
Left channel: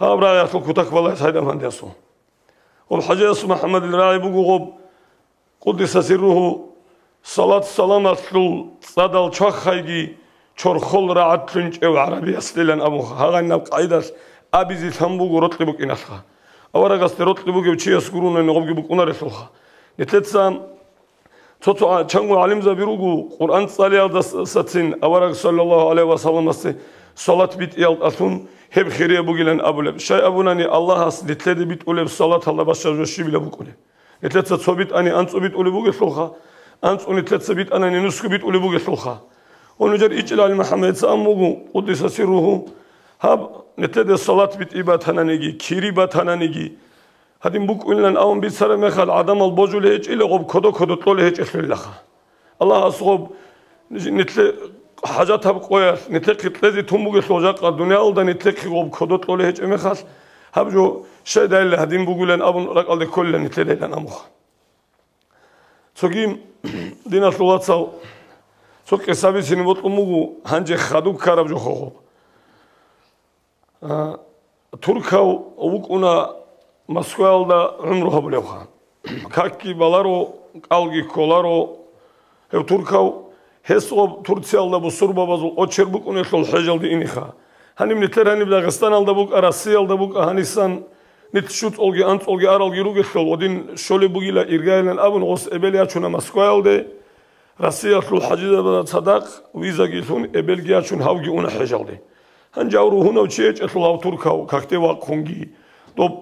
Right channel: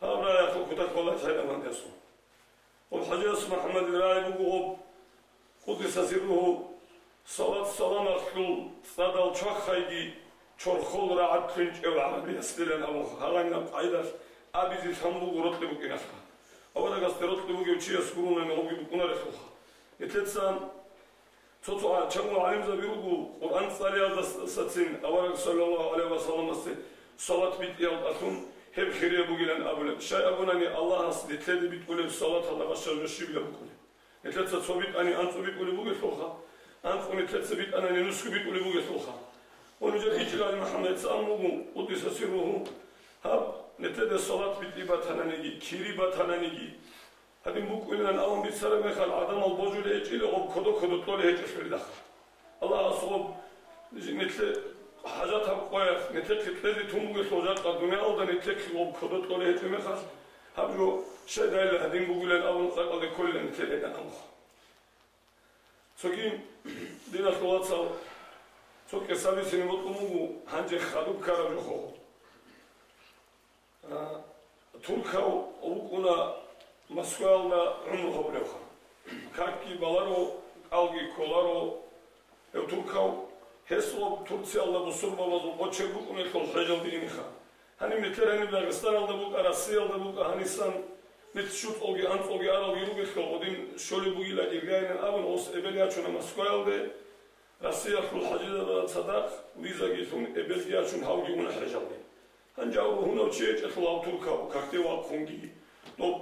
ها برا يأكل كتك والله سعيد أفندي سو والحجة اسم محمد الراعي بوجوب قدس سره صلاة سلامة شل صدال شخ خيجي چورخول راعت تنج او عربي أصليلن أبوها هذا النبق عيداش أبيزي ثمبوغ رطلبك إناسها أورا قصد رطلبوغ وشي يسكرون إنه بقى أنا رسولها نتلتسام توتو چانگو علم زبيروغو قرآن صالي أو ساتسين أورا صلى الله عليه وسلم صلاة بيت يالت أثون هب خيرية بوغيلن أبولب شاي أبوناني الله هس نتلد بيت أولب صلاة الله باشا جوشي بلا بوغولي نتلتسا تصوبيت أني أنسو بيت أولي بوغي سلوخا أنسو نتلتسا بيت أني نسكو بيت أولي بوغي سلوخا ونجر إجلال محمد سأموغو قدس سره هاب نتلد الصلاة بيت إبات هنانيجي كيري بات هنانيجي هادين بوك إنلان أون بيت سر مخال عدم البوجول هيج إلا غب كدو طول هيج أسفل لخا الله أصغب نتل حاجات هاب قوية نتلق تلزي تنبوغي سوجاق الدنيا أولدا نتلق غب كدو طول هيج مخال هاب جو شاي دايلا هادين بوغولان أبن رقال دي كل نتلدان أموخ سوكيم دينا صلوات سال سوك سابي سنبوت أموغو هنجي خادوب كارب جو خوخو تركاو وكونا مسكوال دا عمره بلوخا كاكي بالارو قالغي كولارو هو تركاو هسو تركيال دا بسوربا بازو اوچر بوكوني خول حجال دي انيخا هنيم نتلر هنيم داغستان دا بوك راسيال دا بوك هانيسان نتشوت اولغي انت اولغي ارالغي روغي خول ودين شولي بوغيلا ايرغايلن ابن غوس ابليا چونا مسكوال دي راسيال خول حجيدا بدا صداق ويزا گيتون ابلغيا چون هاوغي اونا حجال دي هنجاورو هنا وشيء أطلعوا تركاو كاكتي واقعونجي طب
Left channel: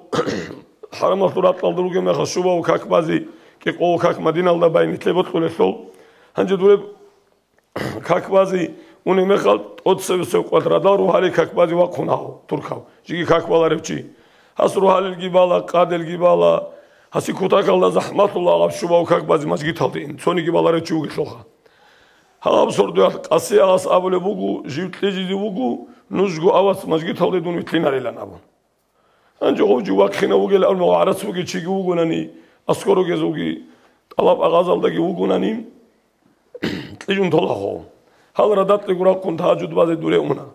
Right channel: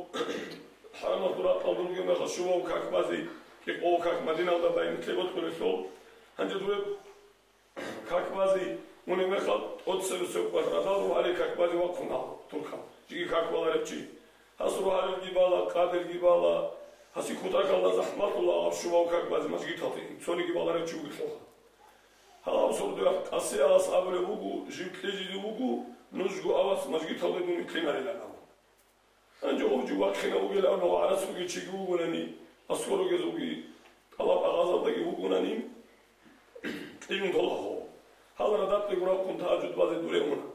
حرام الطرات لالدروجي ما خشوبا وكاك بازي كيقول كاك مدينة الله باين تلبط كل شغل هنجي دولب كاك بازي وني مخال أتصل سوق وتردارو هالي كاك بازي واقعوناو تركاو جيجي كاك بالاربشي هسرو هالي الجبالة قاد الجبالة هسي كوتاك الله زحمة الله غشوبا وكاك بازي ماشي تالدين سوني جبالة ربشي وقصلها هلا بصردو قصي ألاس أبو بوجو جيت لجي بوجو نزجو أواس ماشي تالدين ويتلين على لنابون أنجو خوجو واقعنا وقال أرنو عرس وقال شيء وقولني أسكرو جزوجي طلب أغازل دقي وقولني تيجون طلعه هل ردت لقرا كنت هاجد بعض الدولة أمنا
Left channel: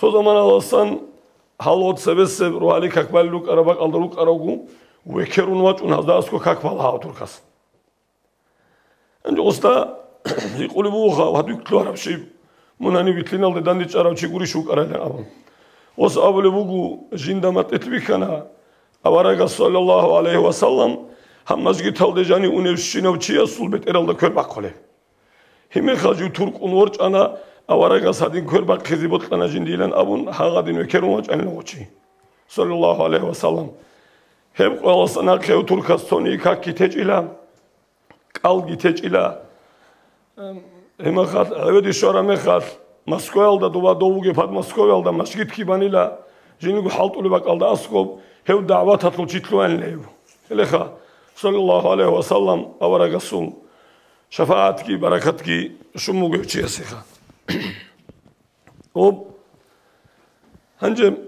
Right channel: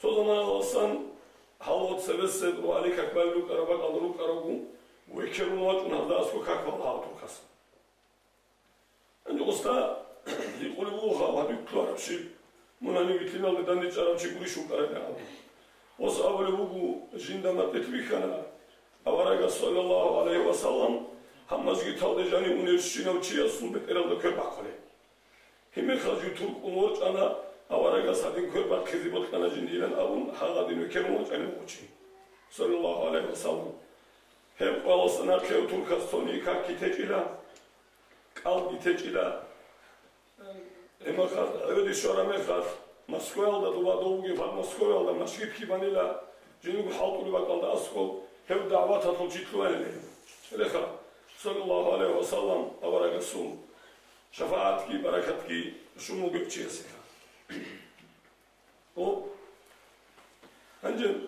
سو زمان الأصلا هالوت سبس روحالي كقبل لوك أربعة ألدروك أراغو وكيرون واتون هذا أسكو كقبل ها تركس أنجو أستا يقول بوها وهدوك تلو عرب شيء مناني بيتلين على دانديش عرب شيء قولي شوك أرادا أبو وس أول بوجو جندما تتبكنا أورق صلى الله عليه وسلم Hammazgi taldejani unevşinav çiya sulbet eralda körbak kole. Himir xalju Turk unvorç ana avaraga sadin körbak kızibot kana jindilen abun hagadin ökerumaç anlamoçi. Sallallahu aleyhi ve sellem. Hep qalasana qev Turkas soni kakki tecila. Qalgi tecila. Hemaxat evedi şora mexat. Moskva'da duva doğuge pat Moskva'da masjid ki banila. Jinigu haltulu bakalda askov. Hev davat atıl çitluan lev. Eleha sallallahu aleyhi ve sellem avaraga sun. Şefaat ki, barakat ki, şumu göçüye sıha. O, hancım,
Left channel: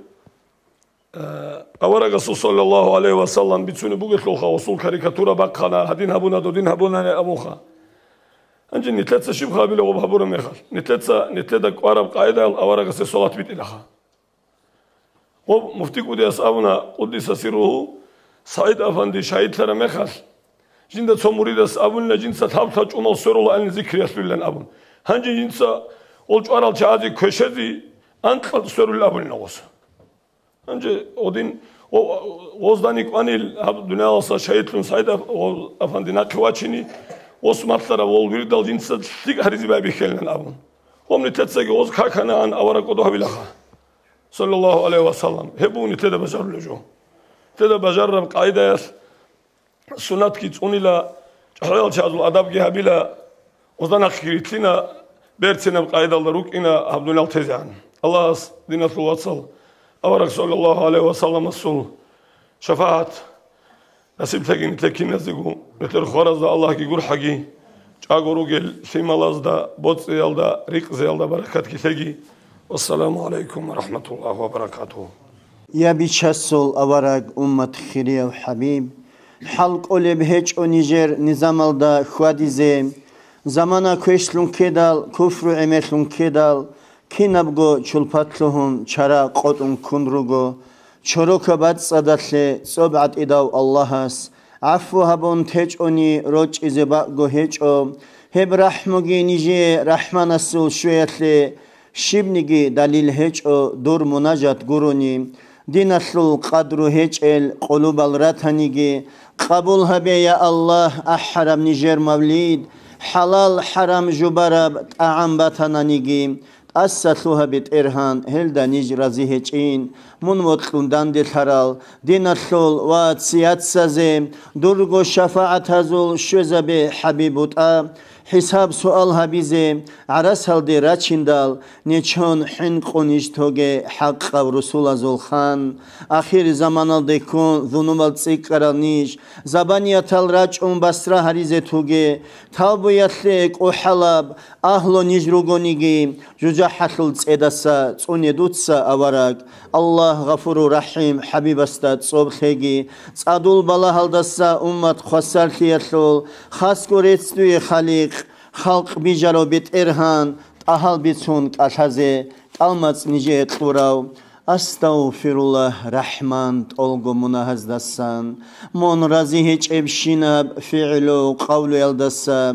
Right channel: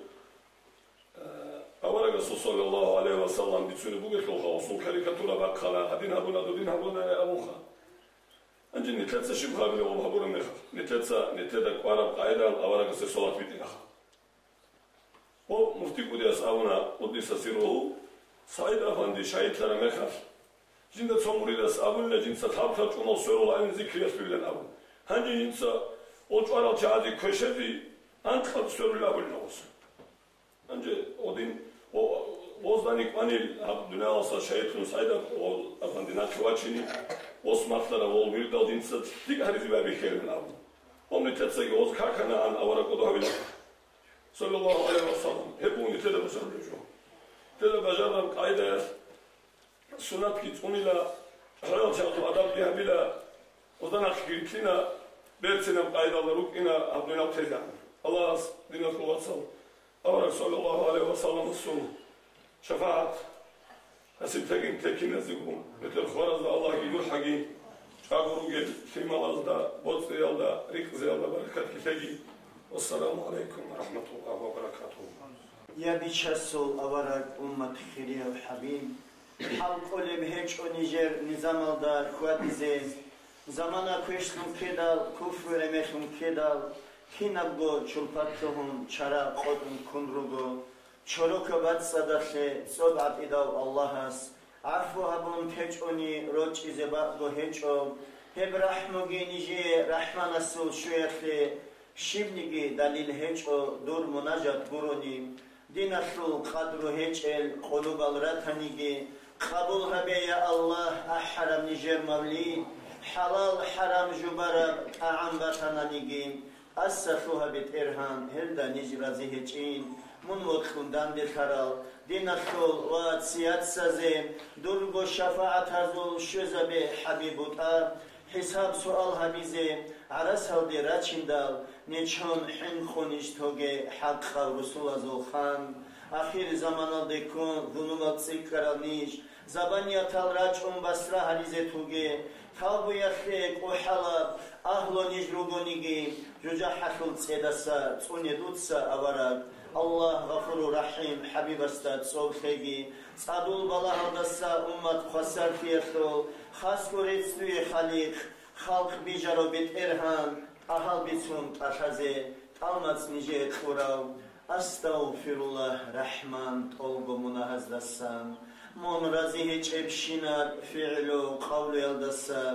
avara Resul sallallahu aleyhi ve sellem bitsuni bu getloha usul karikatura bakkana, hadin habuna do din habuna ne amuha. Hancım, nitletsa şibha bile o habura mehal. Nitledak Arap kaide al avara Resul salat bit ilaha. O, mufti kudi asabuna, Kuddisa siruhu, Said Efendi şahitlere mehal. Jinda somuridas abunla jinsa tabtaç umal sorula en zikriyasüllen abun. Hangi jinsa olç aral çazi köşedi antla sorul abunla olsa. Hangi odin o ozdanik vanil dünya olsa şahitlun sayda o efendina kıvaçini osmatlara vol bir dal jinsa tik harizi babi kellen abun. Omni tetseki oz kakana an avara kodu habilaha. Sallallahu aleyhi ve sellem. Hebuni tede bajarlıjo. Tede bajarram kaidayas. Sunat ki unila hayal çazul adab gehabila ozdan akhiritina bertsine kaydalar rukina Abdülal tezan. Allah dinatul vatsal. Avarak sallallahu aleyhi ve sellem sul. Şefaat. Nasip tekin tekin nazigu. Beter khorazda Allah ki gur hagi. Çagoru gel simalazda botsiyalda rikziyalda barakat ki tegi. Vesselamu aleyküm ve rahmetullah ve berekatuhu. Ya biçasul avarak ummat khiriya ve habib. Halk oleb hiç o Nijer nizamalda xuadize zamana köşlun kedal kufru emetlun kedal kinabgo çulpatluhun çara qotun kunrugo çoroka bat sadatle sobat idav Allahas affu habon teç oni roç izeba go hiç o heb rahmugi nije rahman asul şuyatle şibnigi dalil hiç o dur munajat guruni dinaslul qadru hiç el qulubal ratanigi قبول هبه يا الله أحرم نيجر موليد حلال حرام جبرب أعم باتنا نيجيم أسسلوها بيت إرهان هلدا نيج رزيه چين من وطلون داندل حرال دين الثول وات سيات سازيم درغو شفاعت هزول شوزبه حبيبوت حساب سؤال هبيزه عرس هل دي راچندال نيچون حن قونيش توگه حق و رسول ازول خان آخر زمان ديكون ذنوبال تسيقرال نيش زبانيات الراج بسرا هريزه توگه تابوياتلك و حلب أهلو نيجروگو نيگي جوجا حتل تسيدسا تسوني دوتسا أوراك الله غفور رحيم حبيب استاد صبحگي صادول بالا هلدسا امت خسر تيتلول خاص كوريتستوي خالق خلق بيجارو بيت إرهان أهل بيتون كالحزي كالمات نيجي تلوراو Estağfirullah Rahman olgu munahazdasan mon razi hiç ebşinab fi'lu qavlu eldasa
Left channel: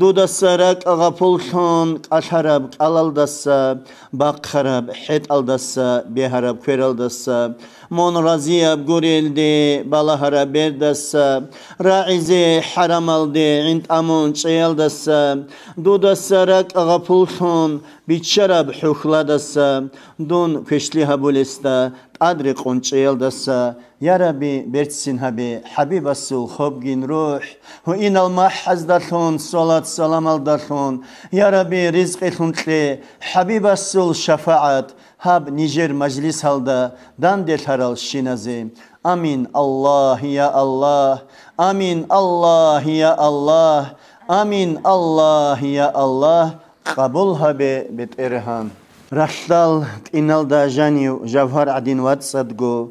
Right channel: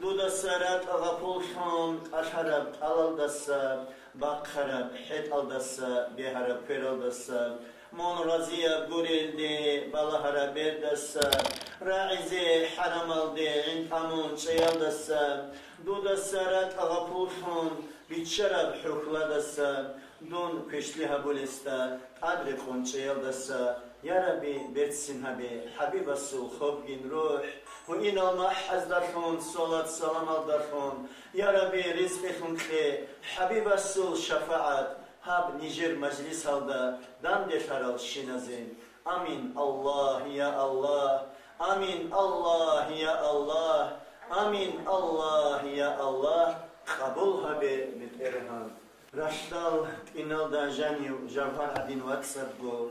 dudasarak agapulsun asharab alaldasa bakharab hit aldasa beharab feraldasa mon raziyab gureldi balahara berdasa raize haram aldi int amun çeyaldasa dudasarak agapulsun biçarab hukladasa Don köşli habulesta adri qonçeyaldasa ya Rabbi bertsin habi habib asul khobgin ruh hu inal mahazdathun salat salam aldathun ya Rabbi rizqethun tle habib asul şefaat hab Nijer majlis halda dan del haral şinaze amin Allah ya Allah amin Allah ya Allah amin Allah ya Allah kabul habe bet erhan Raşdal inalda janiu javhar adin watsadgo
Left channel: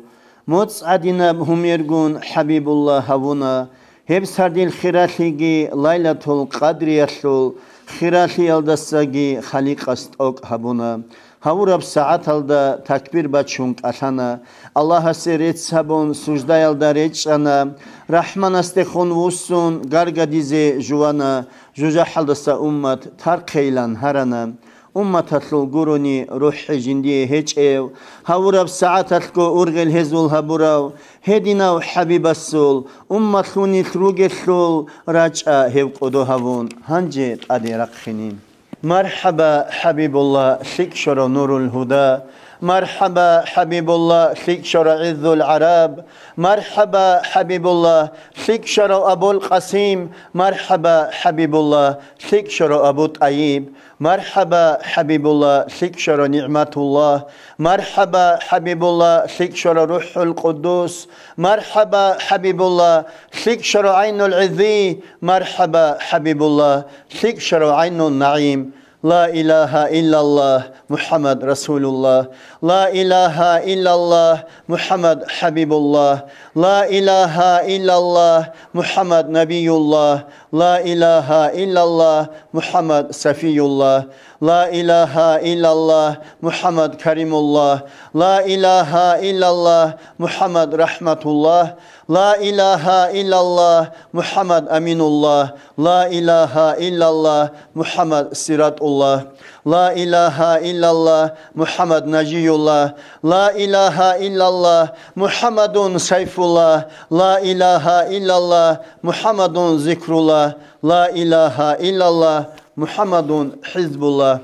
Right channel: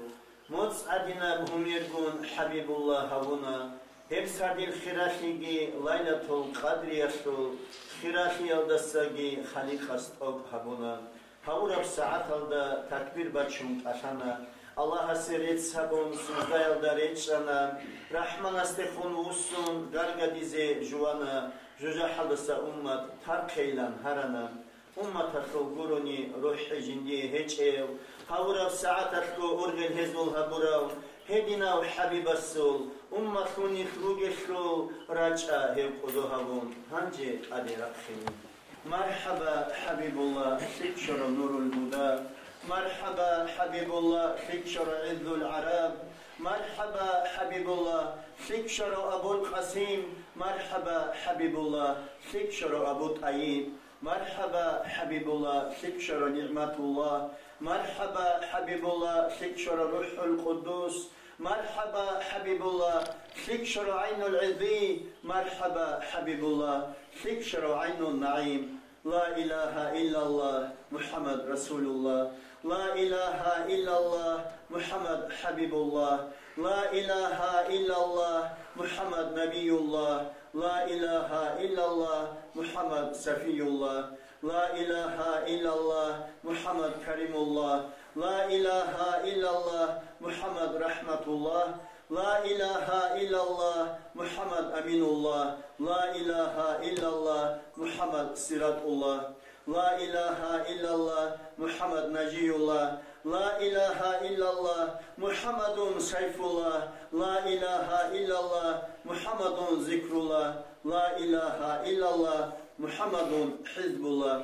mots adina humergun habibullah havuna hep sardil khiratligi laylatul qadriyatul khirati aldasagi khaliqast ok habuna havurab saat alda takbir bachung asana Allah haseret sabon sujdayalda rechana rahman astekhon vusun gargadize juana juja haldasa ummat tarqeylan harana أمتتلو قروني روح جندي هيجيو هورب ساعتتكو أرغل هزول هبراو هديناو حبيب السول أمتلوني تروغتلول راجع هيو قدو هبون هنجي أدي رقخنين مرحبا حبيب الله شكشر نور الهدى مرحبا حبيب الله شكشر عذ العرب مرحبا حبيب الله شكشر أبو القاسم مرحبا حبيب الله شكشر أبو طيب مرحبا حبيب الله شكشر نعمة الله مرحبا حبيب الله شكشر روح القدوس مرحبا حبيب الله شكشر عين العذي مرحبا حبيب الله شكشر عين النعيم لا إله إلا الله محمد رسول الله لا إله إلا الله محمد حبيب الله لا إله إلا الله محمد نبي الله لا إله إلا الله محمد سفي الله لا إله إلا الله محمد كريم الله لا إله إلا الله محمد رحمة الله لا إله إلا الله محمد أمين الله لا إله إلا الله محمد صراط الله لا إله إلا الله محمد نجي الله لا إله إلا الله محمد سيف الله لا إله إلا الله محمد ذكر الله لا إله إلا الله محمد حزب الله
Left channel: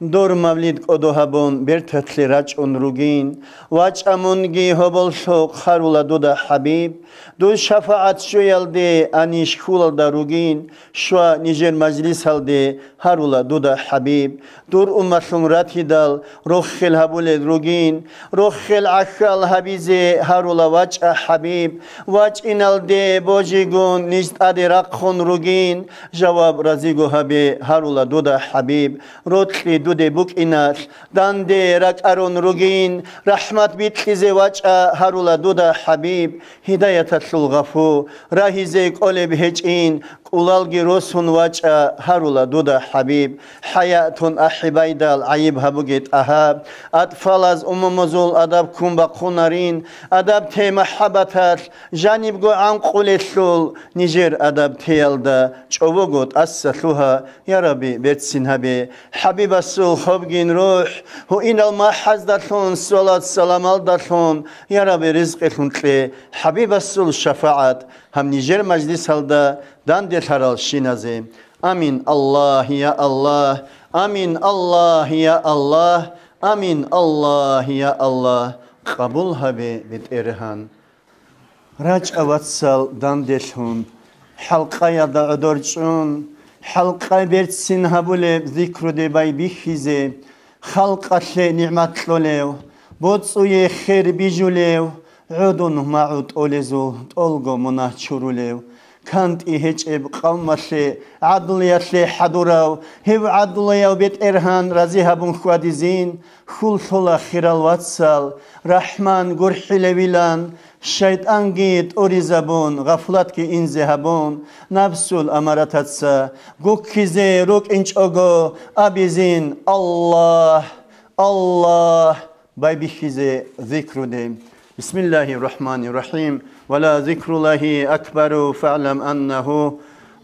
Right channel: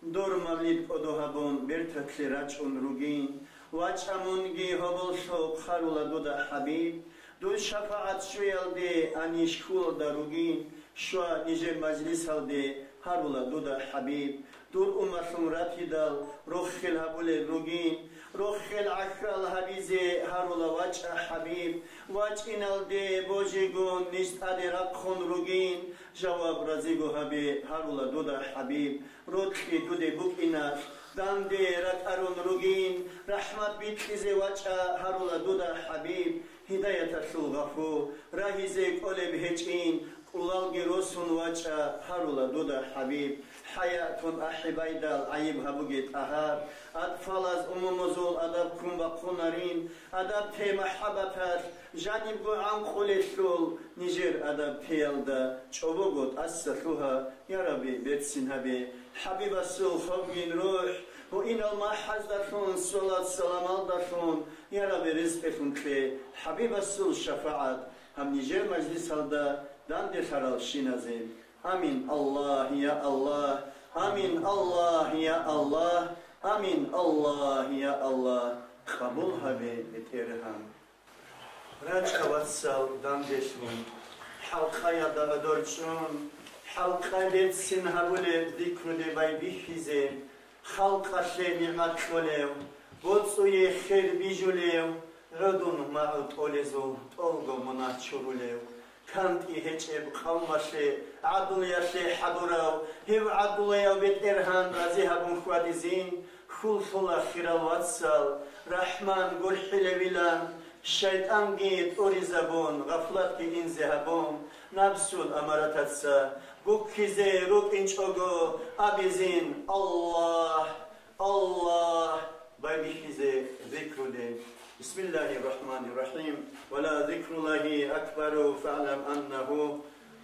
دور مولد قدوهبون برتتل رجعون روگين وجعمونگي هبل شوق خرولا دودا حبيب دو شفاعت شويلدي انيش خولدا روگين شوا نيجر مجلس هلدي هرولا دودا حبيب دور أمتون راتيدال روخل هبول روگين روخل عخل هبيزي هرولا وجع حبيب وجع انال دي بوجيگون نجد ادي رقخون روگين جواب رزيگو هبي هرولا دودا حبيب روتلي دودي بوك اناش داندي رك ارون روگين رحمت بيتخيزي وجع هرولا دودا حبيب هداية الغفو راهيزي قولي بهجين قولالگي روسون وجع هرولا دودا حبيب حياتون أحبايدال عيب هبوغيت أهاب أطفال از أممزول أدب كون بقونارين أدب تي محبتات جانب عن قولتلول نيجير أدب تيالدا چوبوغوت أسسلوها يا ربي بيتسين هبي حبيب السول خبگين روح هو إن المحزدتون صلاة سلام الدتون يا ربي رزقتون تلي حبيب السول شفاعت هم نيجير مجلس هلدا دان ديتارال شينازي آمين الله يا الله آمين الله يا الله آمين الله يا الله قبول هبي بتيرهان راج أواتسال دان ديتون حلقة يدا عدورجون حلقة بيرتسين هبولي ذكر دي باي بيخيزي خلقة نعمت لوليو بوتسوي خير بيجوليو عودون معود أوليزو تولغو مناه چوروليو كانت إهجب قومشي عدلية حدوراو هيو عدلية بيت إرهان رزيها بن خوادزين خلطلا خيرال واتسال رحمن قرحي لبيلان شيطان جيت أوريزابون غفلت كي إنزهابون نفسول أمارتاتسا قوك كيزي روك إنش أغو أبيزين الله الله باي بيخيزي ذكر ديم بسم الله الرحمن الرحيم ولا ذكر الله أكبر فاعلم أنه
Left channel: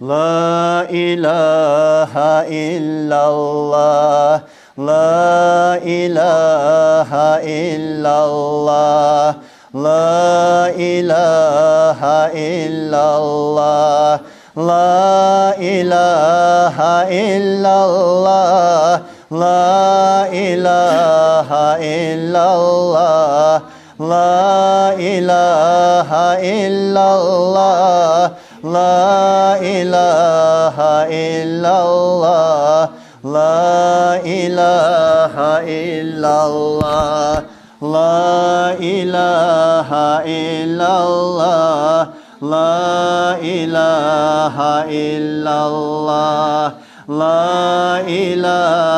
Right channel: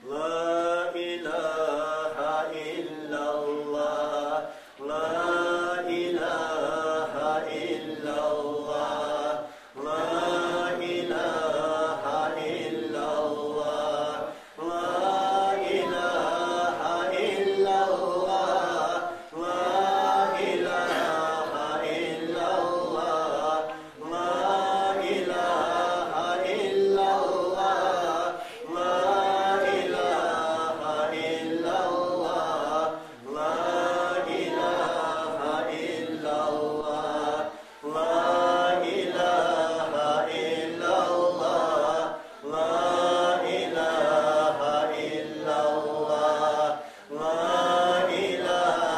لا إله إلا الله لا إله إلا الله لا إله إلا الله لا إله إلا الله لا إله إلا الله لا إله إلا الله لا إله إلا الله لا إله إلا الله لا إله إلا الله لا إله إلا الله لا إله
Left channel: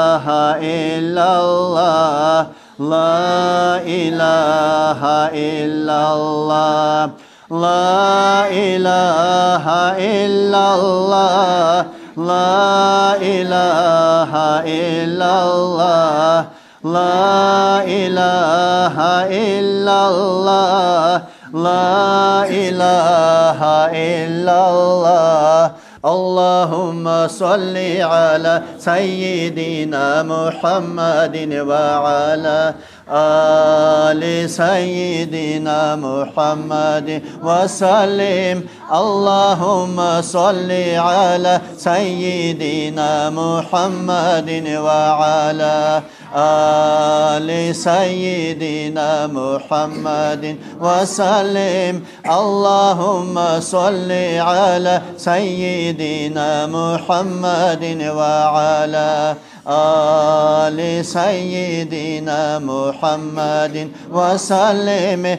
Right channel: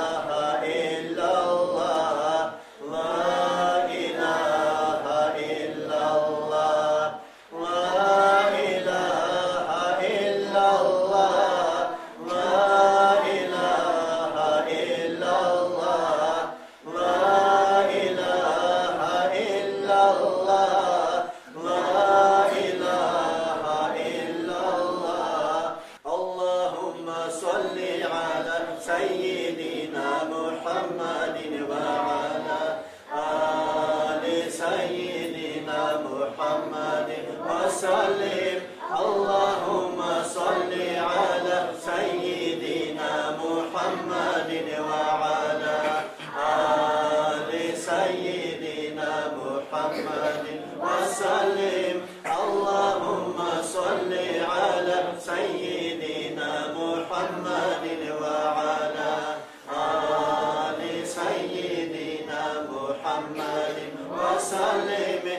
إلا الله لا إله إلا الله لا إله إلا الله لا إله إلا الله لا إله إلا الله لا إله إلا الله اللهم صل على سيدنا محمد وعلى آل سيدنا محمد وسلم اللهم صل على سيدنا محمد وعلى آل سيدنا محمد وسلم اللهم صل على سيدنا محمد وعلى آل سيدنا محمد وسلم